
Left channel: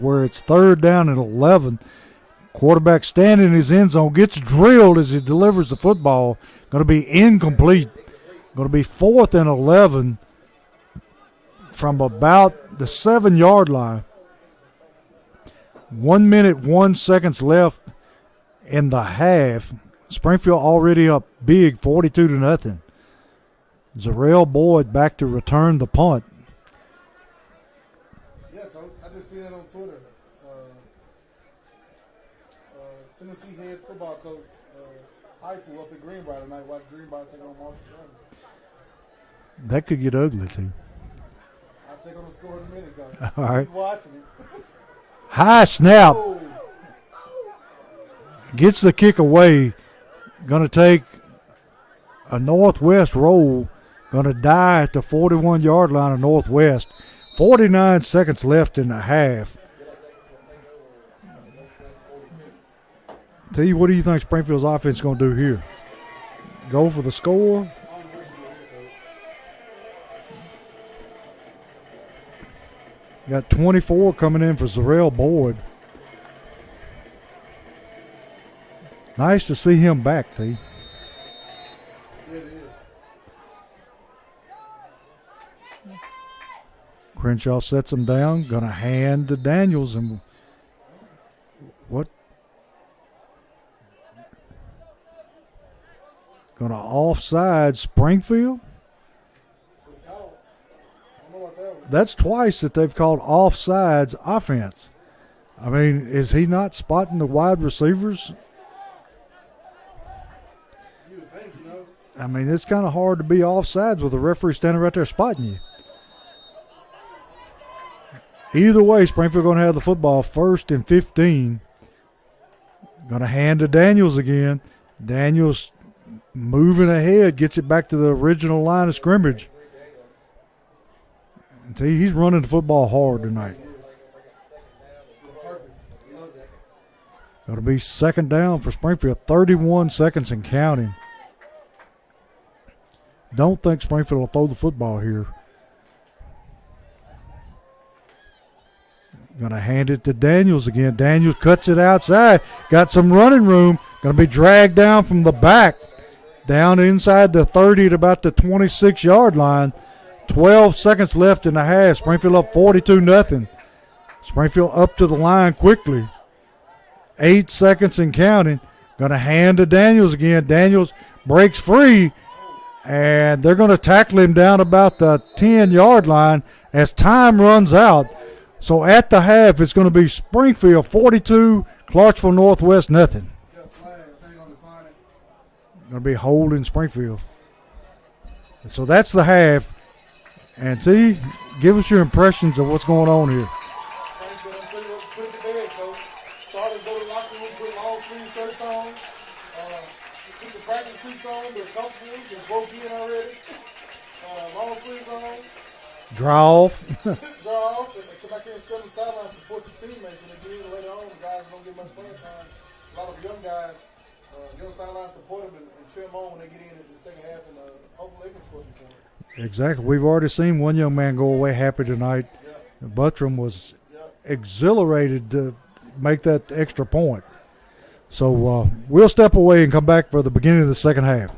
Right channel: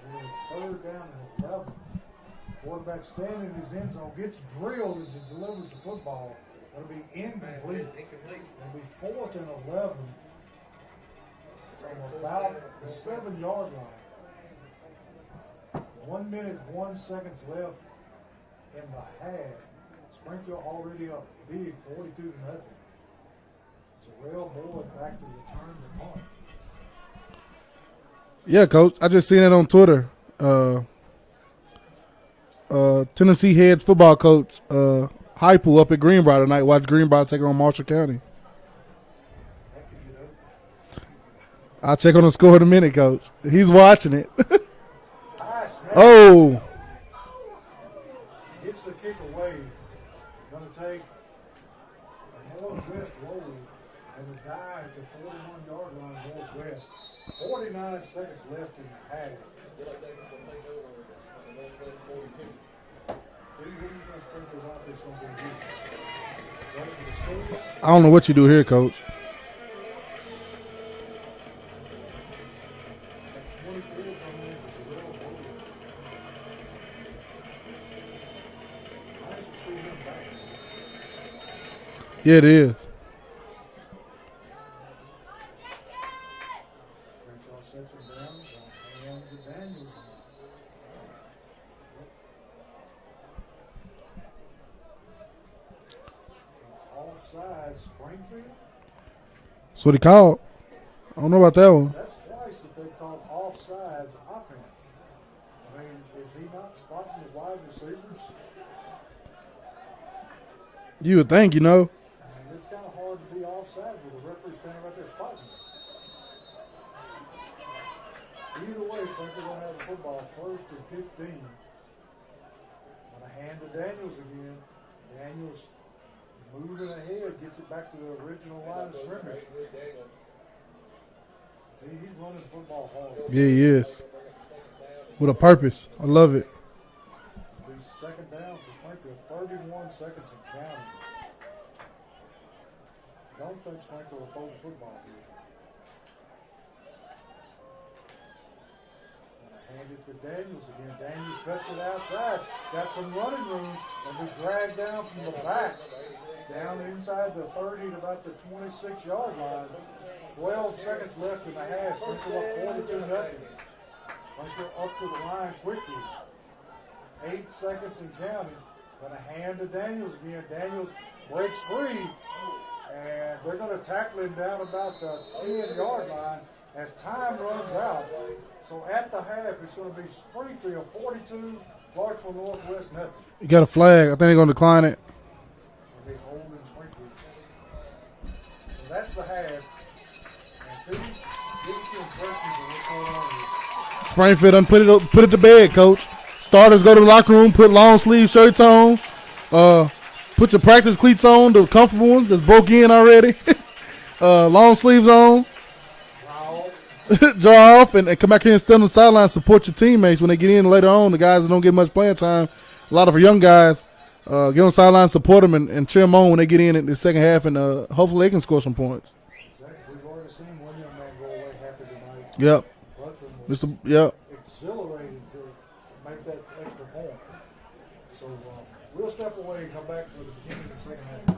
Where it's 3rd down and 11. Quarterback standing in his end zone, gets drilled as he delivers the football. Going to be incomplete. Going to be 4th and 11 from about the 7-yard line. 1 minute, 1 second left in the half. Springfield already up big, 42-0. Zarrell Boyd back to return the punt. Yeah, Coach. I just seen it on Twitter. Tennessee head football coach Heupel up at Greenbrier tonight. Watch Greenbrier take on Marshall County. That could get ugly, too. I'll check on the score in a minute, Coach. Right. He's watching it. High snap. Oh. Gets the kick away. Going to take a Northwest roll. Going to die at the 41-yard line of Northwest. 49 seconds left in the half. Tell you, what do you think Springfield's offense is going to do here? Go for the score? I don't know what you do here, Coach. Got 24 coming in for Zarrell Boyd. Nice to see him back, T. Yeah, it is. Crenshaw sets him down. Going to hand to Daniels. And what? Going to offside Springfield. That's what he called. I don't know about that one. That's twice that they've called offsides offense. I mean, is he not spotting the wide receivers? You would think, you know. I mean, it's kind of hard to be offsides with a referee standing right there spotting you. Either way, Springfield going to have the football 1st and 15. Going to hand to Daniels again. Daniels moving ahead, gets it back to the original line of scrimmage. I tell you, he's running the football hard tonight. Yeah, he is. With a purpose. I love it. Got to be 2nd down for Springfield. 31 seconds and counting. Don't think Springfield will throw the football here. Going to hand it to Daniels again. Daniels cuts it outside. Got some running room. Going to be dragged down from the back. Down inside the 30 at about the 26-yard line. 12 seconds left in the half. Springfield up 42-0. Springfield up to the line quickly. 8 seconds and counting. Going to hand to Daniels again. Daniels breaks free. And they're going to tackle him down about the 10-yard line as time runs out. So at the half, it's going to be Springfield 42, Clarksville Northwest nothing. You got a flag. I think they're going to decline it. Going to be holding Springfield. So that's the half. And T, give us your impressions of what's going on here. Springfield done put it to bed, Coach. Starters go to the locker room, put long sleeve shirts on, put your practice cleats on, the comfortable ones that's broke in already. long sleeves on, Draw off. draw off, and come back here and stand on the sideline, support your teammates when they get in later on. The guys that don't get much playing time, a lot of our young guys, get on the sideline, support them, and cheer them on when they get in the second half, and hopefully they can score some points. Exactly. We've already seen one young man go away happy tonight. Yep. Buttram was Yep. exhilarated to make that extra point. So we'll step away and come back for the beginning of the second half.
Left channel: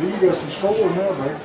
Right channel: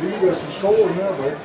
See, you got some score now, baby.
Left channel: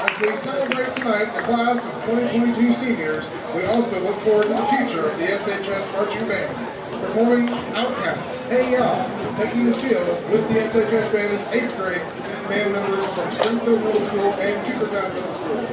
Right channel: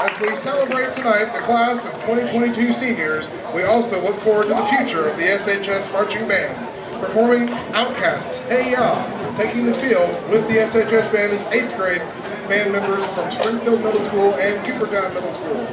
As we celebrate tonight the class of 2022 seniors, we also look forward to the future of the SHS Marching Band. Performing Outcasts, Hey Ya, taking the field with the SHS Band is 8th grade band members from Springfield Middle School and Coopertown Middle School.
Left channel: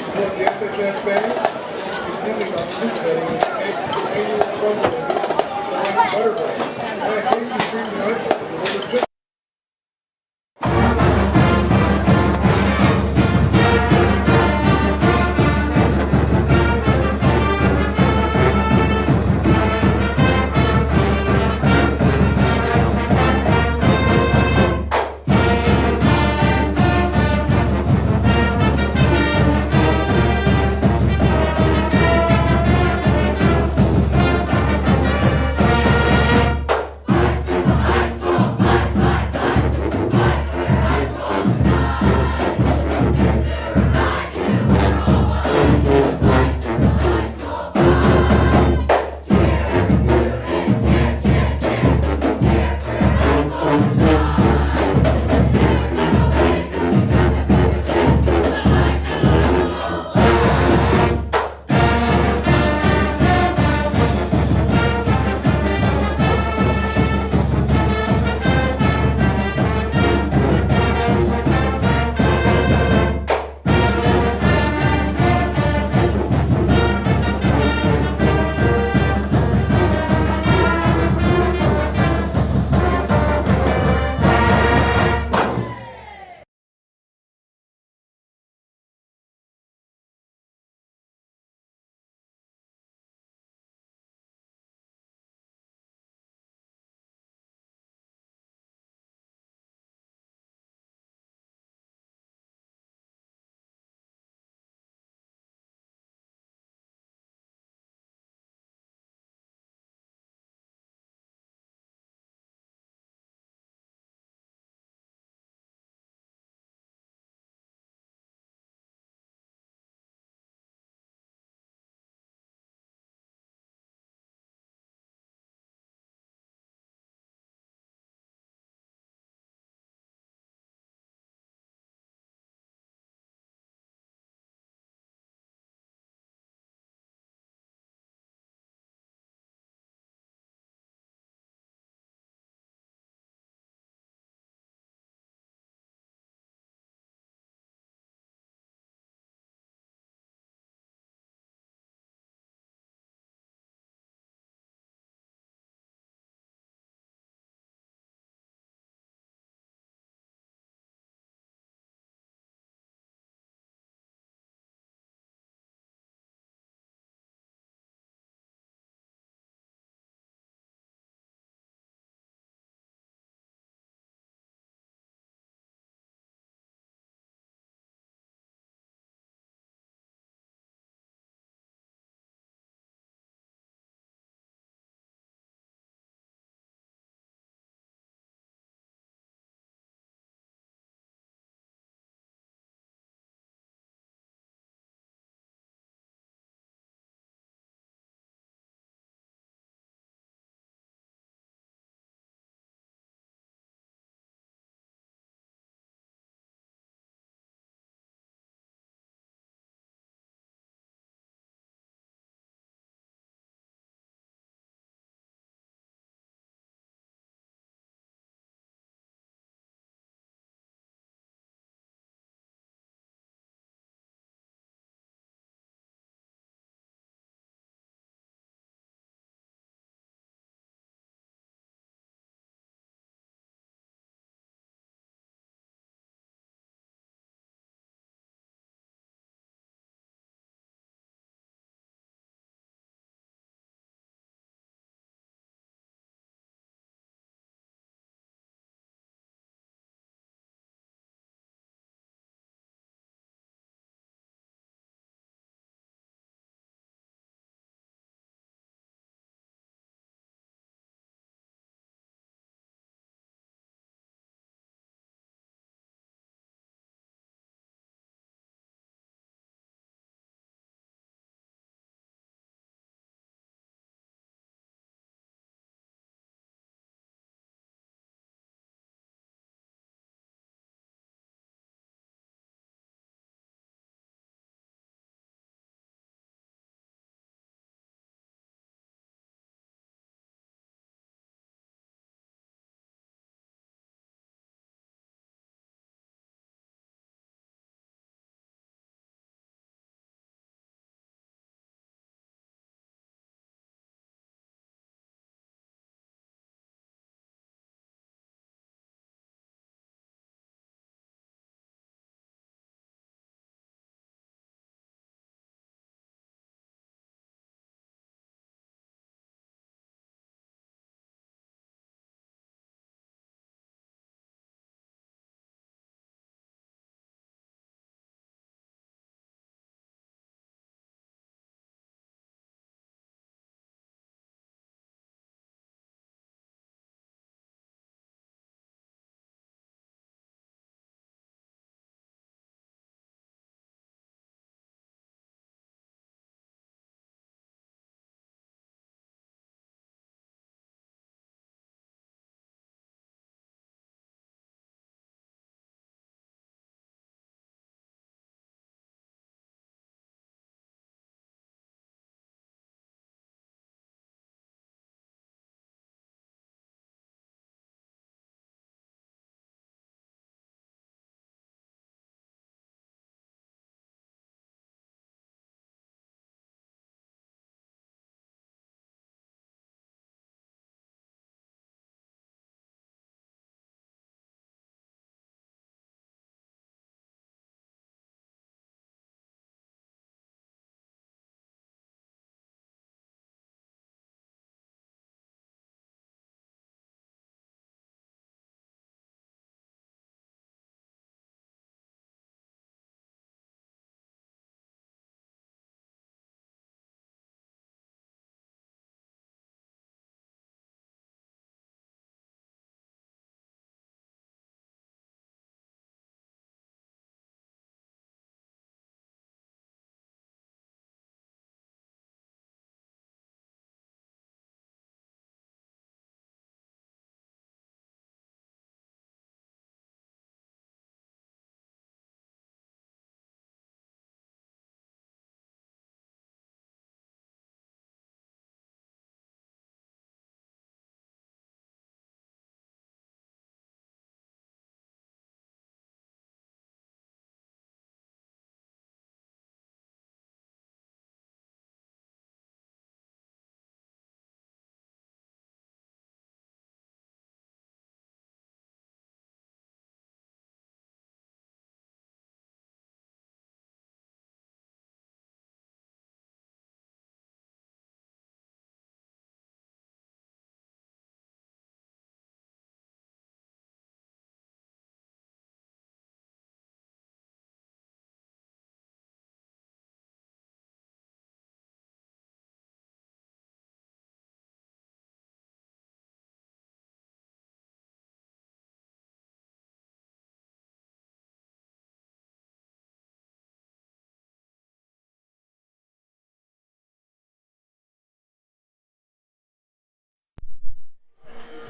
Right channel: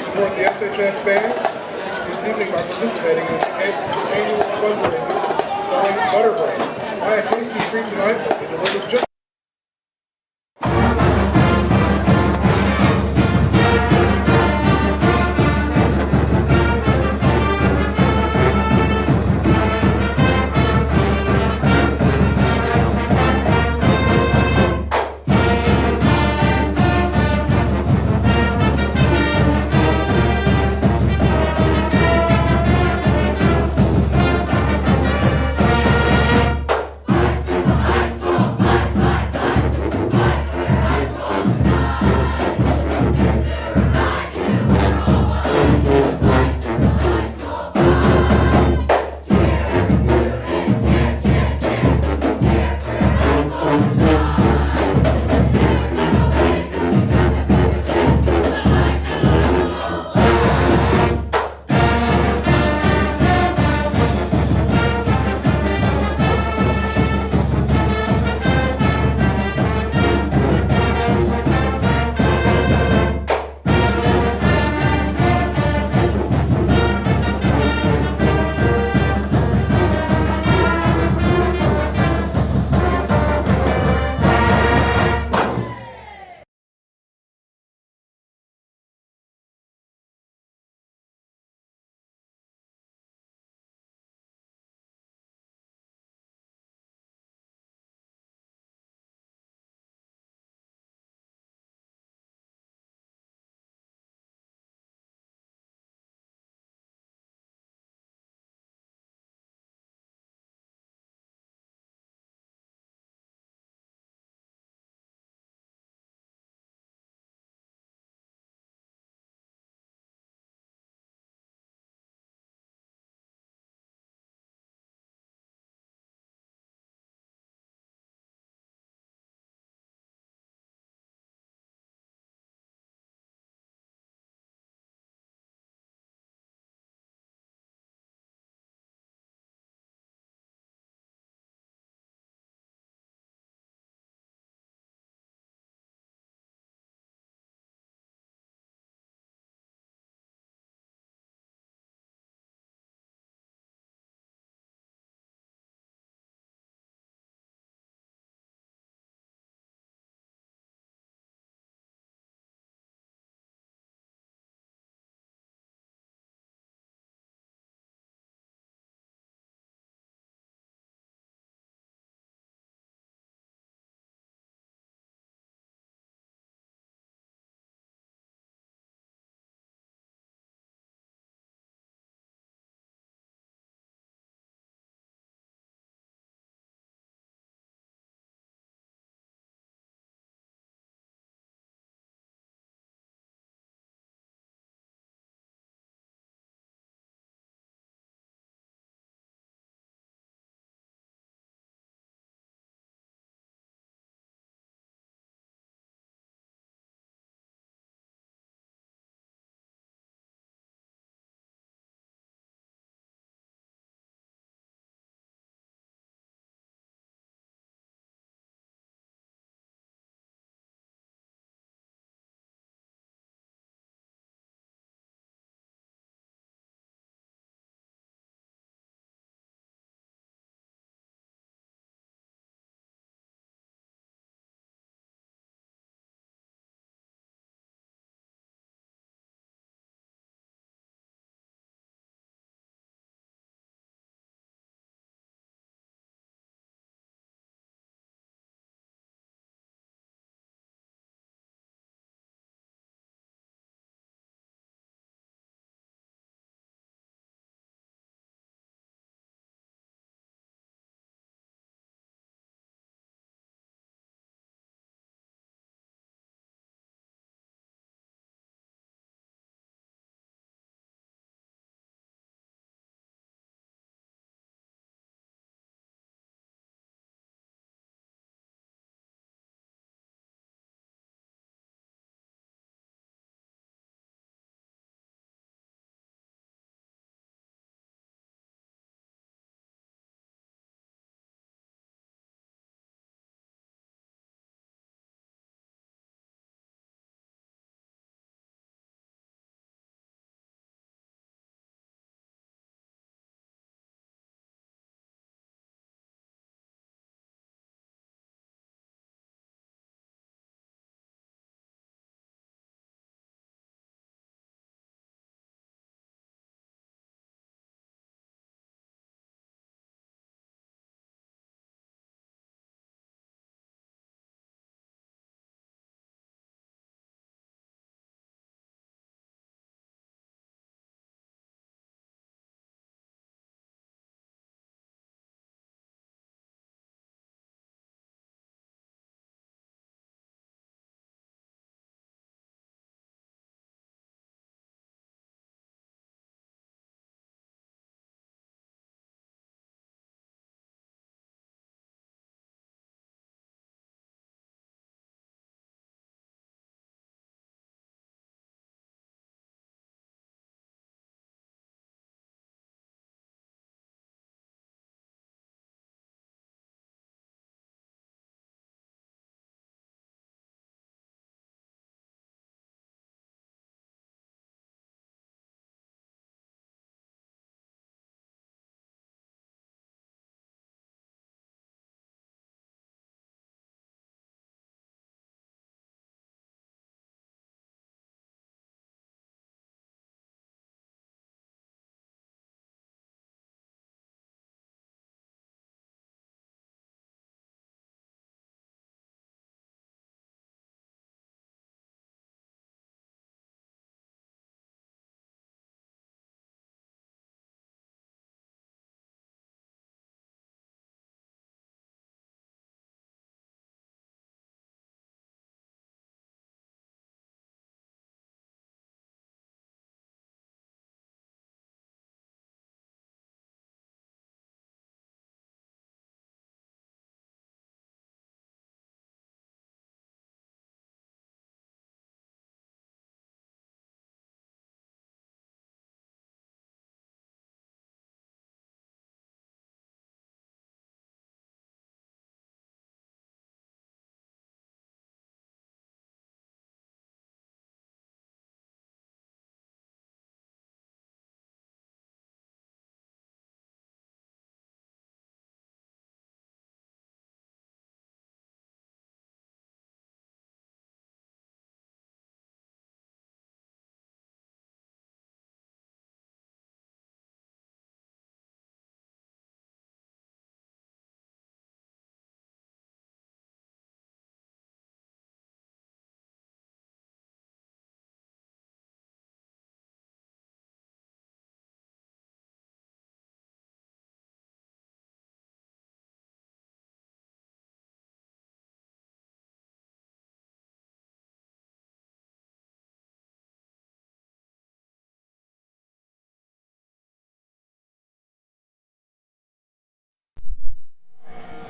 Support the SHS Band this evening by participating in the annual fundraiser selling butter bread. Buy a tasty treat tonight and deliver just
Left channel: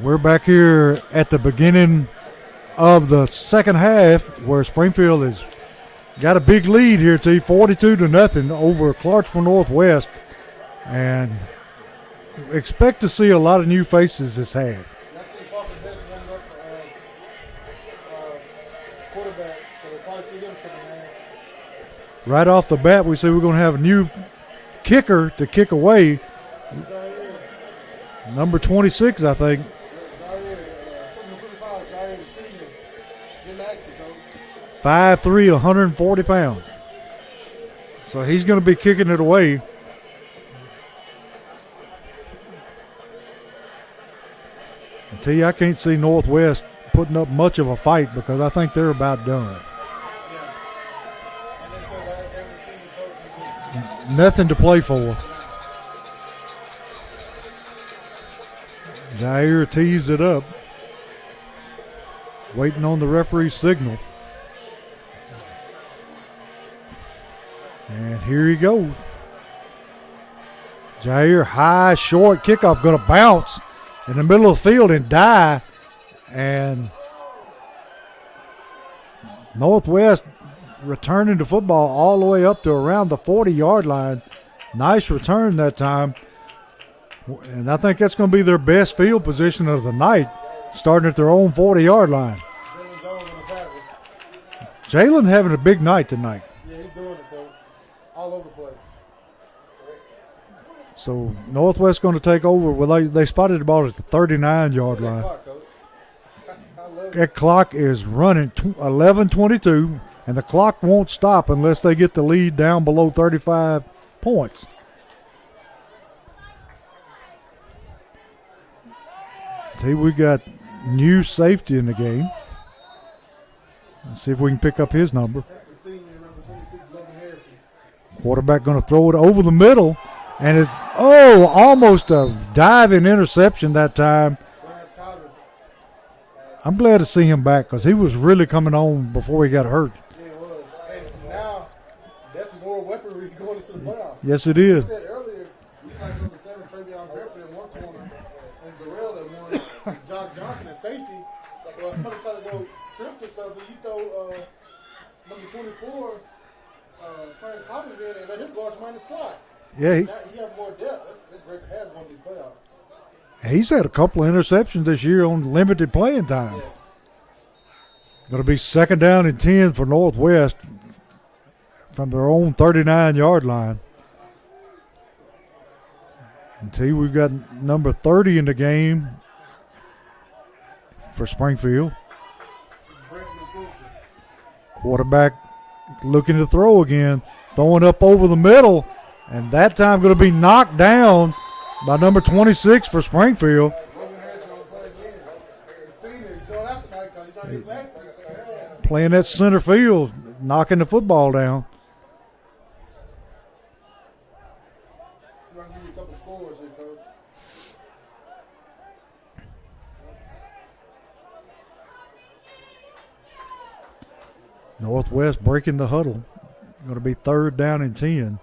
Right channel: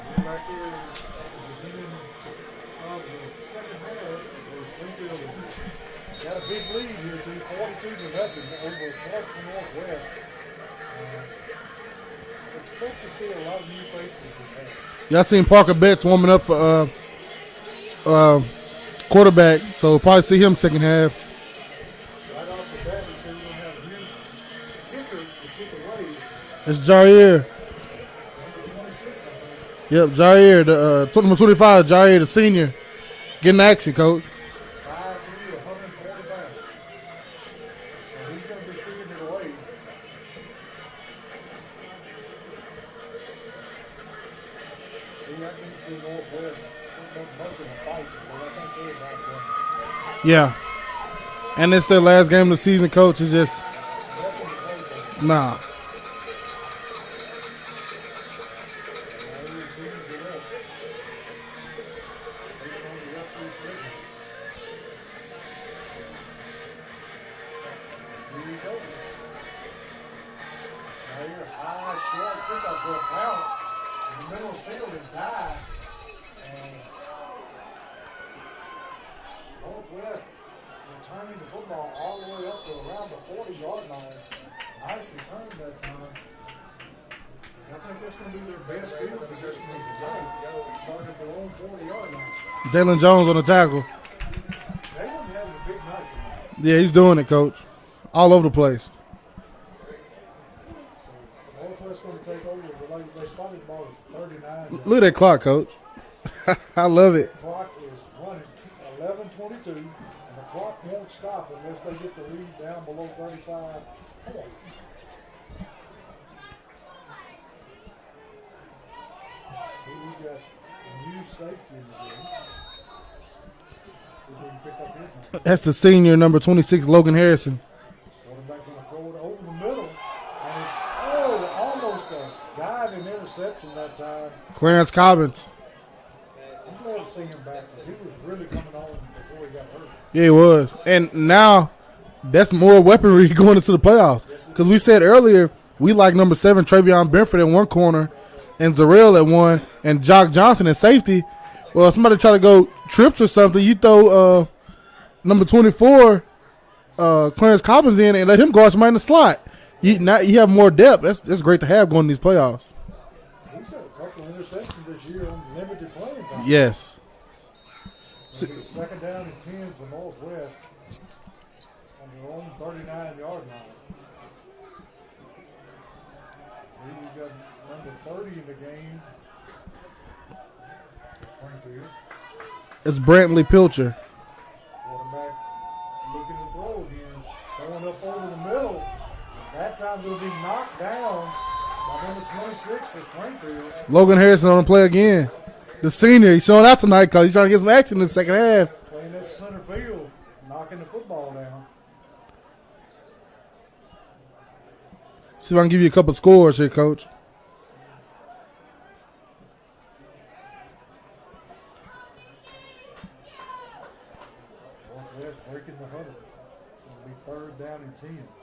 We're back here at the beginning of the second half where Springfield has got a big lead here, 42-0 over Clarksville Northwest. And expect to see a lot of new faces this half. Y'all seen Parker Betts warming up for quarterback, so we'll probably see him second half. Right off the bat, we say we're going to have a new kicker to kick away. It's Jair. Number 26, I think. Yep, Jair, number 25, Jair, the senior. Getting action, Coach. 5'3", 140 pounds. So he's going to be kicking it away. I can't see Northwest putting up much of a fight because I think they're about done. Yeah. And it's their last game of the season, Coach. It's just nothing to play for. Nah. Jair tees it up. Waiting on the referee's signal. And here he goes. Jair, high, short kickoff, going to bounce in the middle of the field and die. And Northwest returning the football all the way up to around the 40-yard line. Nice return that time. And I think that's going to be their best field position of the night, starting at their own 40-yard line. Jalen Jones on the tackle. Jalen having a big night tonight. Yeah, he's doing it, Coach. All over the place. So Northwest going to take over. Well, they spotted the ball at the 39-yard line. Look at that clock, Coach. I love it. That clock is running 11:22, and the clock won't stop unless they get the lead down below 35 points. See, we got new safety in the game. Let's see if we can pick up his number. That's the senior, number 26, Logan Harrison. Quarterback going to throw it over the middle, and it's almost a diving interception that time. Clarence Cobbins. I'm glad to see him back because he was really coming on before he got hurt. Yeah, he was. And now that's more weaponry going into the playoffs. Yes, it is. We said earlier we like number 7, Travion Benford in one corner and Zarrell at one and Jock Johnson in safety. Well, if somebody try to go trips or something, you throw number 24, Clarence Cobbins in and let him guard somebody in the slot. Yeah, you have more depth. That's great to have going in these playoffs. He's had a couple of interceptions this year on limited playing time. Yes. Going to be second down and 10 for Northwest from their own 39-yard line. And we've got number 30 in the game for Springfield. It's Brantley Pilcher. Quarterback looking to throw again, throwing up over the middle, and that time going to be knocked down by number 26 for Springfield. Logan Harrison on the play again. The senior, he's showing out tonight because he's trying to get some action in the second half. Playing that center field, knocking the football down. See if I can give you a couple scores here, Coach. Northwest breaking the huddle. Going to be third down and 10.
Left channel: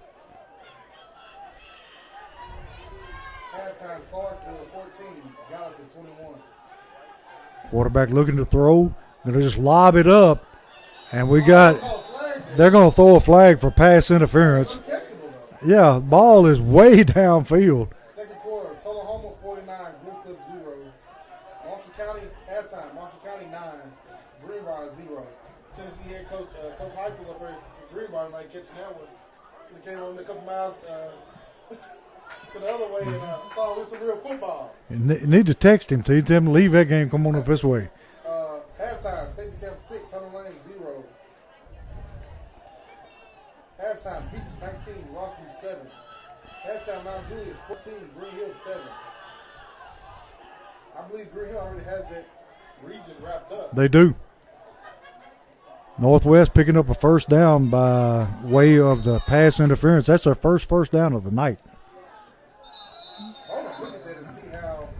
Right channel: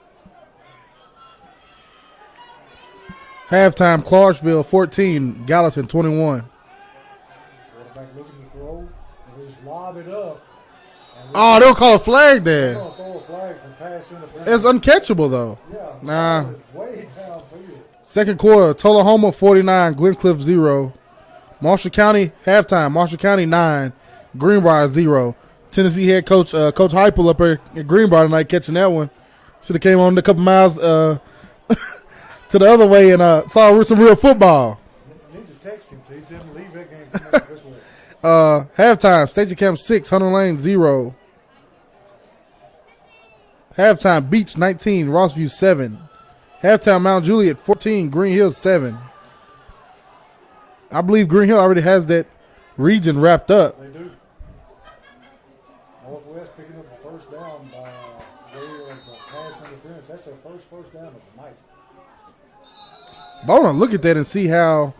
Halftime, Clarksville 14, Gallatin 21. Quarterback looking to throw. Going to just lob it up. And they'll call a flag there. They're going to throw a flag for pass interference. It's uncatchable, though. Yeah, the ball is way downfield. Second quarter, Tullahoma 49, Glencliff 0. Marshall County, halftime, Marshall County 9, Greenbrier 0. Tennessee head coach Coach Heupel up here at Greenbrier tonight catching that one. Should have came on a couple miles to the other way and saw some real football. You need to text him. Tell him to leave that game. Come on up this way. Halftime, Station Camp 6, Hunter Lane 0. Halftime, Beach 19, Rossview 7. Halftime, Mount Juliet 14, Green Hill 7. I believe Green Hill already has that region wrapped up. They do. Northwest picking up a first down by way of the pass interference. That's their first down of the night. But I want to look at that and see how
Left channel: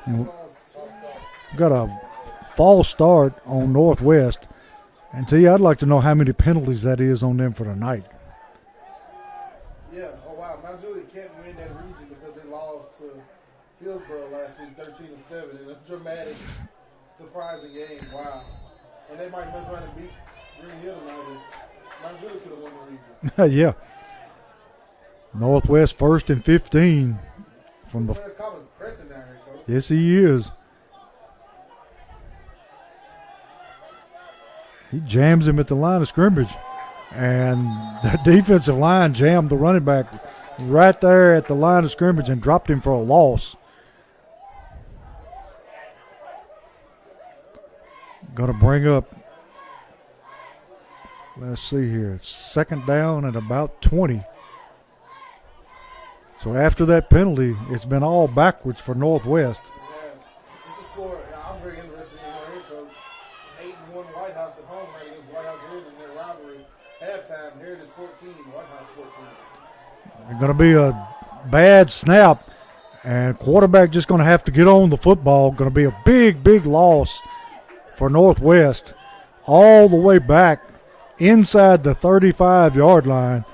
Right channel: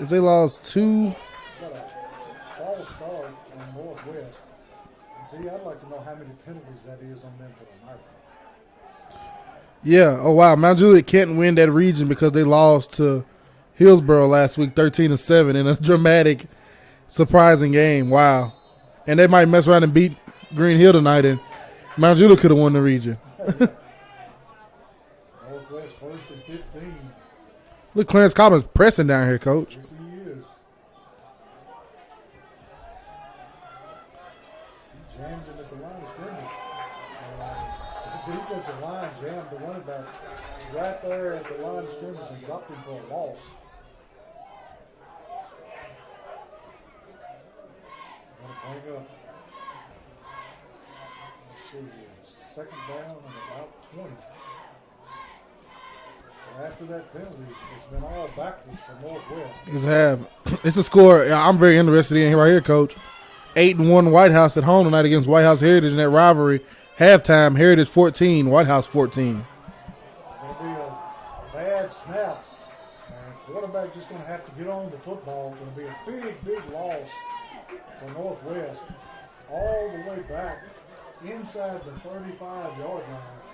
if they lost 2. Got a false start on Northwest. And I'd like to know how many penalties that is on them for the night. Yeah. Oh, wow. Mount Juliet can't win that region because they lost to Hillsborough last week, 13-7 in a dramatic, surprising game. Wow. And they might mess around and beat Green Hill tonight, and Mount Juliet could have won the region. Yeah. Northwest 1st and 15. Look, Clarence Collins pressing down here, Coach. Yes, he is. He jams him at the line of scrimmage. And the defensive line jammed the running back right there at the line of scrimmage and dropped him for a loss. Going to bring up, let's see here, 2nd down and about 20. So after that penalty, it's been all backwards for Northwest. It's a score I'm very interested in right here, Coach. 8-1 White House at home tonight against White House Heritage in that rivalry. Halftime, Heritage 14, White House 14. It's going to be a bad snap, and quarterback just going to have to get on the football. Going to be a big, big loss for Northwest all the way back inside the 35-yard line.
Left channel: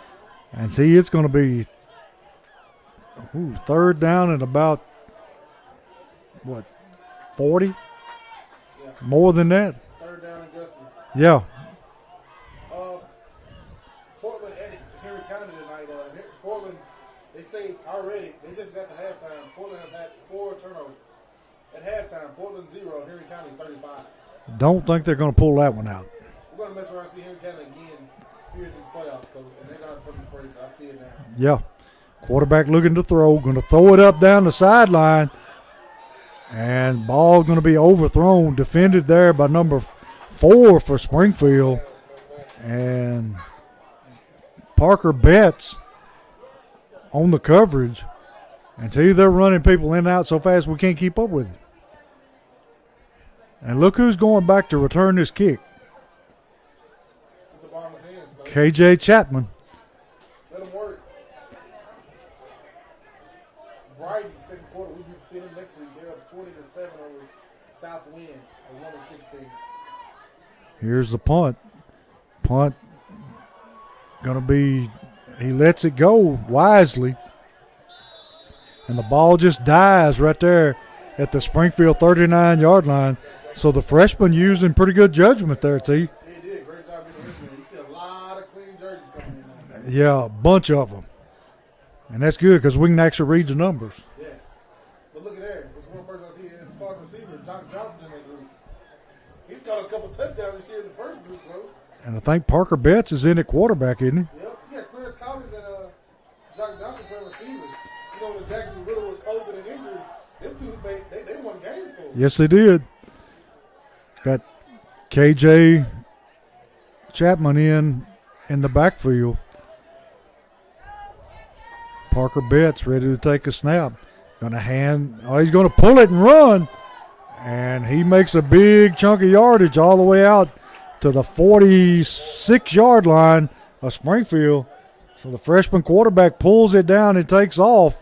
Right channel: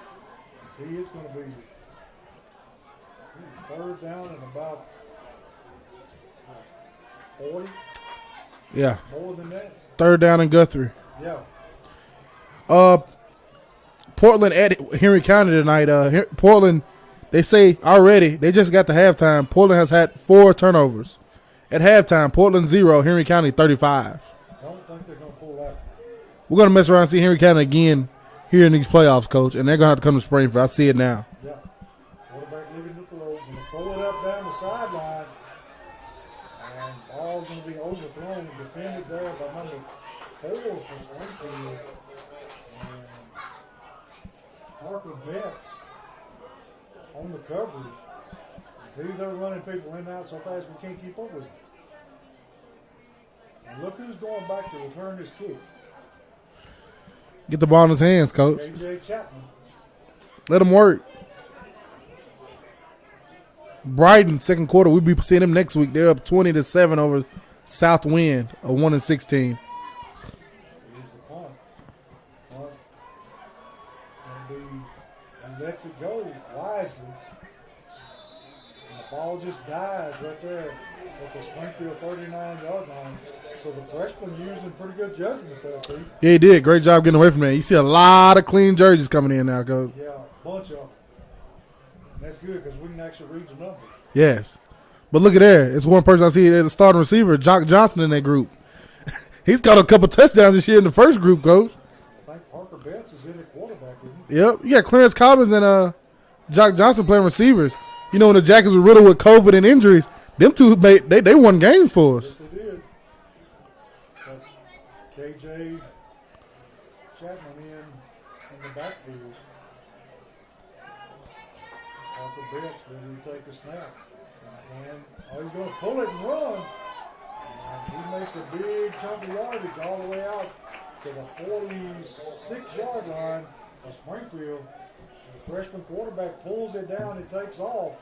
And see, it's going to be 3rd down and about, 40? Yeah. More than that? 3rd down in Guthrie. Yeah. Portland at Henry County tonight. Portland, they say already, they just got to halftime. Portland has had 4 turnovers. At halftime, Portland 0, Henry County 35. Don't think they're going to pull that one out. We're going to mess around and see Henry County again here in these playoffs, Coach, and they're going to have to come to Springfield. I see it now. Yeah. Quarterback looking to throw, going to throw it up down the sideline, and ball going to be overthrown, defended there by number 4 for Springfield, and Parker Betts on the coverage. And see, they're running people in and out so fast we can't keep up with it. And look who's going back to return this kick. Get the ball in his hands, Coach. KJ Chapman. Let him work. Brighton, 2nd quarter. We'll be seeing them next week. They're up 20-7 over Southwind, a 1-16. Here's the punt. Punt going to be, he lets it go wisely. And the ball just dies right there at the Springfield 39-yard line. So the freshman using pretty good judgment there, T. Yeah, he did. Great job getting away from that. You see a lot of clean jerseys coming in now, Coach. Yeah, a bunch of them. And that's good because we can actually read the numbers. Yes. But look at there. It's one person I see as a starting receiver, Jock Johnson, in that group. He's got a couple touchdowns this year in the first group, Coach. And I think Parker Betts is in at quarterback, isn't he? Yep. You got Clarence Collins and Jock Johnson playing receivers. You know, when the Jackets were riddled with COVID and injuries, them two, they won games for us. Yes, they did. Got KJ Chapman in the backfield. Parker Betts ready to take a snap. He's going to pull it and run. And he makes a big chunk of yardage all the way out to the 46-yard line of Springfield. So the freshman quarterback pulls it down and takes off.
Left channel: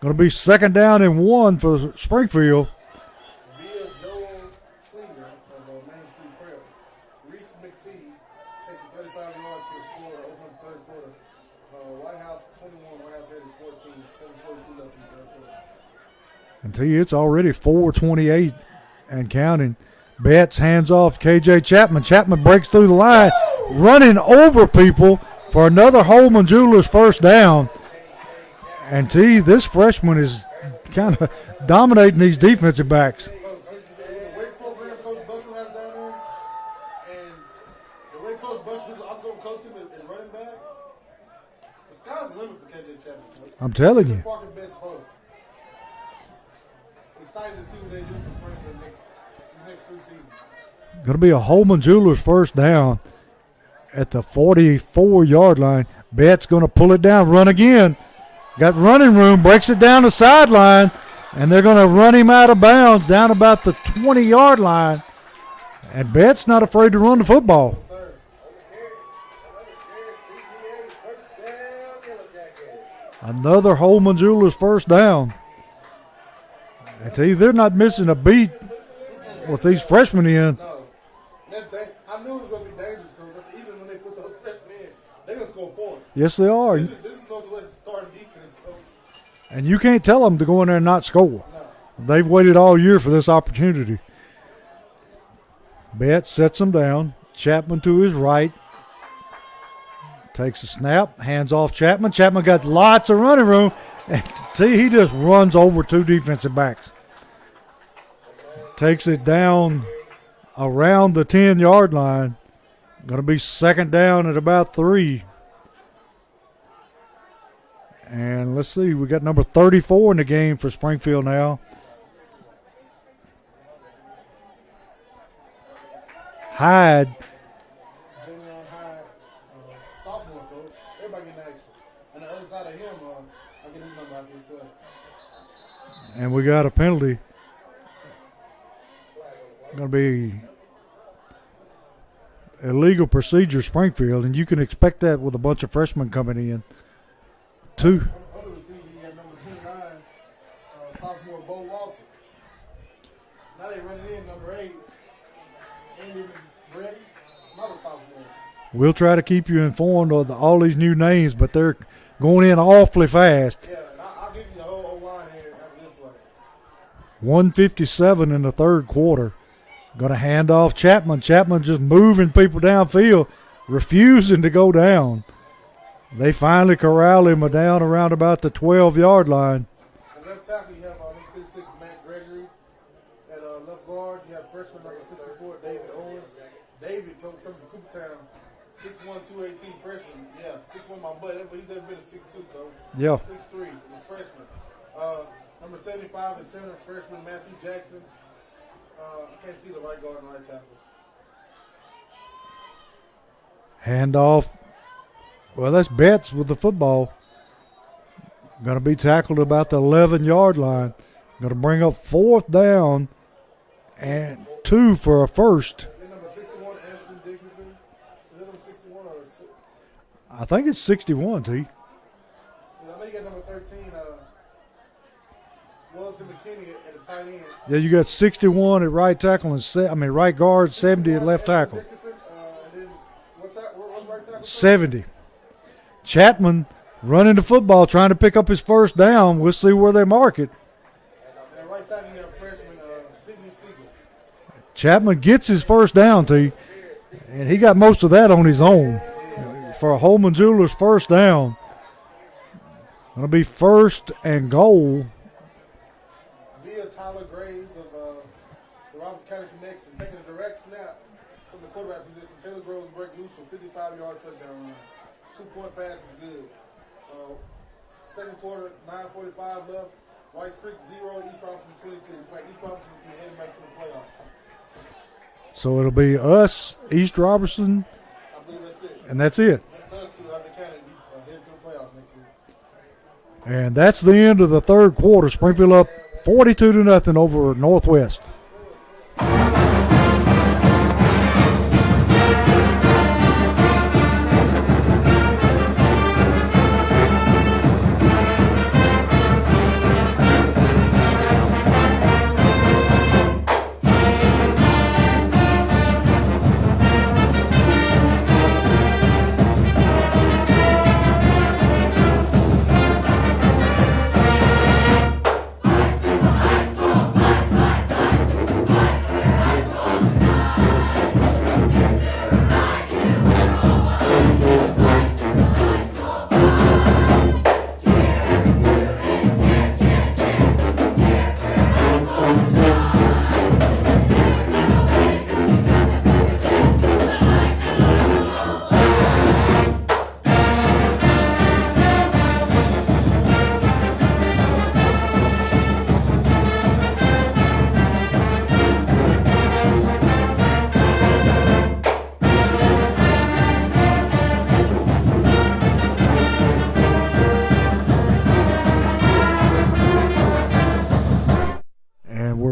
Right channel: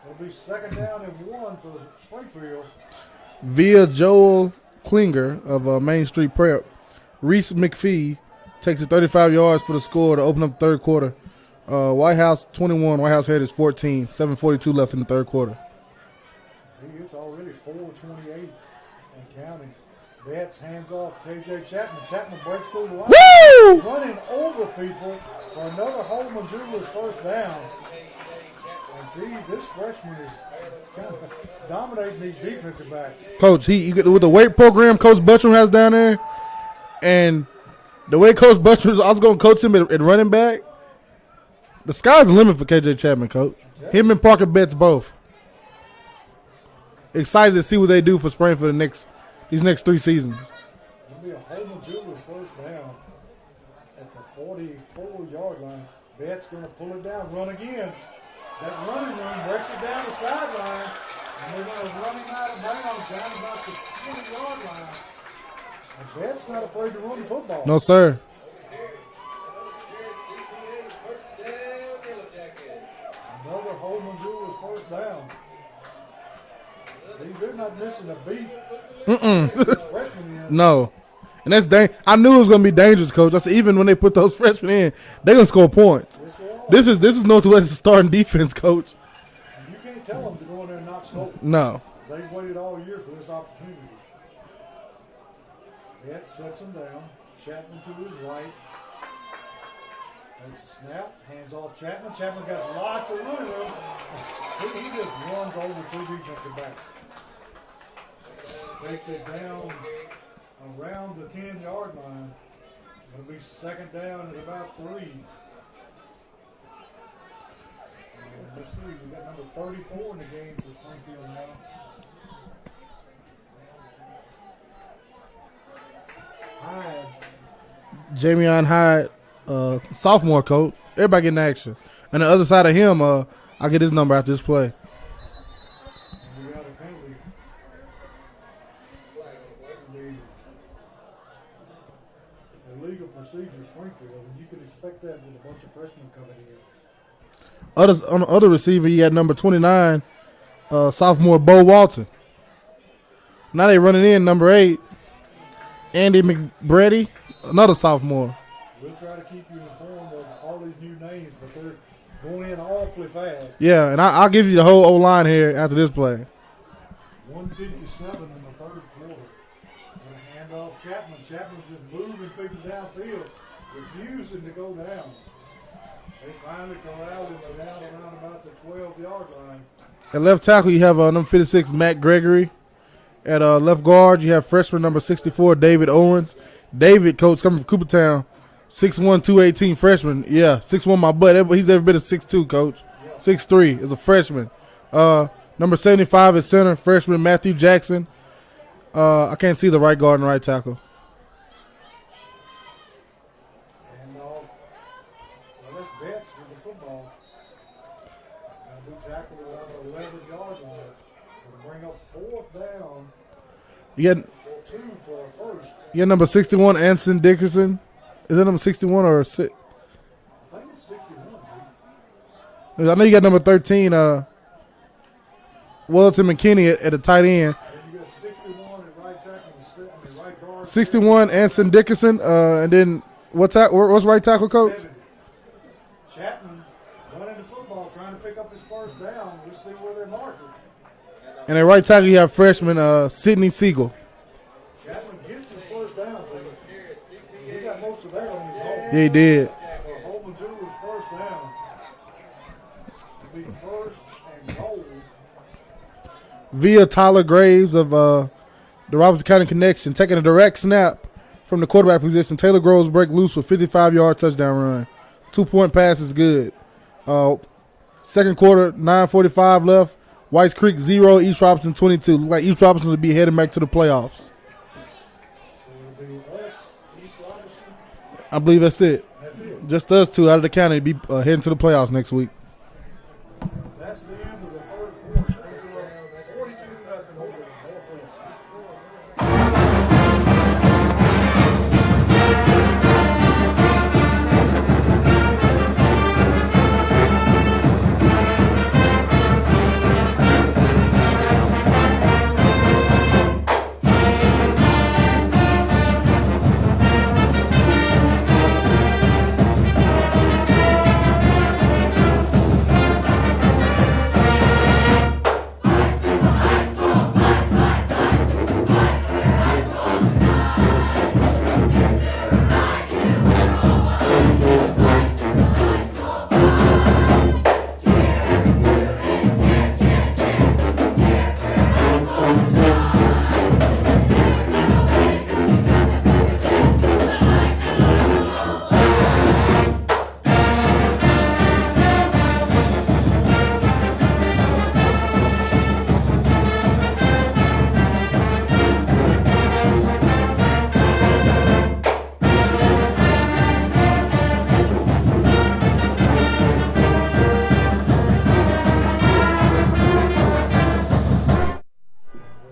Going to be 2nd down and 1 for Springfield. Via Joel Klinger of Main Street Prep, Reese McPhee takes it 35 yards for the score to open up the 3rd quarter. White House 21, White House Heritage 14, 7:42 left in the 3rd quarter. And tell you, it's already 4:28 and counting. Betts hands off KJ Chapman. Chapman breaks through the line, running over people for another Holman Jewelers 1st down. And this freshman is kind of dominating these defensive backs. Coach, with the weight program Coach Buttram has down there, and the way Coach Buttram, I was going to coach him at running back, the sky's the limit for KJ Chapman, Coach. I'm telling you. Him and Parker Betts both. Excited to see what they do for Springfield these next 3 seasons. Going to be a Holman Jewelers 1st down at the 44-yard line. Betts going to pull it down, run again. Got running room, breaks it down the sideline, and they're going to run him out of bounds down about the 20-yard line. And Betts not afraid to run the football. No, sir. Another Holman Jewelers 1st down. I tell you, they're not missing a beat with these freshmen in. No. And that's I knew it was going to be dangerous, Coach. I said, even when they put those freshmen in, they're going to score points. Yes, they are. This is Northwest's starting defense, Coach. And you can't tell them to go in there and not score. No. They've waited all year for this opportunity. Betts sets him down. Chapman to his right. Takes a snap. Hands off Chapman. Chapman got lots of running room. And see, he just runs over 2 defensive backs. Takes it down around the 10-yard line. Going to be second down at about 3. And let's see, we got number 34 in the game for Springfield now. Hyde. Jamion Hyde, sophomore coach. Everybody getting action. And the other side of him, I'll get his number after this play. And we got a penalty. Going to be illegal procedure, Springfield, and you can expect that with a bunch of freshmen coming in. On the other receiver, you had number 29, sophomore Bo Walton. Now they running in number 8, Andy McBready, another sophomore. We'll try to keep you informed of all these new names, but they're going in awfully fast. Yeah, and I'll give you the whole O-line here after this play. 1:57 in the third quarter. Going to hand off Chapman. Chapman just moving people downfield, refusing to go down. They finally corral him down around about the 12-yard line. At left tackle, you have number 56, Matt Gregory. At left guard, you have freshman number 64, David Owens. David, coach, coming from Coopertown, 6'1", 218 freshman. Yeah, 6'1", my butt. He's every bit of 6'2", coach. Yeah. 6'3", is a freshman. Number 75 at center, freshman Matthew Jackson. I can't see the right guard and right tackle. Handoff. Well, that's Betts with the football. Going to be tackled about the 11-yard line. Going to bring up 4th down. And 2 for a first. You got number 61, Anson Dickerson. Is that number 61 or 6? I think it's 61, T. I know you got number 13, Wellington McKinney at the tight end. Yeah, you got 61 at right tackle and right guard. 61, Anson Dickerson, and then what's right tackle, coach? 70. Chapman running the football, trying to pick up his first down. We'll see where they mark it. And at right tackle, you have freshman Sidney Siegel. Chapman gets his first down, T, and he got most of that on his own. He did. For a Holman Jewelers first down. It'll be 1st and goal. Via Tyler Graves of the Robertson County Connection, taking a direct snap from the quarterback position. Taylor Groves break loose with 55-yard touchdown run. 2-point pass is good. Second quarter, 9:45 left. Whites Creek 0, East Robertson 22. Look like East Robertson will be heading back to the playoffs. So it'll be us, East Robertson. I believe that's it. And that's it. Just us two out of the county to be heading to the playoffs next week. And that's the end of the third quarter. Springfield up 42-0 over Northwest.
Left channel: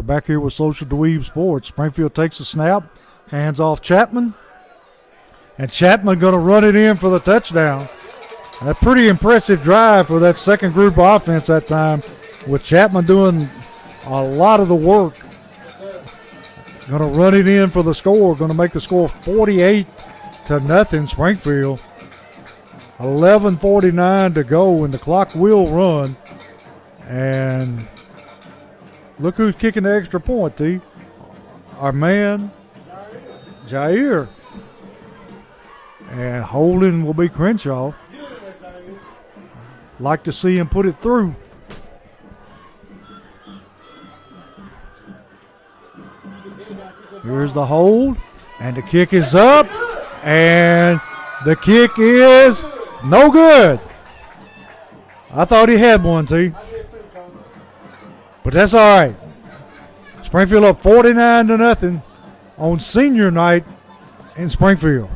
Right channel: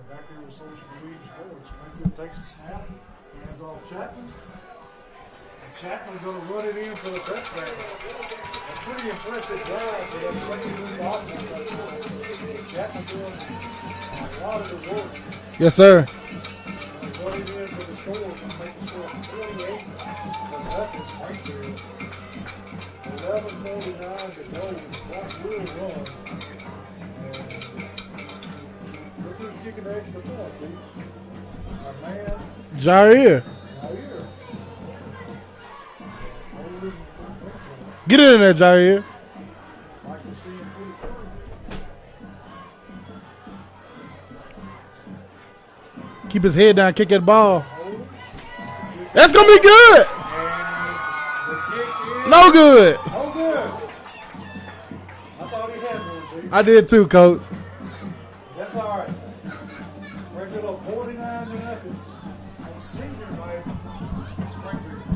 Back here with Social Dweeb Sports. Springfield takes a snap, hands off Chapman, and Chapman going to run it in for the touchdown. A pretty impressive drive for that second group offense that time, with Chapman doing a lot of the work. Yes, sir. Going to run it in for the score. Going to make the score 48-0 Springfield. 11:49 to go, and the clock will run. And look who's kicking the extra point, T. Our man, Jair. And holding will be Crenshaw. Get in there, Jair. Like to see him put it through. Keep his head down, kick that ball. Here's the hold. And the kick is That's up. going to be good. And the kick is No good. No good. I thought he had one, T. I did too, Coach. But that's all right. Springfield up 49-0 on senior night in Springfield.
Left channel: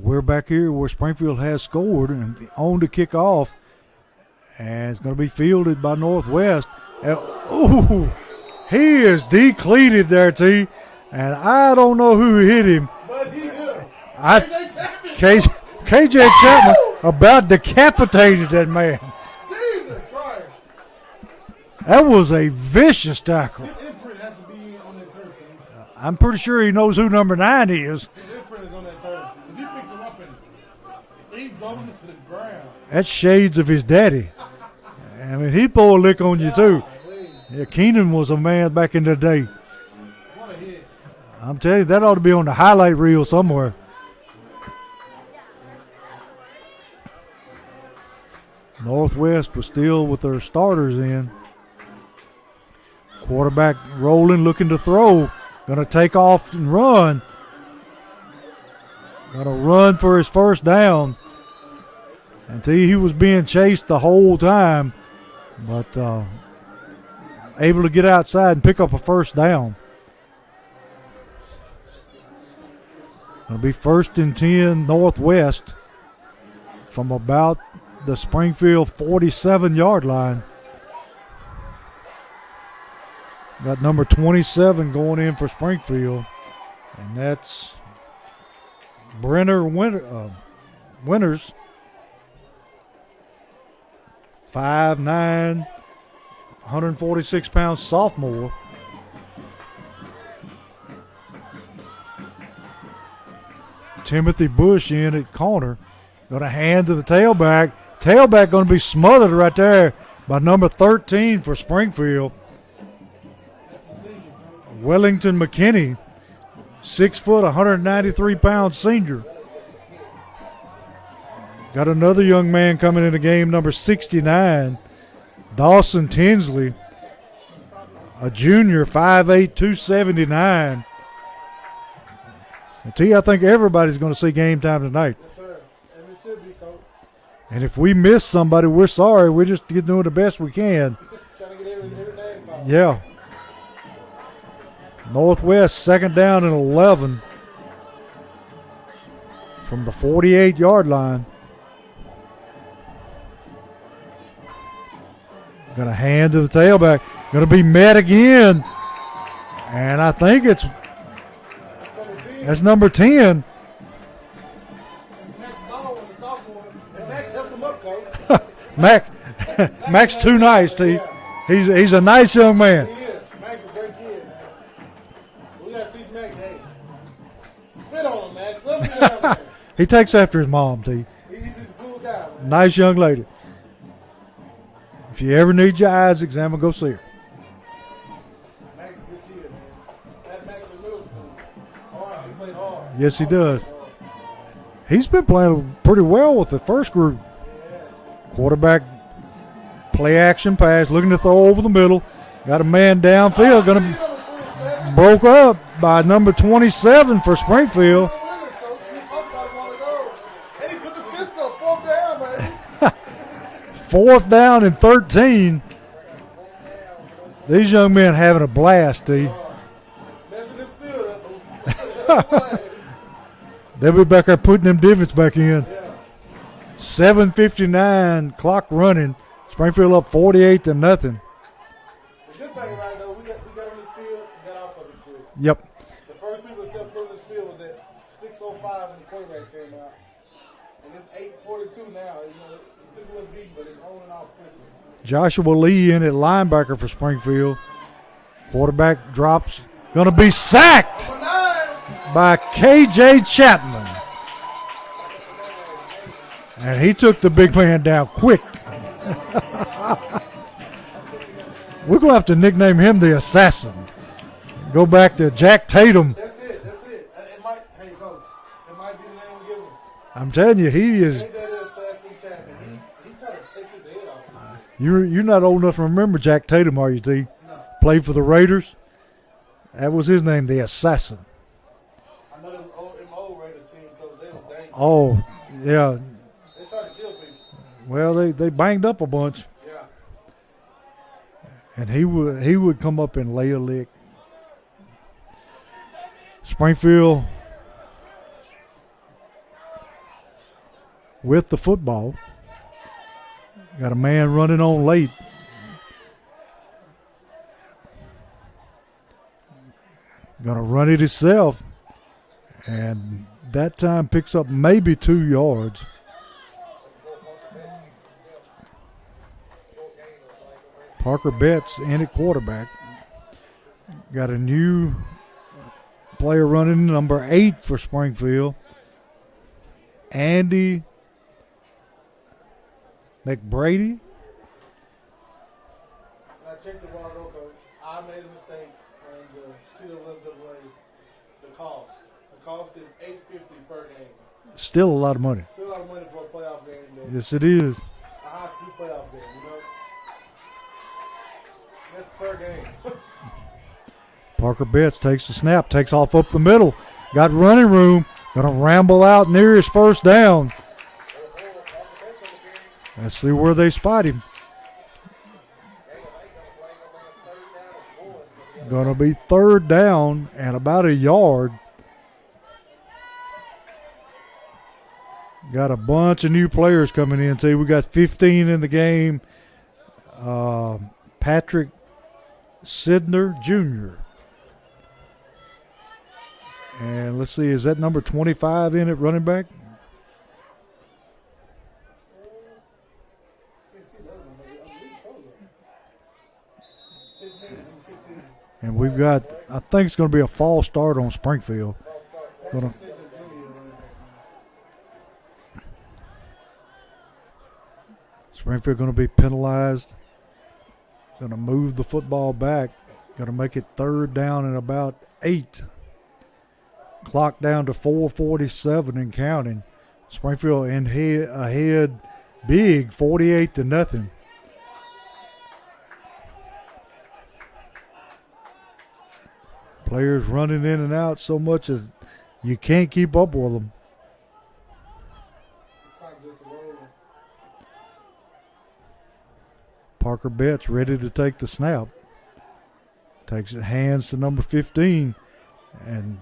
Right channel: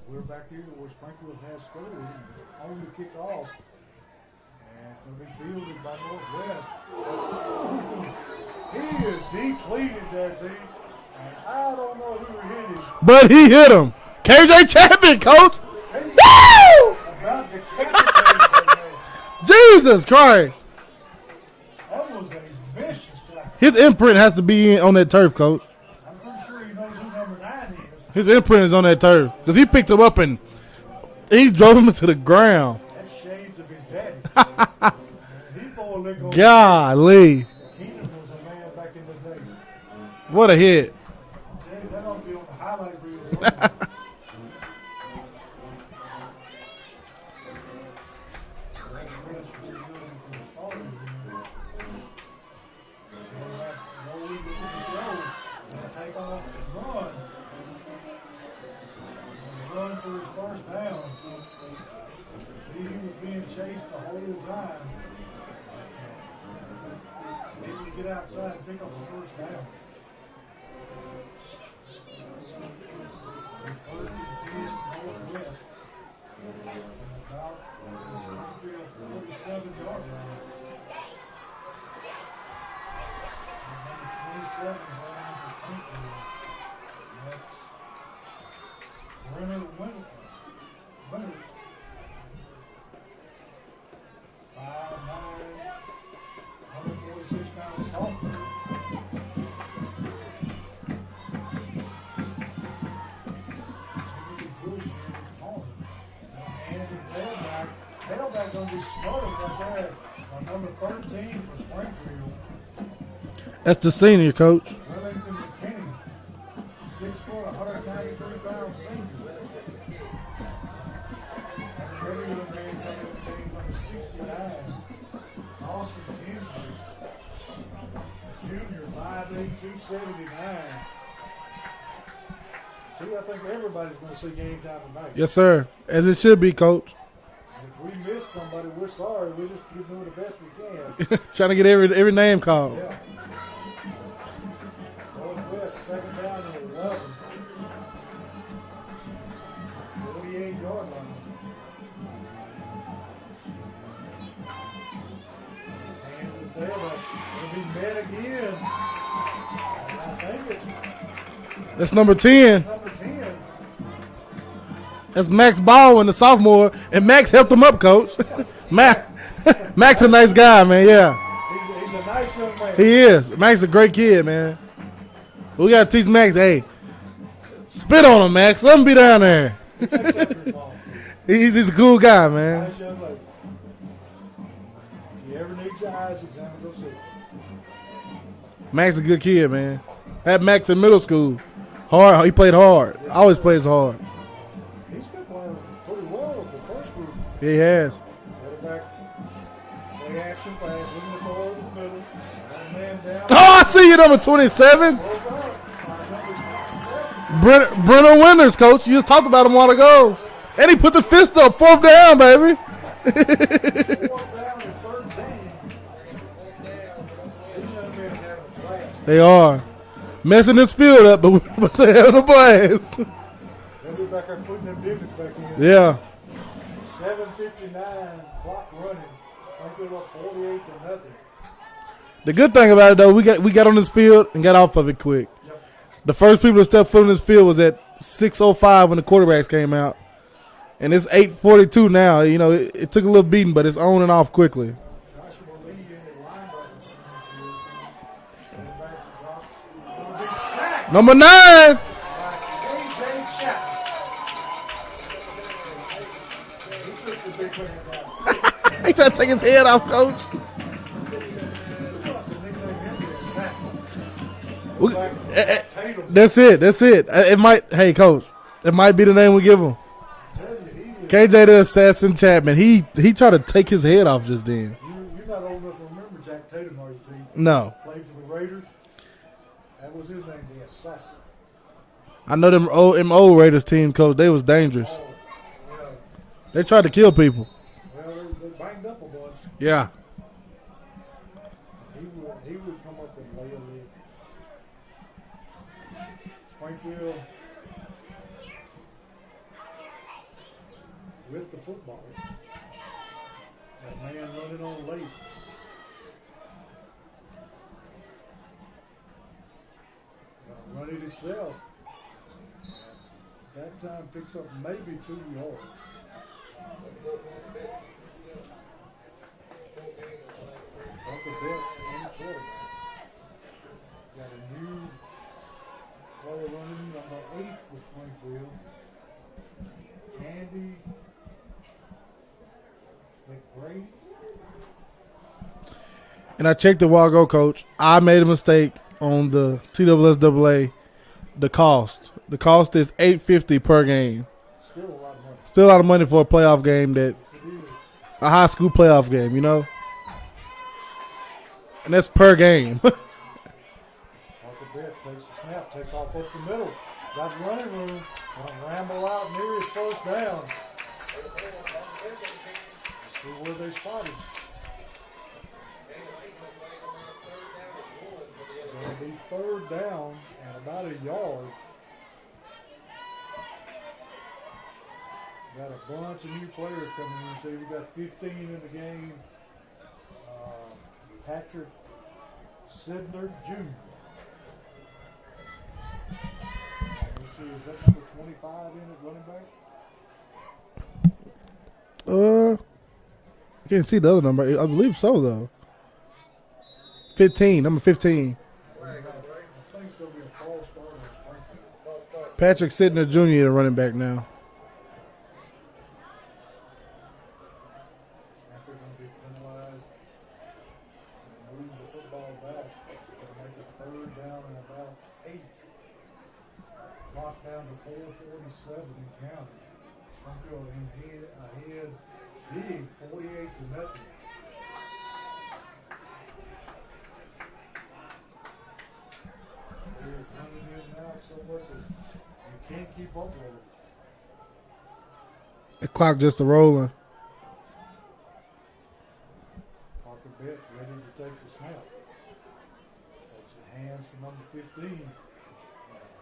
We're back here where Springfield has scored and on to kick off. And it's going to be fielded by Northwest. Ooh, he is decleated there, T. And I don't know who hit him. But he hit him. KJ Chapman, Coach. KJ Chapman about decapitated that man. Jesus Christ. That was a vicious tackle. His imprint has to be on that turf, Coach. I'm pretty sure he knows who number 9 is. His imprint is on that turf. Because he picked him up and he drove him to the ground. That's shades of his daddy. I mean, he pulled a lick on you, too. Golly. Yeah, Keenan was a man back in the day. What a hit. I'm telling you, that ought to be on the highlight reel somewhere. Northwest was still with their starters in. Quarterback rolling, looking to throw. Going to take off and run. Going to run for his first down. Until he was being chased the whole time. But able to get outside and pick up a first down. It'll be 1st and 10 Northwest from about the Springfield 47-yard line. Got number 27 going in for Springfield, and that's Brenner Winters, 5'9", 146-pound sophomore. Timothy Bush in at corner. Got a hand to the tailback. Tailback going to be smothered right there by number 13 for Springfield. That's the senior, Coach. Wellington McKinney, 6 foot, 193-pound senior. Got another young man coming in the game, number 69, Dawson Tinsley, a junior, 5'8", 279. T, I think everybody's going to see game time tonight. Yes, sir. As it should be, Coach. And if we miss somebody, we're sorry. We're just doing the best we can. Trying to get every name called. Yeah. Northwest, 2nd down and 11 from the 48-yard line. Got a hand to the tailback. Going to be met again. And I think that's number 10. That's number 10. That's Max Baldwin, the sophomore, and Max helped him up, Coach. Max a nice guy, man. Yeah, he's a nice young man. He is. Max a great kid, man. We gotta teach Max, hey, spit on him, Max. Let him be down there. He takes after his mom, too. He's a cool guy, man. Nice young lady. If you ever need your eyes examined, go see her. Max a good kid, man. Had Max in middle school. Hard. He played hard. Yes, he always does. plays hard. He's been playing pretty well with the first group. He has. Quarterback play action pass, looking to throw over the middle. Got a man downfield. Oh, I see you, number 27. Broke up by number 27 for Springfield. Bruno Winters, coach. You just talked about him a while ago. And he put the fist up. 4th down, baby. 4th down and 13. These young men having a blast. They are. Messing this field up, but they're having a blast. They'll be back there putting them divots back in. Yeah. 7:59, clock running. Springfield up 48-0. The good thing about it, though, we got on this field and got off of it quick. Yep. The first people to step foot on this field was at 6:05 when the quarterbacks came out. And it's 8:42 now. You know, it took a little beating, but it's on and off quickly. Joshua Lee in at linebacker for Springfield. Quarterback drops. Going to be sacked. Number 9. By K.J. Chapman. And he took the big man down quick. He tried to take his head off, coach. We're going to have to nickname him the Assassin. Go back to Jack Tatum. That's it. It might, hey, coach, it might be the name we give him. I'm telling you, he is. KJ the Assassin Chapman. He tried to take his head off just then. You're not old enough to remember Jack Tatum, are you, T? No. Played for the Raiders. That was his name, the Assassin. I know them old Raiders team, coach. They was dangerous. Oh, yeah. They tried to kill people. Well, they banged up a bunch. Yeah. And he would come up and lay a lick. Springfield with the football. Got a man running on late. Gonna run it himself. And that time picks up maybe 2 yards. Parker Betts in at quarterback. Got a new player running, number 8 for Springfield. Andy McBrady. And I checked a while ago, coach. I made a mistake on the TSSAA. The cost. The cost is $850 per game. Still a lot of money. Still a lot of money for a playoff game. Yes, it is. A high school playoff game, you know? And that's per game. Parker Betts takes the snap, takes off up the middle. Got running room. Gonna ramble out near his first down. Let's see where they spot him. Gonna be 3rd down and about a yard. Got a bunch of new players coming in. See, we got 15 in the game. Patrick Sidner Jr. And let's see, is that number 25 in at running back? Can't see the other number. I believe so, though. 15, number 15. And we've got, I think it's going to be a false start on Springfield. Patrick Sidner Jr. the running back now. Springfield going to be penalized. Going to move the football back. Going to make it 3rd down and about 8. Clock down to 4:47 and counting. Springfield ahead big, 48-0. Players running in and out so much as you can't keep up with them. The clock just a rolling. Parker Betts ready to take the snap. Takes it hands to number 15. And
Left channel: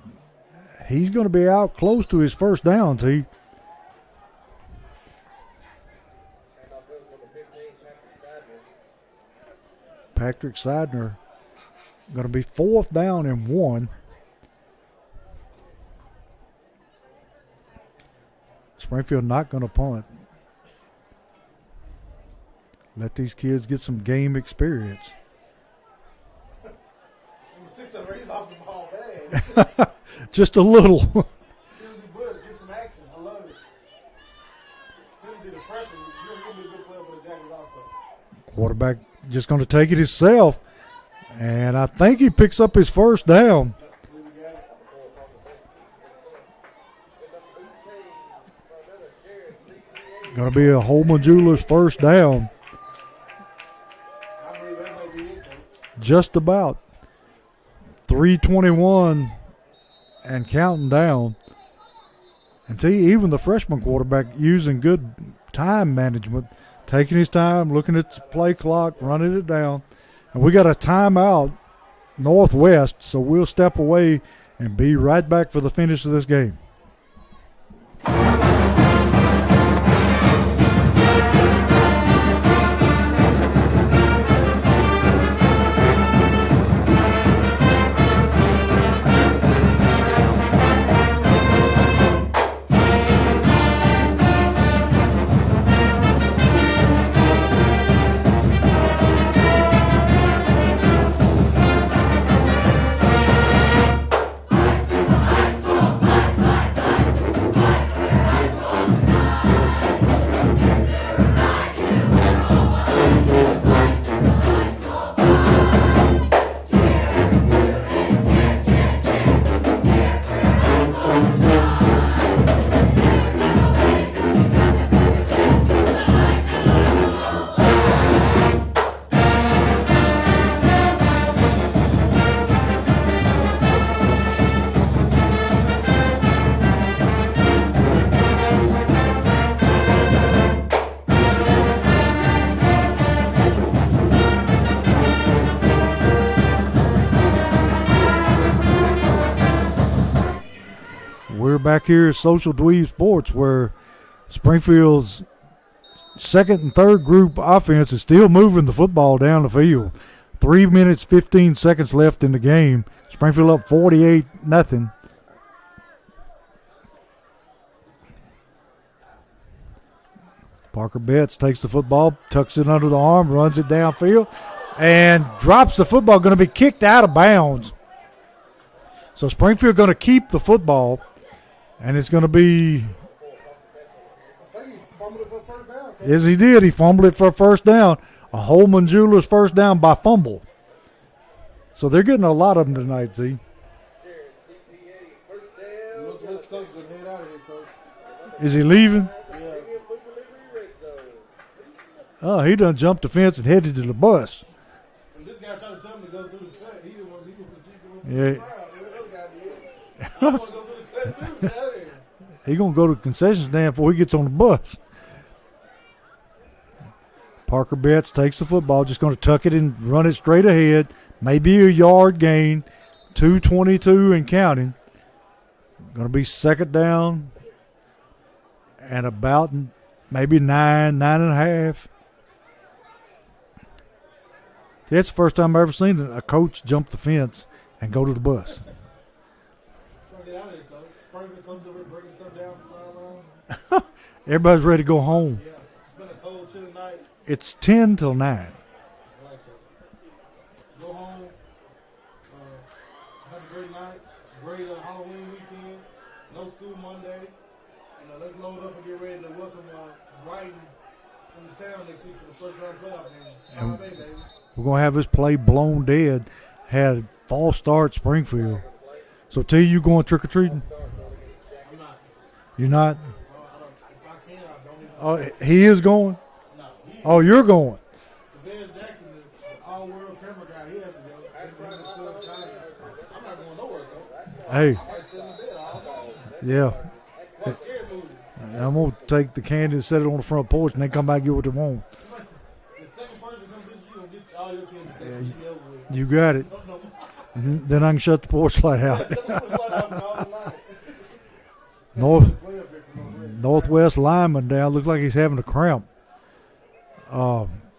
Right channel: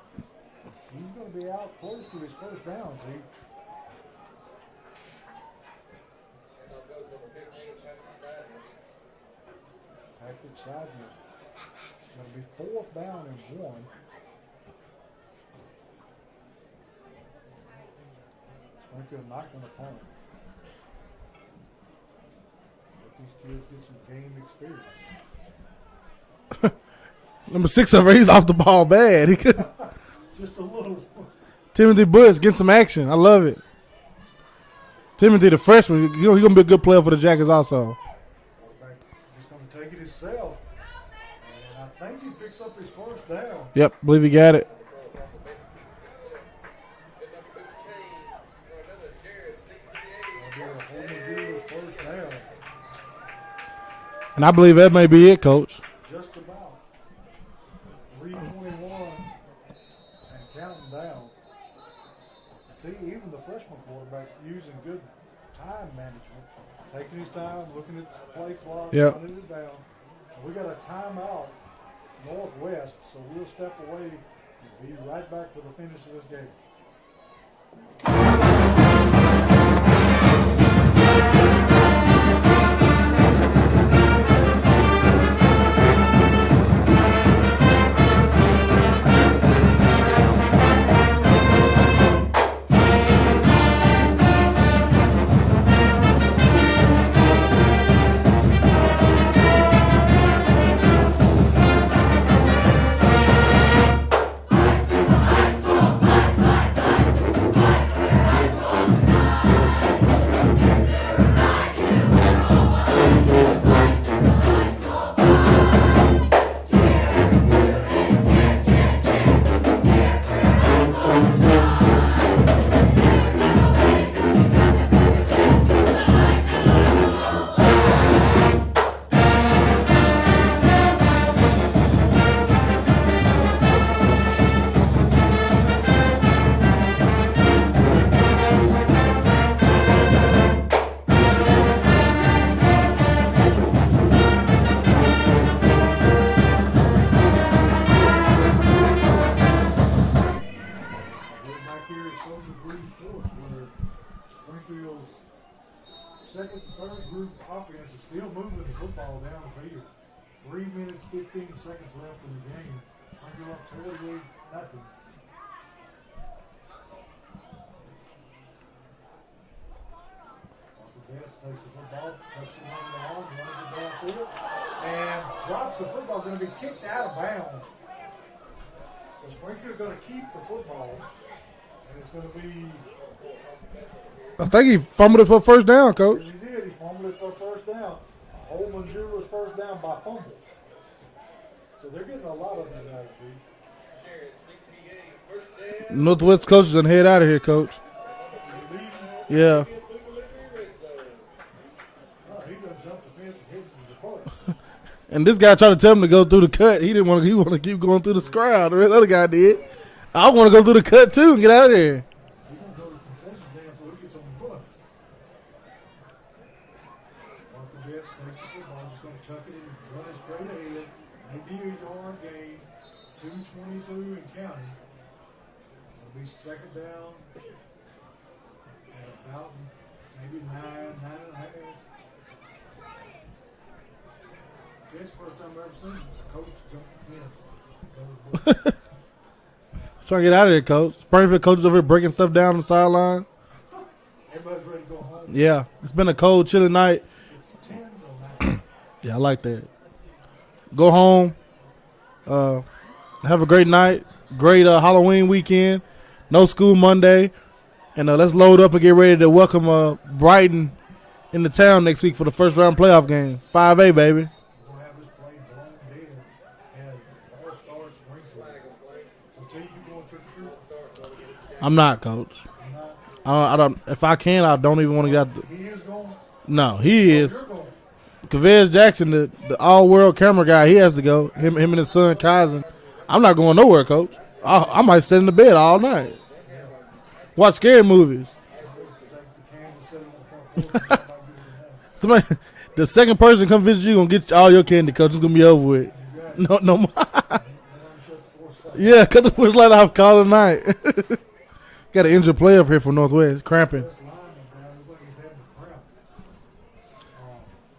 he's going to be out close to his first down, T. Patrick Sidner going to be 4th down and 1. Springfield not going to punt. Let these kids get some game experience. Number 6 over, he's off the ball bad. Just a little. Timothy Bush getting some action. I love it. Timothy, the freshman, he's going to be a good player for the Jackets also. Quarterback just going to take it himself. And I think he picks up his first down. Yep, believe he got it. Going to be a Holman Jewelers first down. And I believe that may be it, Coach. Just about. 3:21 and counting down. And see, even the freshman quarterback using good time management, taking his time, looking at the play clock, running it down. And we got a timeout, Northwest, so we'll step away and be right back for the finish of this game. Back here at Social Dweeb Sports, where Springfield's second and third group offense is still moving the football down the field. 3 minutes, 15 seconds left in the game. Springfield up 48-0. Parker Betts takes the football, tucks it under the arm, runs it downfield, and drops the football. Going to be kicked out of bounds. So Springfield going to keep the football. And it's going to be. I think he fumbled it for a first down, Coach. Yes, he did. He fumbled it for a first down. A Holman Jewelers first down by fumble. So they're getting a lot of them tonight, see. Northwest coach is going to head out of here, Coach. Is he leaving? Yeah. Oh, he done jumped the fence and headed to the bus. And this guy tried to tell him to go through the cut. He didn't want to. He wanted to keep going through the crowd. The other guy did. I want to go through the cut, too, and get out of there. He going to go to the concession stand before he gets on the bus. Parker Betts takes the football, just going to tuck it and run it straight ahead. Maybe a yard gain. 2:22 and counting. Going to be second down and about maybe 9.5. That's the first time I've ever seen a coach jump the fence and go to the bus. Trying to get out of here, Coach. Springfield coaches over here breaking stuff down on the sideline. Everybody's ready to go home. Yeah. It's been a cold, chilly night. It's 10 till 9. Yeah, I like that. Go home. Have a great night. Great Halloween weekend. No school Monday. And let's load up and get ready to welcome Brighton in the town next week for the first round playoff game. 5A, baby. We're going to have this play blown dead. Had false start Springfield. So, T, you going trick-or-treating? I'm not, Coach. You're not? I don't. If I can, I don't even want to get out. He is going? No, he is. Oh, you're going? Kavez Jackson, the all-world camera guy, he has to go. Him and his son, Kaizen. I'm not going nowhere, Coach. I might sit in the bed all night. Yeah. Watch scary movies. I'm going to take the candy and set it on the front porch and then come back and get what they want. Somebody, the second person come visit you going to get all your candy, Coach. It's going to be over with. You got it. No more. Then I can shut the porch light out. Yeah, cut the porch light off, call it night. Got an injured player up here for Northwest. Northwest lineman down. Looks like he's having a cramp.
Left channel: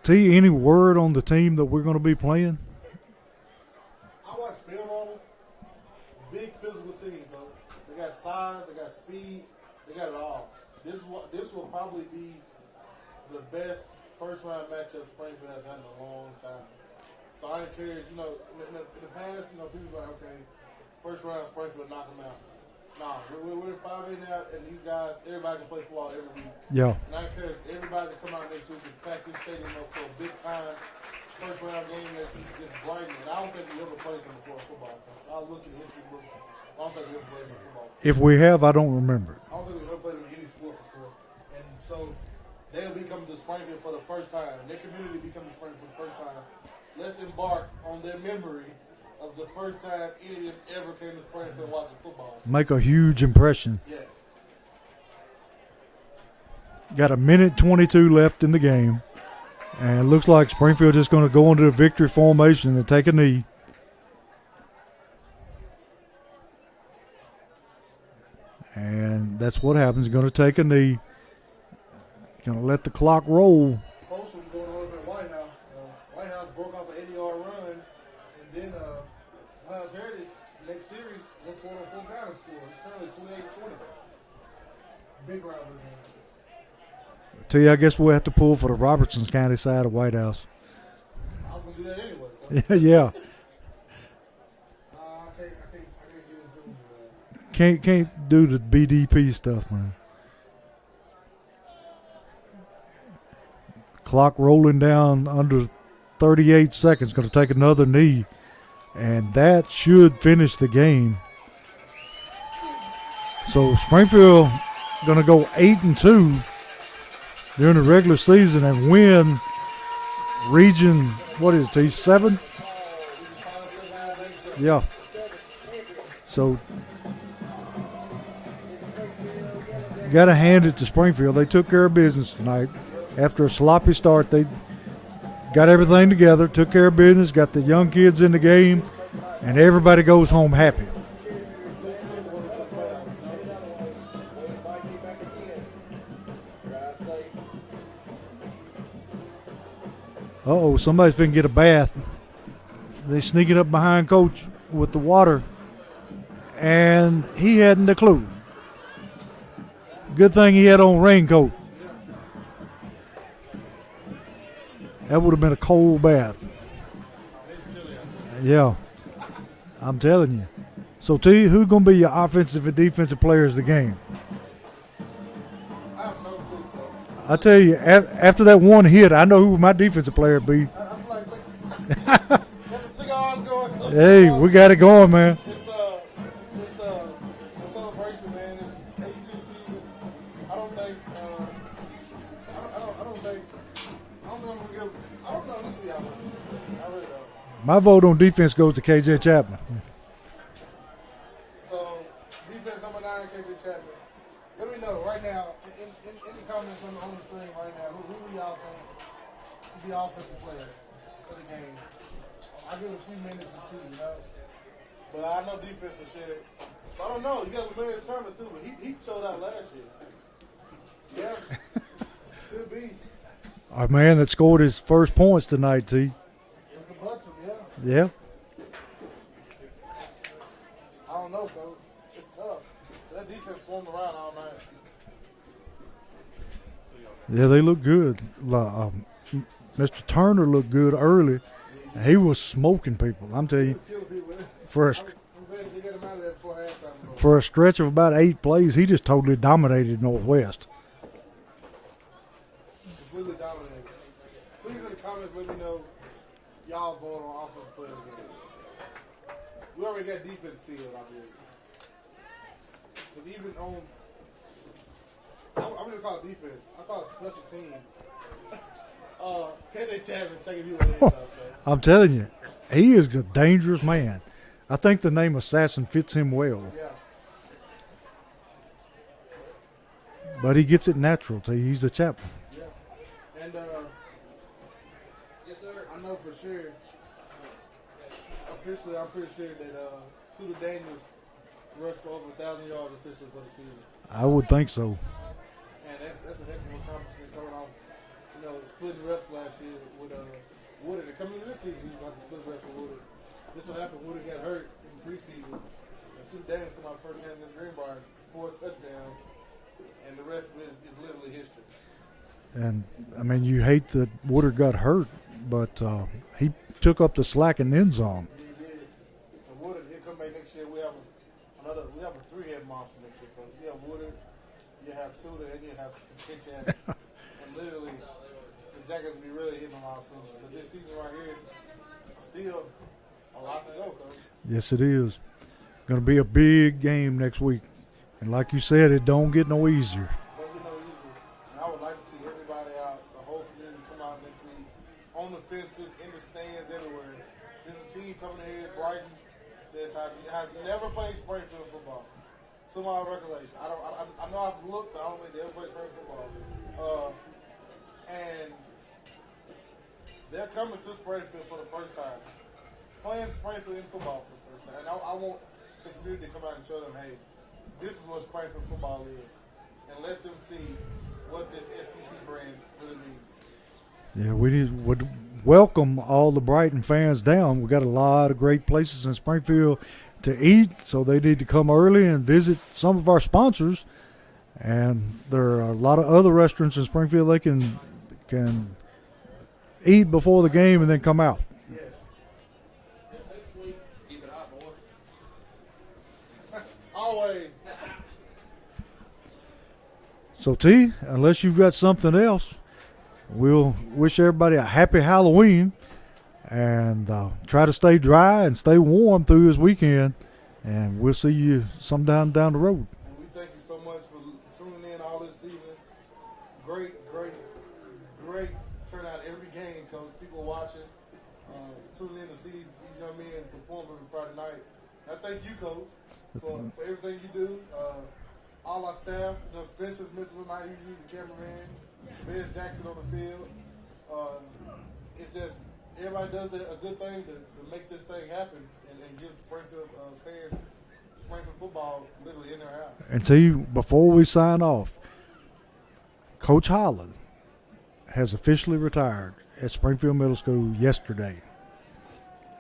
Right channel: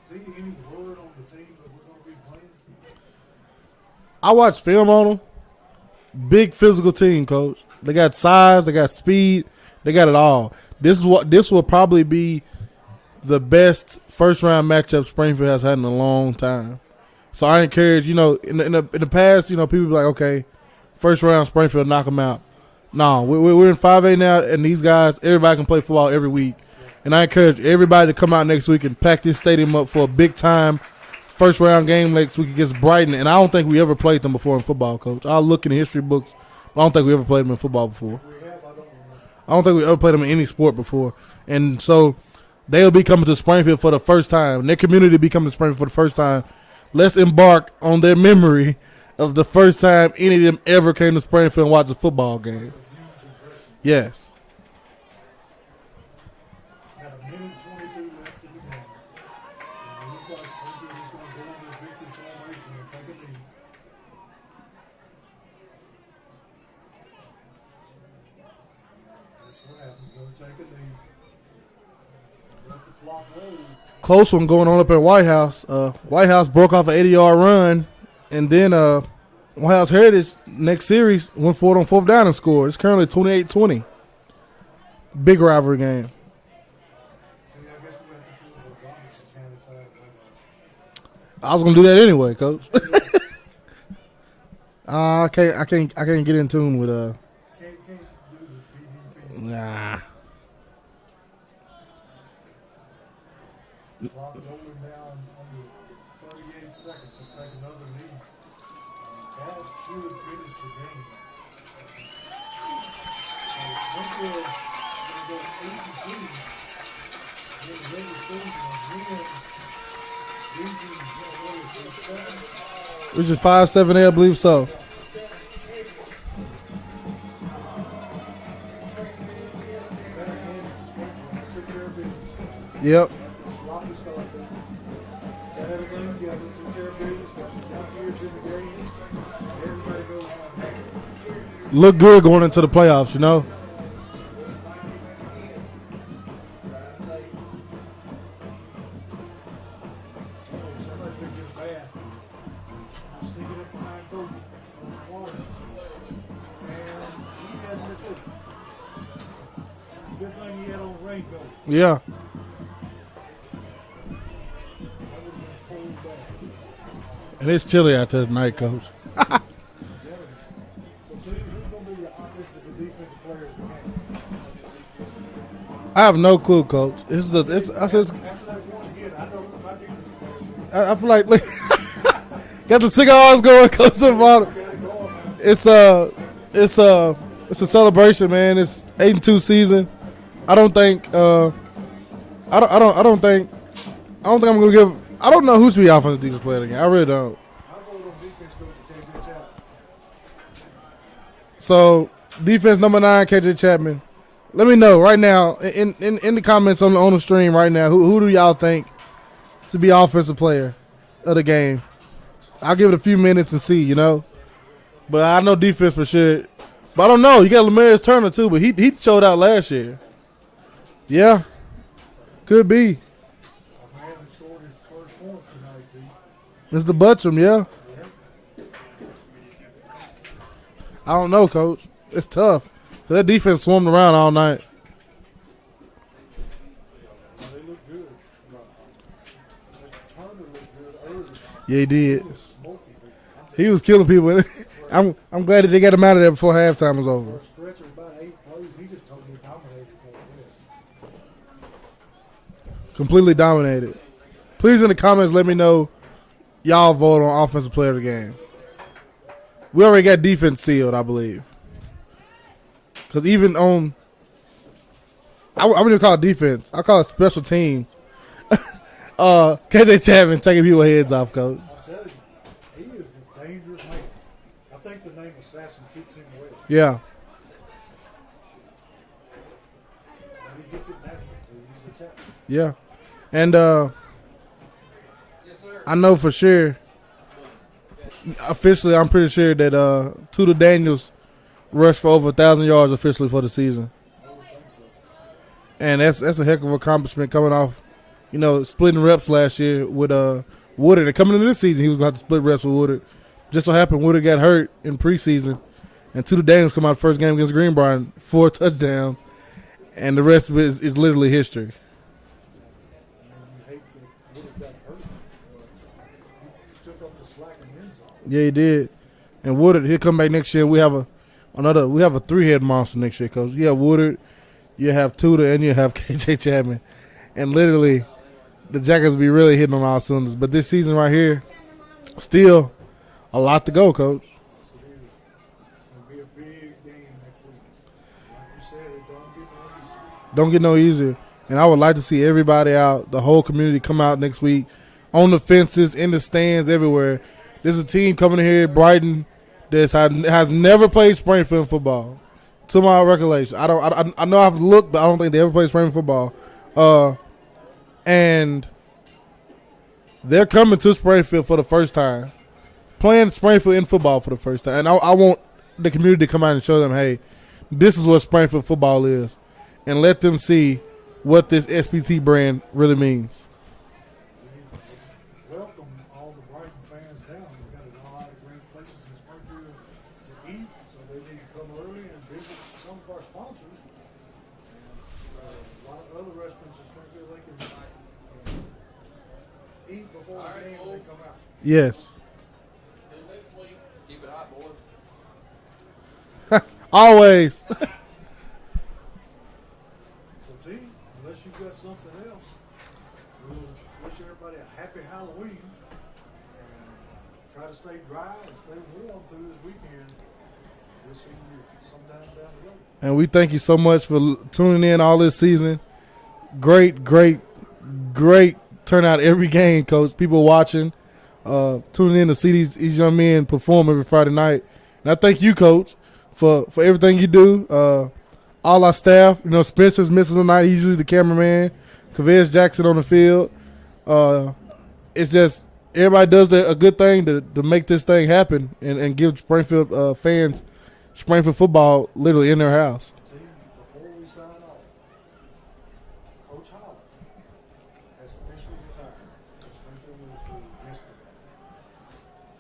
T, any word on the team that we're going to be playing? I watched film on them. Big physical team, Coach. They got size. They got speed. They got it all. This will probably be the best first round matchup Springfield has had in a long time. So I encourage, in the past, people be like, okay, first round Springfield, knock them out. No, we're in 5A now, and these guys, everybody can play football every week. Yeah. And I encourage everybody to come out next week and pack this stadium up for a big time first round game next week against Brighton. And I don't think we ever played them before in football, Coach. I'll look in the history books. I don't think we ever played them in football before. If we have, I don't remember. I don't think we ever played them in any sport before. And so they'll be coming to Springfield for the first time. And their community will be coming to Springfield for the first time. Let's embark on their memory of the first time any of them ever came to Springfield and watched a football game. Make a huge impression. Yes. Got a minute 22 left in the game. And it looks like Springfield is going to go into the victory formation and take a knee. And that's what happens. Going to take a knee. Going to let the clock roll. Close one going on up at White House. White House broke off an 80-yard run. And then White House Heritage, next series, went for it on 4th down and scored. It's currently 28-20. Big rivalry game. Tell you, I guess we'll have to pull for the Robertson County side of White House. I was gonna do that anyway, Coach. Yeah. I can't get in tune with Can't do the BDP stuff. Nah. Clock rolling down under 38 seconds. Going to take another knee, and that should finish the game. So Springfield going to go 8-2 during the regular season and win region. What is it? 7? Region 5, 7A, I believe so. Yeah. So got to hand it to Springfield. They took care of business tonight. Yep. After a sloppy start, they got everything together, took care of business, got the young kids in the game, and everybody goes home happy. Look good going into the playoffs, you know. Uh-oh, somebody's finna get a bath. They sneaking up behind Coach with the water, and he hadn't a clue. Good thing he had on raincoat. Yeah. That would have been a cold bath. And it's chilly out there tonight, Yeah. Coach. I'm telling you. So, T, who's going to be your offensive and defensive players of the game? I have no clue, Coach. I tell you, after that one hit, I know who my defensive player would be. I feel like got the cigars going, Coach. Hey, we got it going, man. It's a celebration, man. It's 8-2 season. I don't think I'm gonna give. I don't know who should be offensive defensive player again. I really don't. My vote on defense goes to KJ Chapman. So defense number 9, KJ Chapman. Let me know right now in the comments on the stream right now. Who do y'all think to be offensive player of the game? I'll give it a few minutes and see, you know. But I know defense for sure. But I don't know. You got Lamarius Turner too, but he showed out last year. Yeah, could be. Our man that scored his first points tonight, T. Mr. Buttram, yeah. Yeah. I don't know, Coach. It's tough. That defense swarmed around all night. Yeah, they look good. Mr. Turner looked good early. Yeah, he did. He was smoking people. I'm telling you. He was killing people. I'm glad that they got him out of there before halftime was over. For a stretch of about 8 plays, he just totally dominated Northwest. Completely dominated. Please in the comments let me know y'all vote on offensive player of the game. We already got defense sealed, I believe. Because even on, I wouldn't even call it defense. I call it special teams. KJ Chapman taking people's heads off, Coach. I'm telling you, he is a dangerous man. I think the name Assassin fits him well. Yeah. But he gets it natural. He's a chaplain. Yeah. And I know for sure, officially, I'm pretty sure that Tudor Daniels rushed for over 1,000 yards officially for the season. I would think so. And that's a heck of an accomplishment coming off, you know, splitting reps last year with Woodard. And coming into this season, he was going to have to split reps with Woodard. Just so happened Woodard got hurt in preseason. And Tudor Daniels come out the first game against Greenbrier, 4 touchdowns. And the rest of it is literally history. And, I mean, you hate that Woodard got hurt, but he took up the slack in the end zone. Yeah, he did. And Woodard, he'll come back next year. We have a 3-head monster next year, Coach. You have Woodard, you have Tudor, and you have KJ Chapman. And literally, the Jackets will be really hitting on all cylinders. But this season right here, still a lot to go, Coach. Yes, it is. Going to be a big game next week. And like you said, it don't get no easier. Don't get no easier. And I would like to see everybody out, the whole community come out next week, on the fences, in the stands, everywhere. There's a team coming here, Brighton, that has never played Springfield football, to my recollection. I know I've looked, but I don't think they ever played Springfield football. And they're coming to Springfield for the first time, playing Springfield in football for the first time. And I want the community to come out and show them, hey, this is what Springfield football is, and let them see what this SPT brand really means. Yeah, would welcome all the Brighton fans down. We got a lot of great places in Springfield to eat, so they need to come early and visit some of our sponsors. And there are a lot of other restaurants in Springfield they can eat before the game and then come out. Yes. Always. So, T, unless you've got something else, we'll wish everybody a happy Halloween and try to stay dry and stay warm through this weekend. And we'll see you sometime down the road. And we thank you so much for tuning in all this season. Great turnout every game, Coach. People watching, tuning in to see these young men perform every Friday night. And I thank you, Coach, for everything you do. All our staff, Spencer's missing tonight. He's usually the cameraman. Kavez Jackson on the field. It's just everybody does a good thing to make this thing happen and give Springfield fans Springfield football literally in their house. And to you, before we sign off, Coach Holland has officially retired at Springfield Middle School yesterday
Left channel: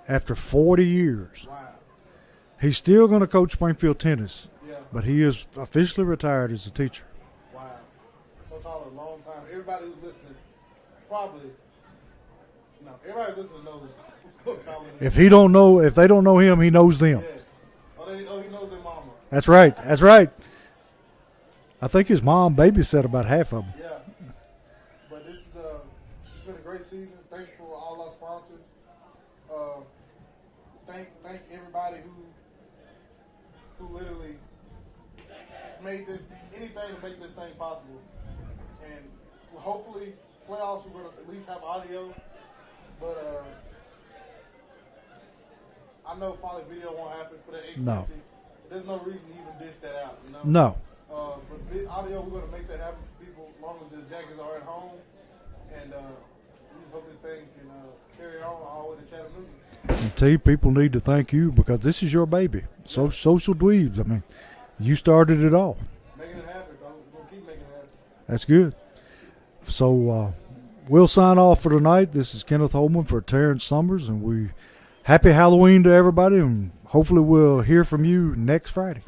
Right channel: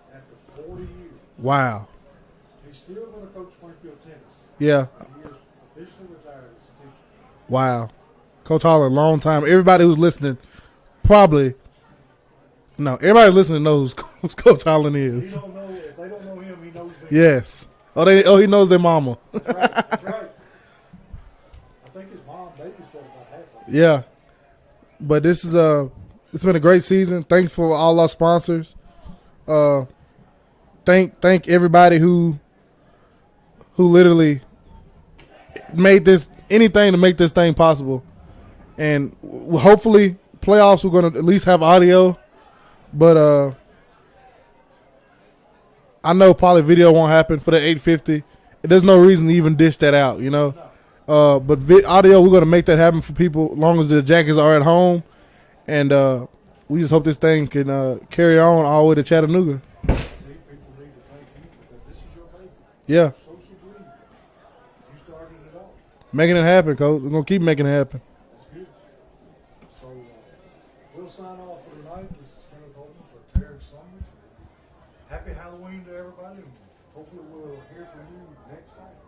after 40 years. Wow. He's still going to coach Springfield tennis. Yeah. But he is officially retired as a teacher. Wow. Coach Holland, long time. Everybody who's listening everybody listening knows who Coach Holland is. If they don't know him, he knows them. Yes. He knows their mama. That's right. That's right. I think his mom babysat about half of it. Yeah. But this is it's been a great season. Thanks for all our sponsors. Thank everybody who literally made anything to make this thing possible. And hopefully playoffs we're going to at least have audio. But I know probably video won't happen for the 850. No. There's no reason to even dish that out, No. But audio, we're going to make that happen for people as long as the Jackets are at home. And we just hope this thing can carry on all the way to Chattanooga. And people need to thank you because this is your baby. Yeah. Social Dweebs. I mean, you started it all. Making it happen, Coach. We're going to keep making it happen. That's good. So we'll sign off for tonight. This is Kenneth Holman for Terrence Summers, and happy Halloween to everybody, and hopefully we'll hear from you next Friday.